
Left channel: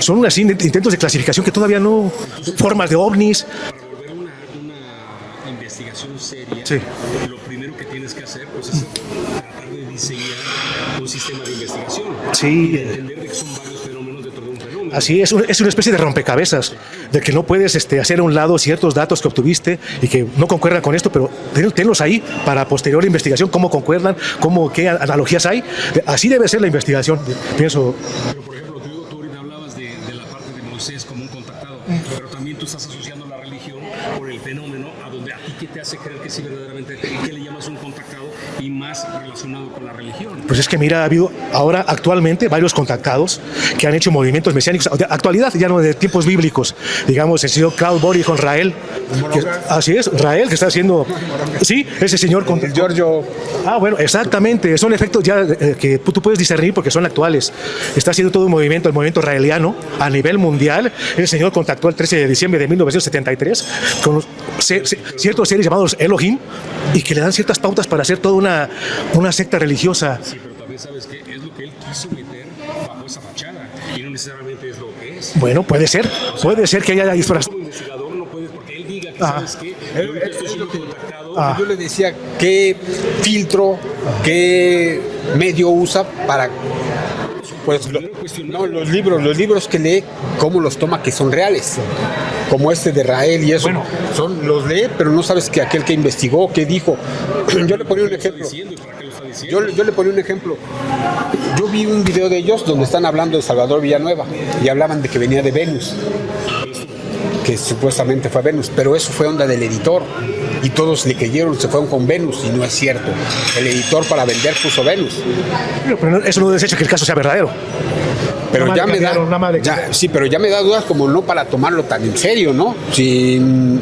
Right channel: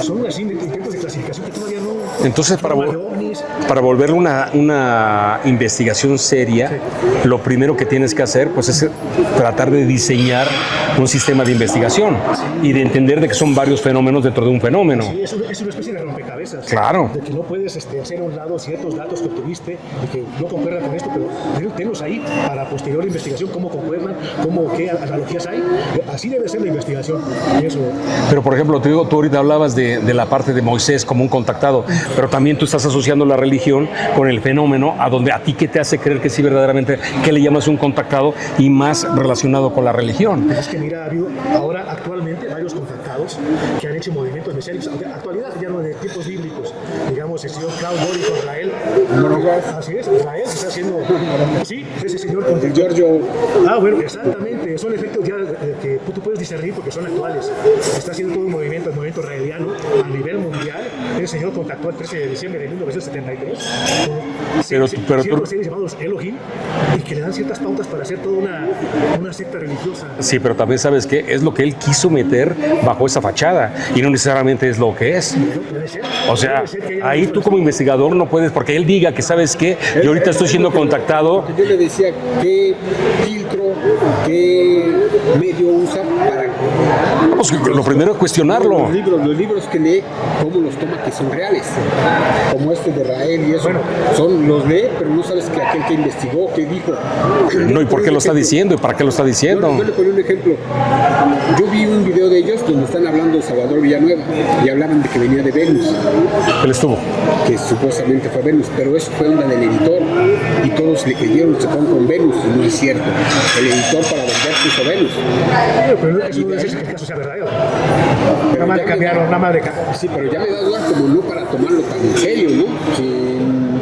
son así intentos de clasificación que todavía no, Entonces, formas de ovnis. Para volverlo una investigación seria, Sí. lo primero que tienes que hacer pues, es tratar de diseñar un sistema de investigación Sí. y de entender de que son varios fenómenos dentro de un fenómeno. Así es una especie de rompecabezas. Claro. De que no puedes hacer a un lado ciertos datos que obtuviste y que no concuerdan con esto, pero tenlos ahí para posterior investigación, cómo concuerdan, qué analogías hay. Así debe ser la investigación, pienso. Pero, por ejemplo, tú ahorita hablabas de la parte de Moisés como un contactado, pero también tú estás asociando la religión con el fenómeno, a donde a ti qué te hace creer que sí verdaderamente, que le llamas un contactado y más relacionado con la religión. Pues es que mira, ha habido ahora actualmente varios contactados que han hecho movimientos mesiánicos, de actualidad, ya no de tiempos bíblicos. Digamos, el señor Claude Bory con Rael. Así es, Rael, que está haciendo... Sí, ese señor con... El Giorgio. Bueno, exactamente. Son efectos ya que tú puedes discernir porque son actuales. Está haciendo todo un movimiento, el movimiento raeliano, a nivel mundial. El señor contactó el 13 de diciembre de 1973 con ciertos seres llamados Elohim y que le dan ciertas pautas para hacer toda una secta religiosa. Sí, pero también sabes que es lo que él quiso meter bajo esa fachada y no necesariamente es lo que es. Bueno, puede ser. O sea, puede ser que haya ahí tú como investigador no puedes, porque él diga que sabes que yo ahorita estoy siendo contactado. Yo le decía qué filtro, qué medio usa para... Vamos, lo primero es cuestionarlo. Los libros que lee, cómo los toma que son reales, como este de Rael y eso, los lee, pero no sabes que aquel que investigó, qué dijo. No, ¿y por qué lo está diciendo? ¿Y para qué lo está diciendo? Yo le ponía un ejemplo. Yo vi un video de ellos donde están hablando de Salvador Villanueva y hablaban de que venía de Venus, Él estuvo. que supuestamente fue Venus, pero eso fue onda del editor y todos le creyeron, se fueron con Venus y no es cierto. El editor para vender puso Venus. Pero eso no desecha que el caso sea verdadero. Pero ya me da dudas como no para tomarlo tan en serio, ¿no? Si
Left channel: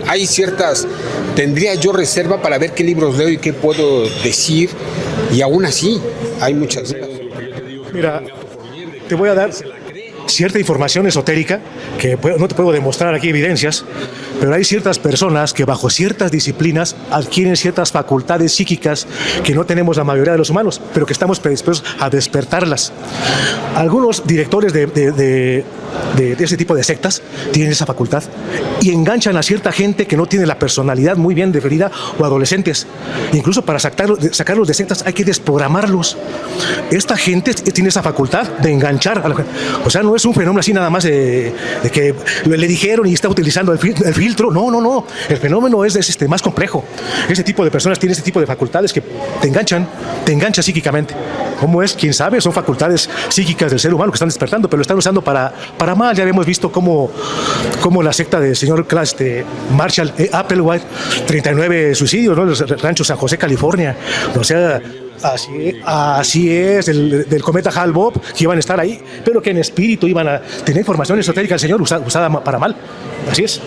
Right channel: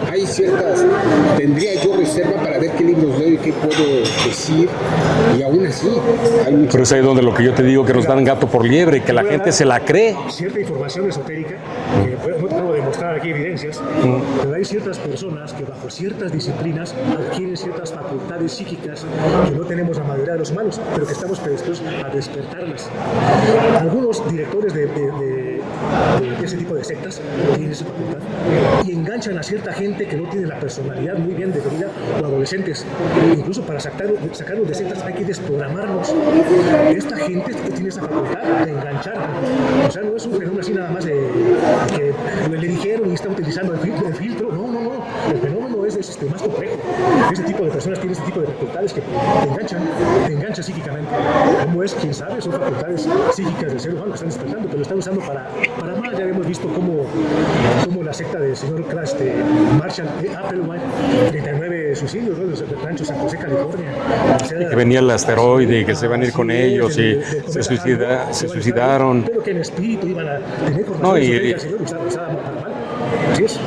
Hay ciertas, tendría yo reserva para ver qué libros leo y qué puedo decir, y aún así hay Pero muchas. es ahí donde lo que yo te digo, que nos dan gato por liebre, que te la voy a gente dar se la cree. cierta información esotérica que no te puedo demostrar aquí evidencias, pero hay ciertas personas que bajo ciertas disciplinas adquieren ciertas facultades psíquicas que no tenemos la mayoría de los humanos, pero que estamos predispuestos a despertarlas. Algunos directores de ese tipo de sectas tienen esa facultad y enganchan a cierta gente que no tiene la personalidad muy bien definida, o adolescentes. Incluso para sacarlos de sectas hay que desprogramarlos. Esta gente tiene esa facultad de enganchar a la gente. O sea, no es un fenómeno así nada más de que le dijeron y está utilizando el filtro. No. El fenómeno es más complejo. Ese tipo de personas tienen ese tipo de facultades que te enganchan psíquicamente. ¿Cómo es? ¿Quién sabe? Son facultades psíquicas del ser humano que están despertando, pero lo están usando para mal. Ya habíamos visto cómo la secta del señor Marshall Applewhite, 39 suicidios, ¿no? El rancho San José, California. O sea, venía el asteroide, que se van a ir con ellos, del cometa Hale-Bopp, que iban a estar ahí, pero que en espíritu iban a tener información esotérica del señor usada para mal. Así es.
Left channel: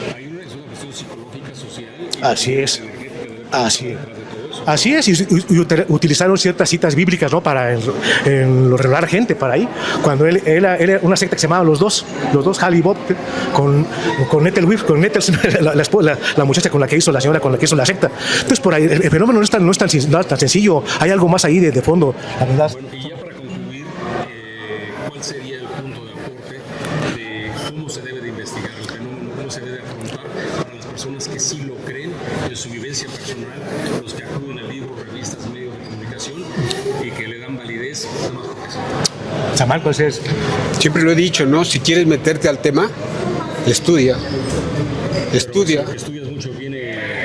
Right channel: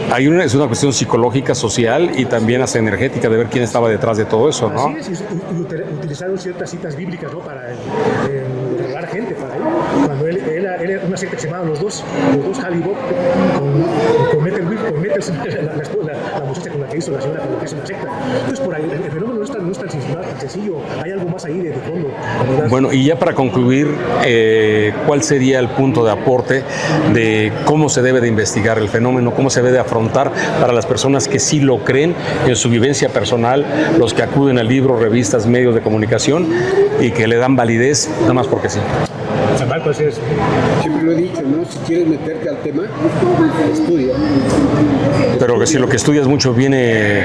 Es una cuestión psicológica, social y Así también es. hasta energética de ver quién estaba detrás de todo eso, ¿no? Así es, y utilizaron ciertas citas bíblicas, ¿no? Para enrolar gente para ahí. Cuando él era una secta que se llamaba Los Dos Hale-Bopp, con Ethel Whiff, con Ethel, la muchacha con la que hizo la señora, con la que hizo la secta. Entonces, por ahí, el fenómeno no es tan sencillo, hay algo más ahí de fondo. Bueno, y ya para concluir, ¿cuál sería el punto de aporte de cómo se debe de investigar el fenómeno, cómo se debe de afrontar para las personas que sí lo creen en su vivencia personal, los que acuden a libros, revistas, medios de comunicación y que le dan validez nada más porque sí? Chamal, pues es. Siempre lo he dicho, ¿no? Si quieres meterte al tema, estudia. Pero que si lo que estudias mucho viene,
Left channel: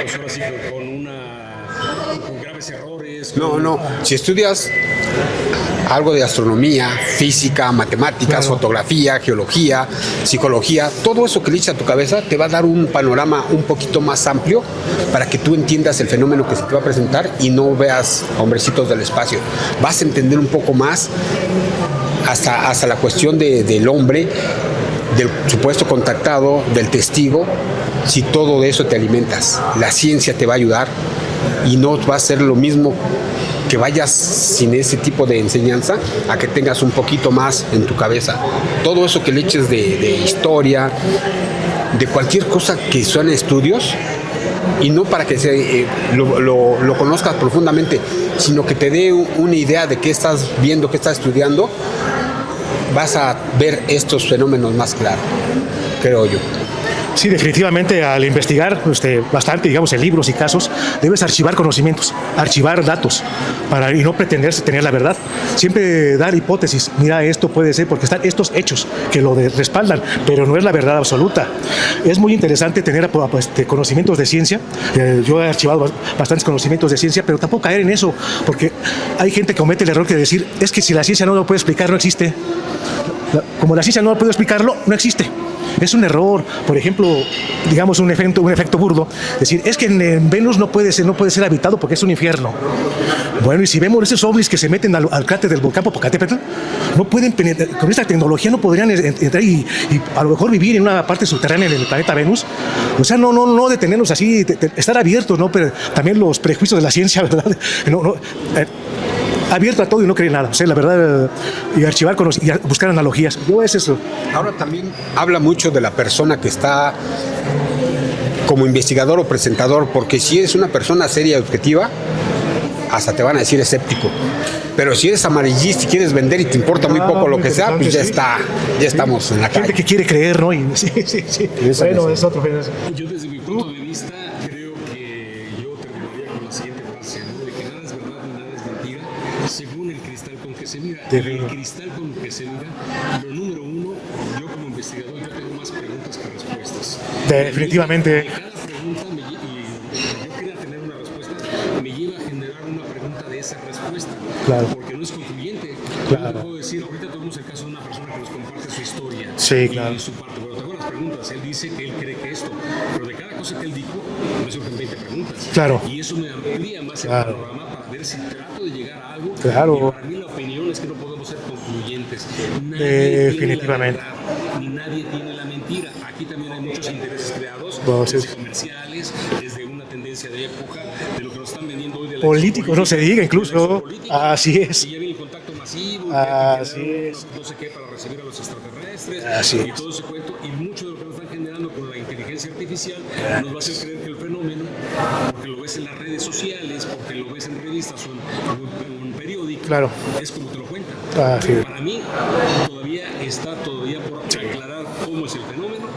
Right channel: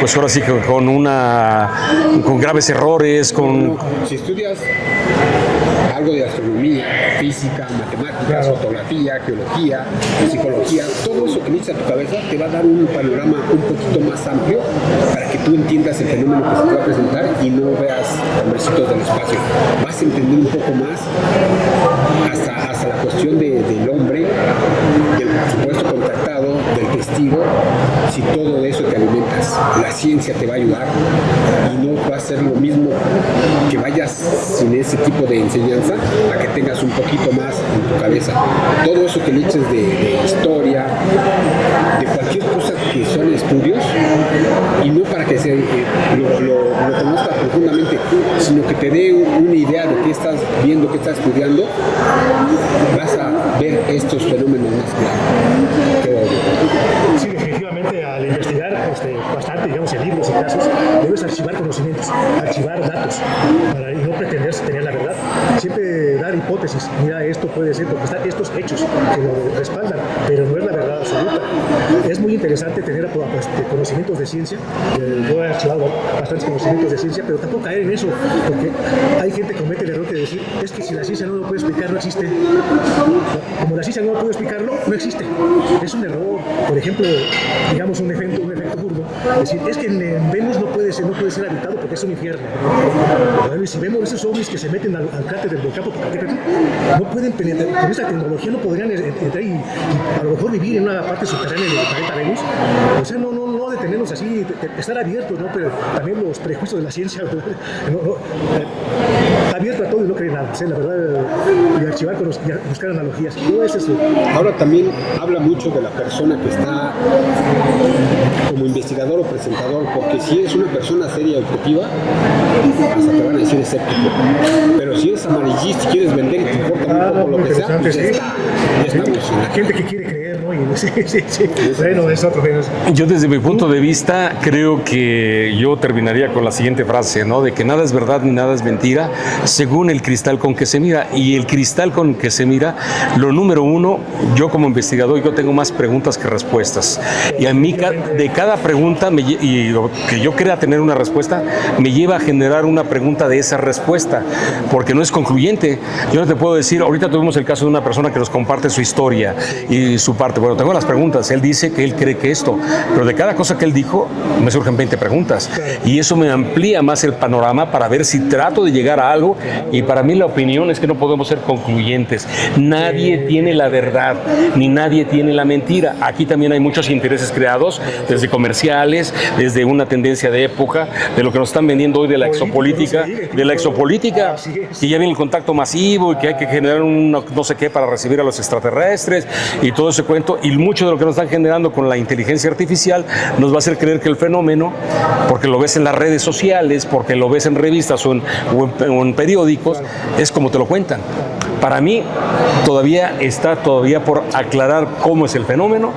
pues ahora sí que con graves errores, No. Si estudias algo de astronomía, física, matemáticas, fotografía, geología, psicología, todo eso que le echas a tu cabeza te va a dar un panorama un poquito más amplio para que tú entiendas el fenómeno que se te va a presentar y no veas hombrecitos del espacio. Vas a entender un poco más hasta la cuestión del hombre, del supuesto contactado, del testigo, si todo de eso te alimentas. La ciencia te va a ayudar y no va a ser lo mismo que vayas sin ese tipo de enseñanza a que tengas un poquito más en tu cabeza. Todo eso que le eches de historia, de cualquier cosa que suene estudios, y no para que lo conozcas profundamente, sino que te dé una idea de qué estás viendo, qué estás estudiando, vas a ver estos fenómenos más claros, creo yo. Sí, definitivamente al investigar bastante, digamos, en libros y casos, debes archivar conocimientos, archivar datos, y no pretender tener la verdad. Siempre dar hipótesis, mira, esto puede ser, porque están estos hechos que lo respaldan, pero no es la verdad absoluta. Es muy interesante tener conocimientos de ciencia. Yo he archivado bastantes conocimientos de ciencia, pero tampoco caer en eso, porque hay gente que comete el error de decir, es que si la ciencia no lo puede explicar, no existe. Como la ciencia no puede explicarlo, no existe. Es un error. Por ejemplo, digamos un efecto burdo, decir, es que en Venus no puede ser habitado porque es un infierno. Bueno, y si vemos esos ovnis que se meten al cráter del volcán Popocatépetl, no pueden penetrar, con esta tecnología no podrían entrar y a lo mejor vivir en una parte subterránea del planeta Venus. O sea, no detenernos así, estar abiertos, ¿no? Pero también los prejuicios de la ciencia, ¿verdad? Abierto a todo y no creer nada. O sea, la verdad, y archivar y buscar analogías. No es eso. Ahora también habla mucho de la persona que está como investigador o presentador, porque si eres una persona seria y objetiva, hasta te van a decir escéptico. Pero si eres amarillista y quieres vender y te importa muy poco lo que sea, pues ya estamos en la Gente calle. que quiere creer, ¿no? Sí. Bueno, es otro. Yo desde mi punto de vista creo que yo terminaría con la siguiente frase, ¿no? De que nada es verdad ni nada es mentira, según el cristal con que se mira. Y el cristal con que se mira, lo número uno, yo como investigador, yo tengo más preguntas que respuestas. Y a mí de cada pregunta, y lo que yo crea tener una respuesta, me lleva a generar una pregunta de esa respuesta. porque no es concluyente. Yo no te puedo decir, ahorita tuvimos el caso de una persona que nos comparte su historia y su parte. Bueno, tengo las preguntas. Él dice que él cree que esto, pero de cada cosa que él dijo, me surgen 20 preguntas. Claro. Y eso me amplía más el panorama para ver si trato de llegar a algo. Claro. Y para mí la opinión es que no podemos ser concluyentes. Nadie tiene la verdad, ni nadie tiene la mentira. Aquí también hay muchos intereses creados, desde comerciales, desde una tendencia de época, de lo que nos están vendiendo hoy de la Políticos, exopolítica, no se diga, incluso. de la exopolítica, Así es. y ya viene el contacto masivo, y que hay que generar un no sé qué para recibir a los extraterrestres, y todo ese cuento, y mucho de lo que nos están generando con la inteligencia artificial nos va a hacer creer que el fenómeno, porque lo ves en las redes sociales, porque lo ves en revistas o en periódicos, Claro. es como te lo cuentan. Sí. Para mí todavía está por aclarar cómo es el fenómeno,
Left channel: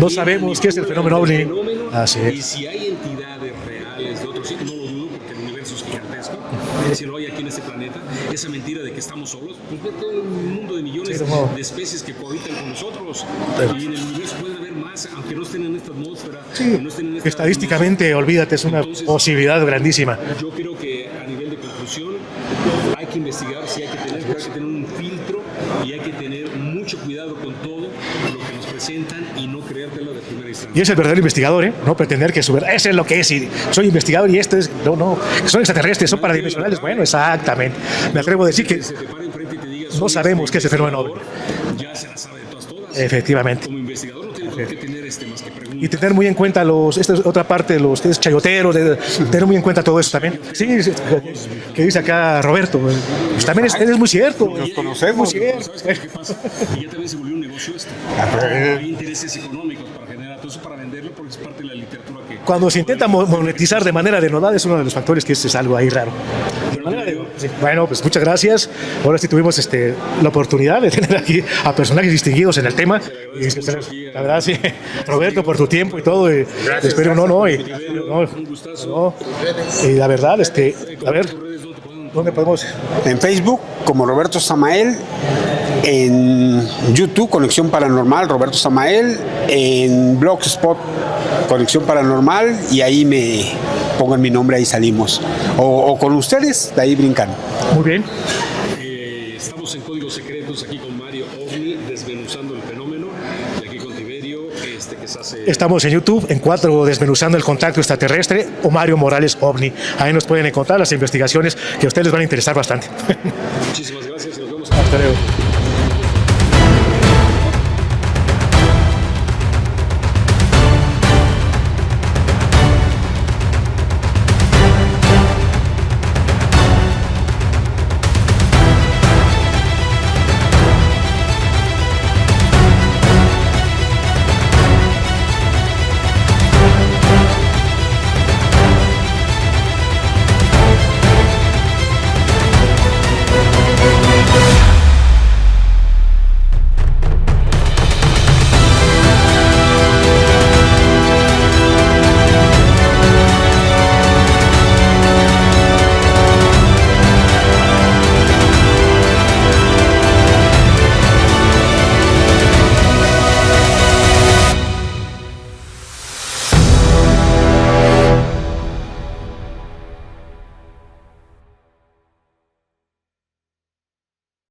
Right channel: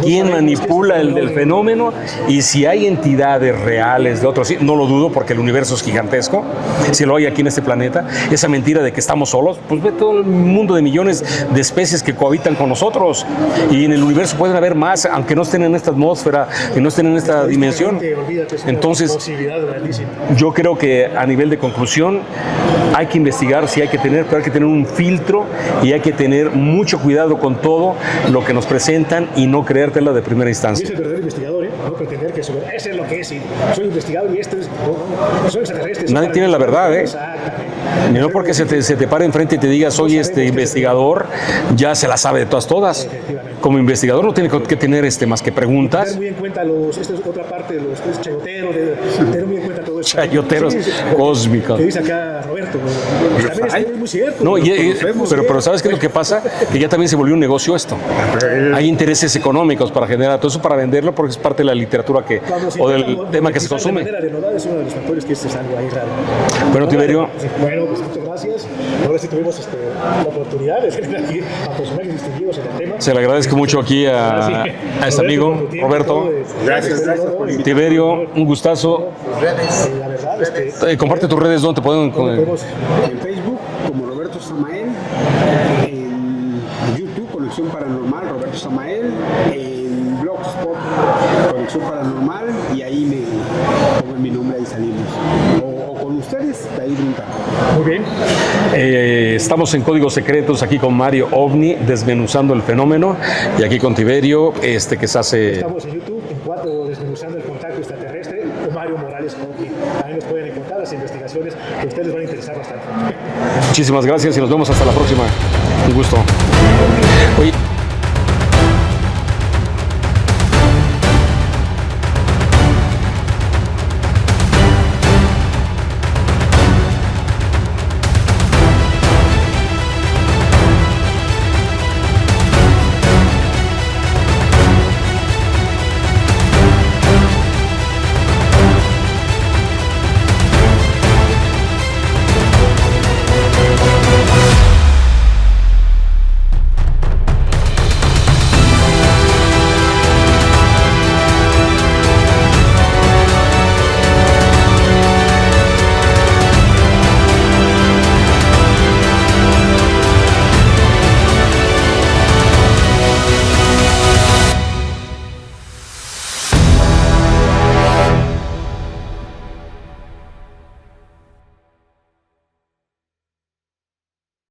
No quién sabemos qué es el manipula el fenómeno. fenómeno, Así es. y si hay entidades reales de otros, sí, no lo dudo porque el universo es gigantesco, si lo hay aquí en este planeta, esa mentira de que estamos solos, pues ve todo el mundo de millones de especies que cohabitan con nosotros, y en el universo pueden haber más, aunque no estén en esta atmósfera, que no estén en esta dimensión. Estadísticamente, olvídate, es una Entonces, posibilidad grandísima. yo creo que a nivel de conclusión hay que investigar, sí hay que tener, pero hay que tener un filtro y hay que tener mucho cuidado con todo lo que nos presentan y no creértela de primera Y instancia. es el verdadero investigador, ¿eh? No pretender que eso es lo que es. Y soy investigador y esto es. No, son extraterrestres. Son Nadie tiene la verdad, bueno, ¿eh? Exactamente. No Me atrevo a porque decir se te pare enfrente y te diga soy sabemos que es ese investigador, ya se la sabe de todas. Efectivamente. Como investigador no tiene que tener más que Y preguntas. tener muy en cuenta esta es otra parte de los que es chayoteros, tener muy en cuenta todo eso. ¿eh? Chayoteros cósmicos. Que dice acá Roberto. Pues también es muy cierto. No, lo conocemos, pero ¿sabes qué es lo que pasa? Que ya también se volvió un negocio esto. Hay intereses económicos para generar todo eso, para venderlo, porque es parte de la literatura que... Cuando se o del intenta tema que se monetizar de consume. manera denodada es uno de los factores que es algo ahí raro. Bueno, Tiberio, Bueno, pues muchas gracias. Ahora sí tuvimos la oportunidad de tener aquí a personajes distinguidos en el tema. se le agradezco mucho aquí a ese Roberto, amigo, por tu tiempo Roberto. y todo. Espero, y Tiberio, un gustazo. y la verdad, Comparte a ver, tus redes donde te pueden... ¿dónde podemos? En Facebook como Roberto Samael, en YouTube Conexión Paranormal Roberto Samael, en Blogspot Conexión Paranormal, y ahí me pongan mi nombre, ahí salimos. O con ustedes, de ahí brincan. Muy bien. Estamos en Códigos Secretos aquí con Mario OVNI, desmenuzando el fenómeno, y aquí con Tiberio, que se hace... Estamos en YouTube, en 4 desmenuzando el contacto extraterrestre, o Mario Morales OVNI. Ahí nos pueden encontrar las investigaciones que a ustedes les van a interesar bastante. Muchísimas gracias y nos vemos hasta la próxima. Un gusto.